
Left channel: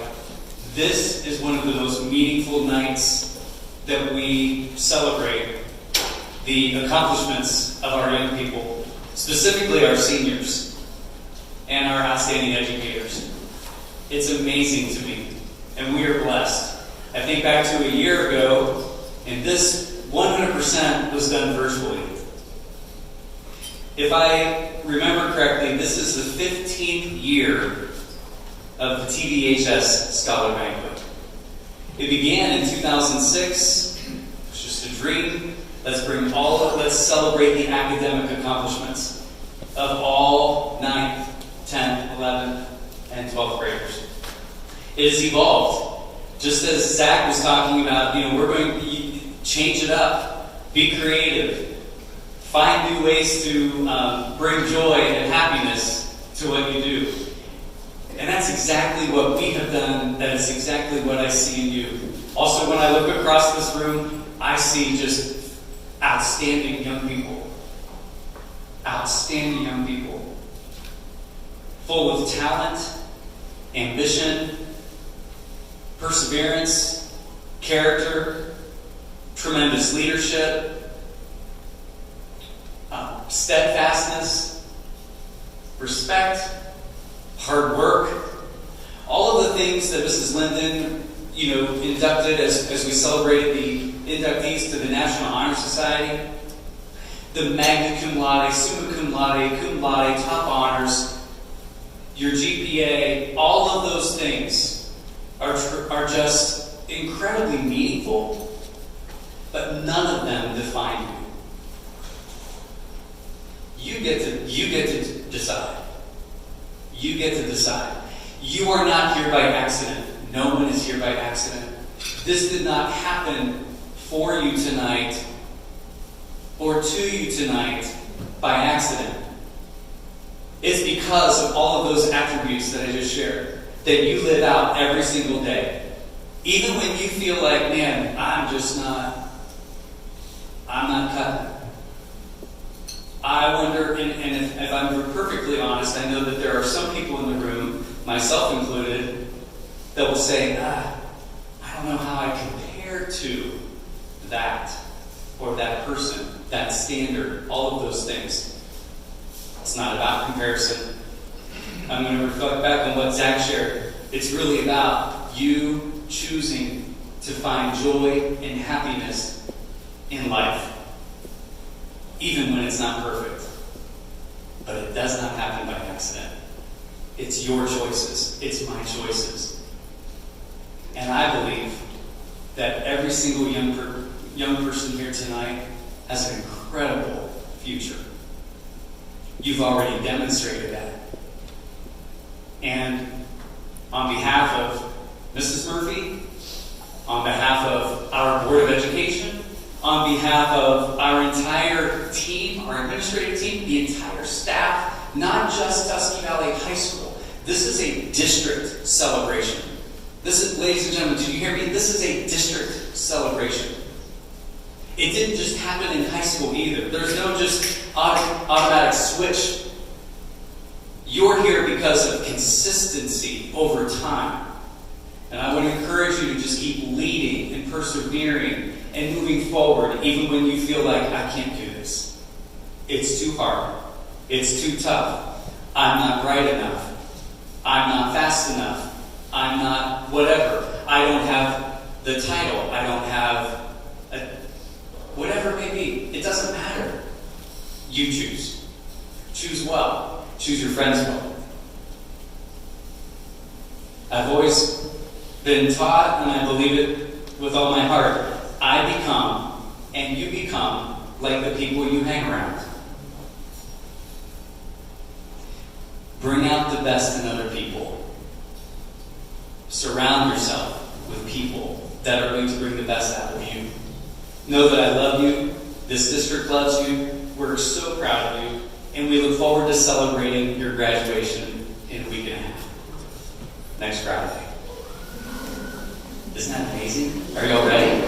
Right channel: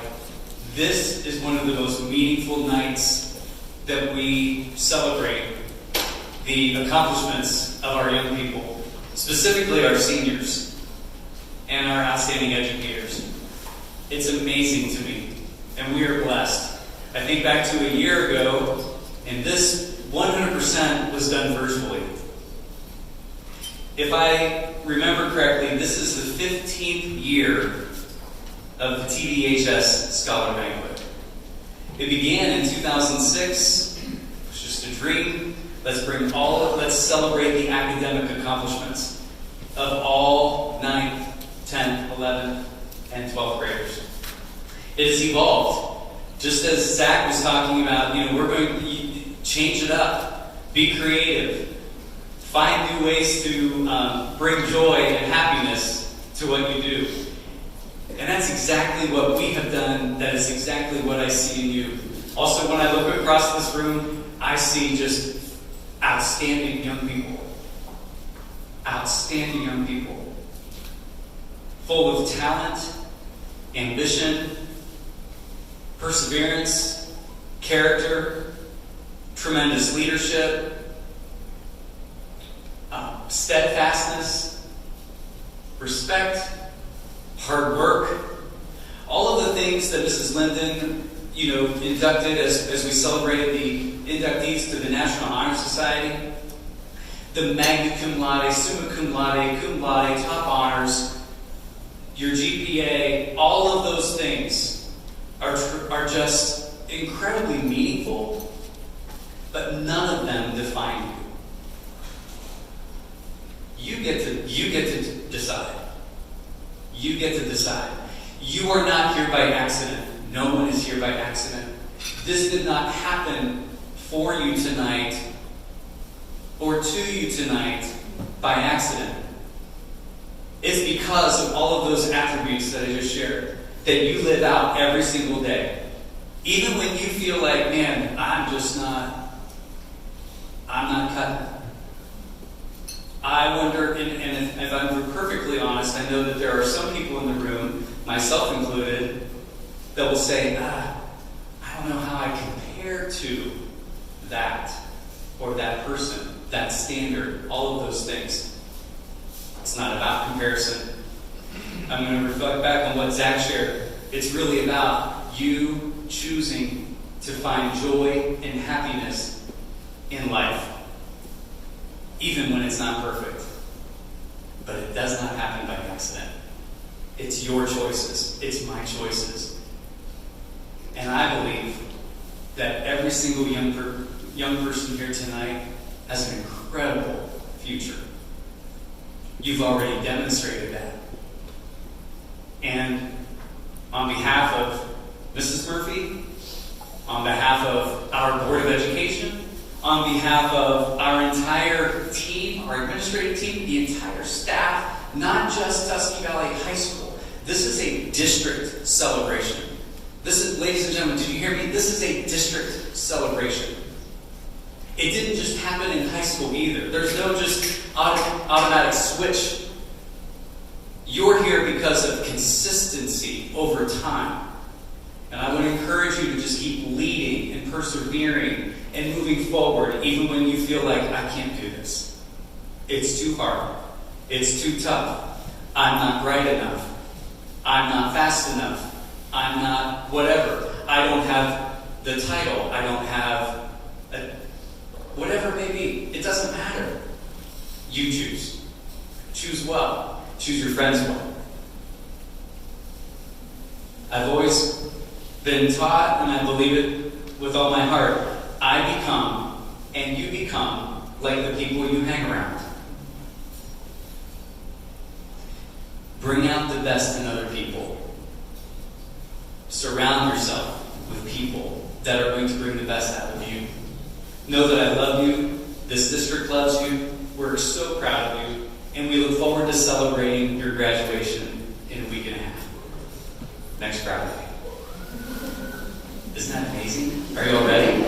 This is one of the most meaningful nights that we celebrate the accomplishments of our young people, specifically our seniors and our outstanding educators. It's amazing to me, and we are blessed. I think back to a year ago, and this 100% was done virtually. If I remember correctly, this is the 15th year of the TVHS Scholar Banquet. It began in 2006. It was just a dream. Let's celebrate the academic accomplishments of all 9th, 10th, 11th, and 12th graders. It has evolved. Just as Zach was talking about, we're going to change it up, be creative, find new ways to bring joy and happiness to what you do. And that's exactly what we have done. That is exactly what I see in you. Also, when I look across this room, I see just outstanding young people. Outstanding young people. Full of talent, ambition, perseverance, character, tremendous leadership, steadfastness, respect, hard work, all of the things that Mrs. Linden, inducted as we celebrated inductees to the National Honor Society, the magna cum laude, summa cum laude, top honors, your GPA, all of those things are just incredibly meaningful, but none of them define you. You get to decide. You get to decide. You are not here by accident. No one is here by accident. This did not happen for you tonight or to you tonight by accident. It's because of all of those attributes that I just shared that you live out every single day. Even when you feel like, man, I'm not cutting it. I wonder, and if I'm perfectly honest, I know that there are some people in the room, myself included, that will say, I don't know how I compare to that, or that person, that standard, all of those things. It's not about comparison. I'm going to reflect back on what Zach shared. It's really about you choosing to find joy and happiness in life, even when it's not perfect. But it does not happen by accident. It's your choices. It's my choices. And I believe that every single young person here tonight has an incredible future. You've already demonstrated that. And on behalf of Mrs. Murphy, on behalf of our Board of Education, on behalf of our entire team, our administrative team, the entire staff, not just Tusky Valley High School. This is a district celebration. This is, ladies and gentlemen, did you hear me? This is a district celebration. It didn't just happen in high school either. There's no just automatic switch. You're here because of consistency over time. And I would encourage you to just keep leading and persevering and moving forward, even when you feel like, I can't do this. It's too hard. It's too tough. I'm not bright enough. I'm not fast enough. I'm not whatever. I don't have the title. I don't have whatever it may be. It doesn't matter. You choose. Choose well. Choose your friends well. I've always been taught, and I believe it with all my heart, I become, and you become, like the people you hang around. Bring out the best in other people. Surround yourself with people that are going to bring the best out of you. Know that I love you. This district loves you. We're so proud of you. And we look forward to celebrating your graduation in a week and a half. Next Friday. Isn't that amazing? Are you all ready?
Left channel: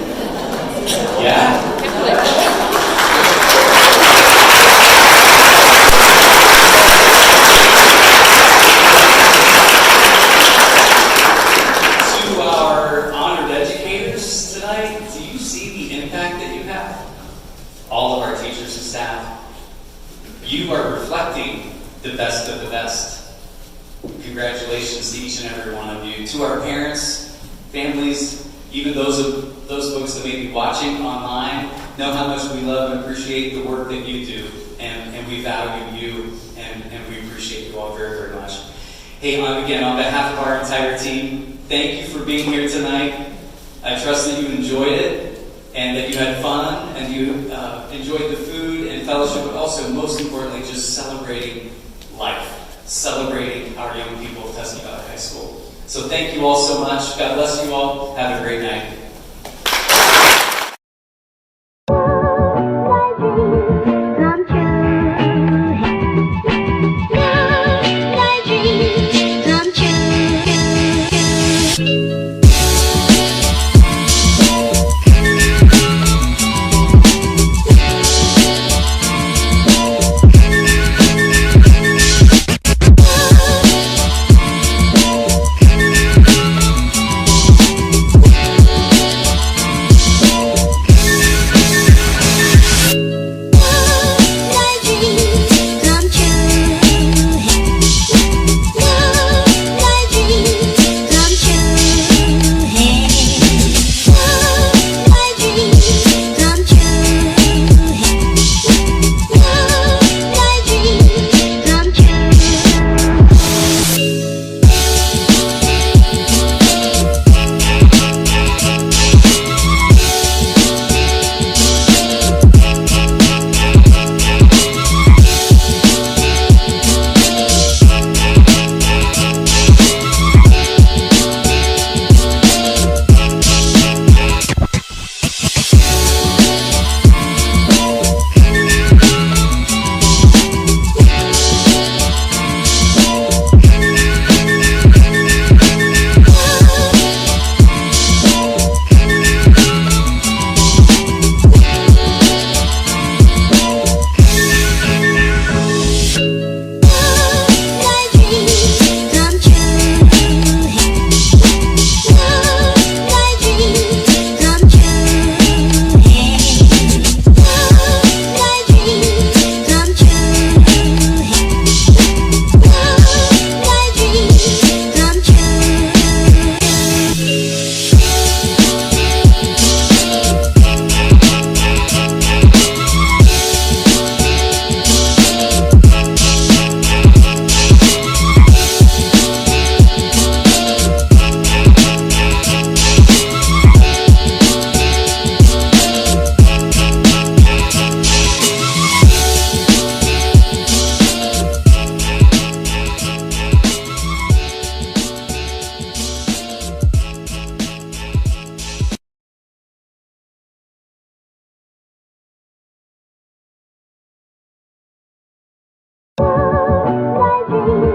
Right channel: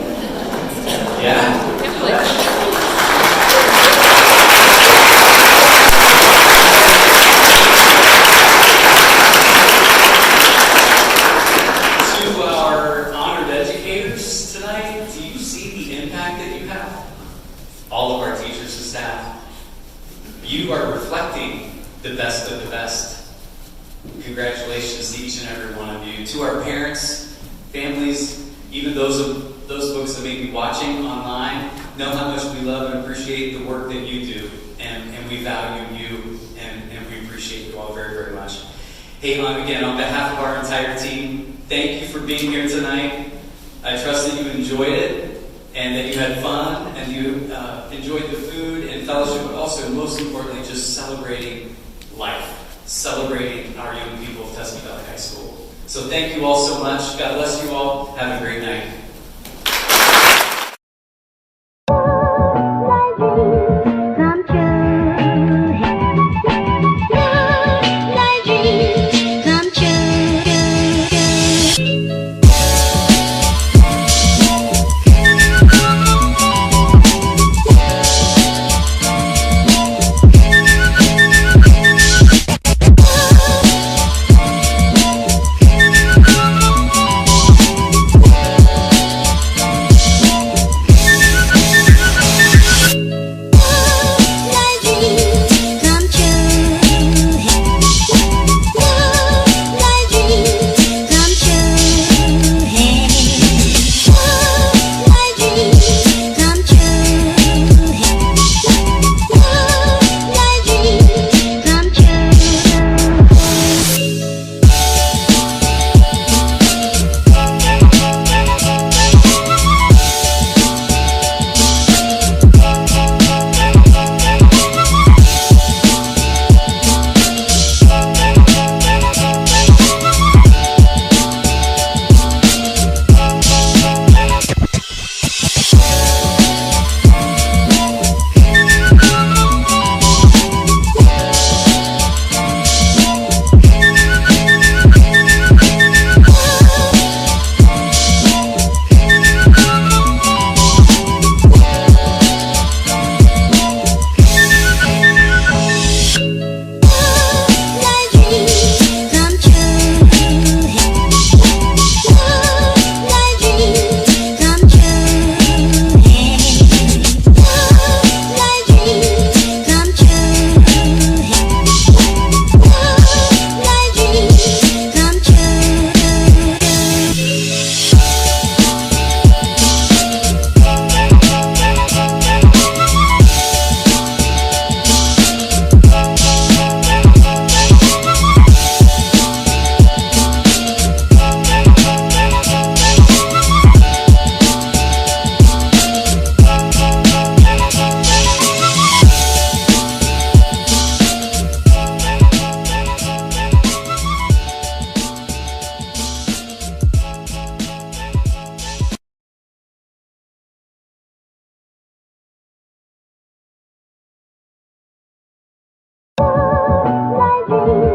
Yeah? Can't believe it. All of our teachers and staff. You are reflecting the best of the best. Congratulations to each and every one of you. To our parents, families, even those folks that may be watching online, know how much we love and appreciate the work that you do. And we value you, and we appreciate you all very, very much. Hey, again, on behalf of our entire team, thank you for being here tonight. I trust that you enjoyed it, and that you had fun, and you enjoyed the food and fellowship, but also, most importantly, just celebrating life, celebrating our young people of Tusky Valley High School. So thank you all so much. God bless you all. Have a great night.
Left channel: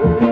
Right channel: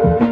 you.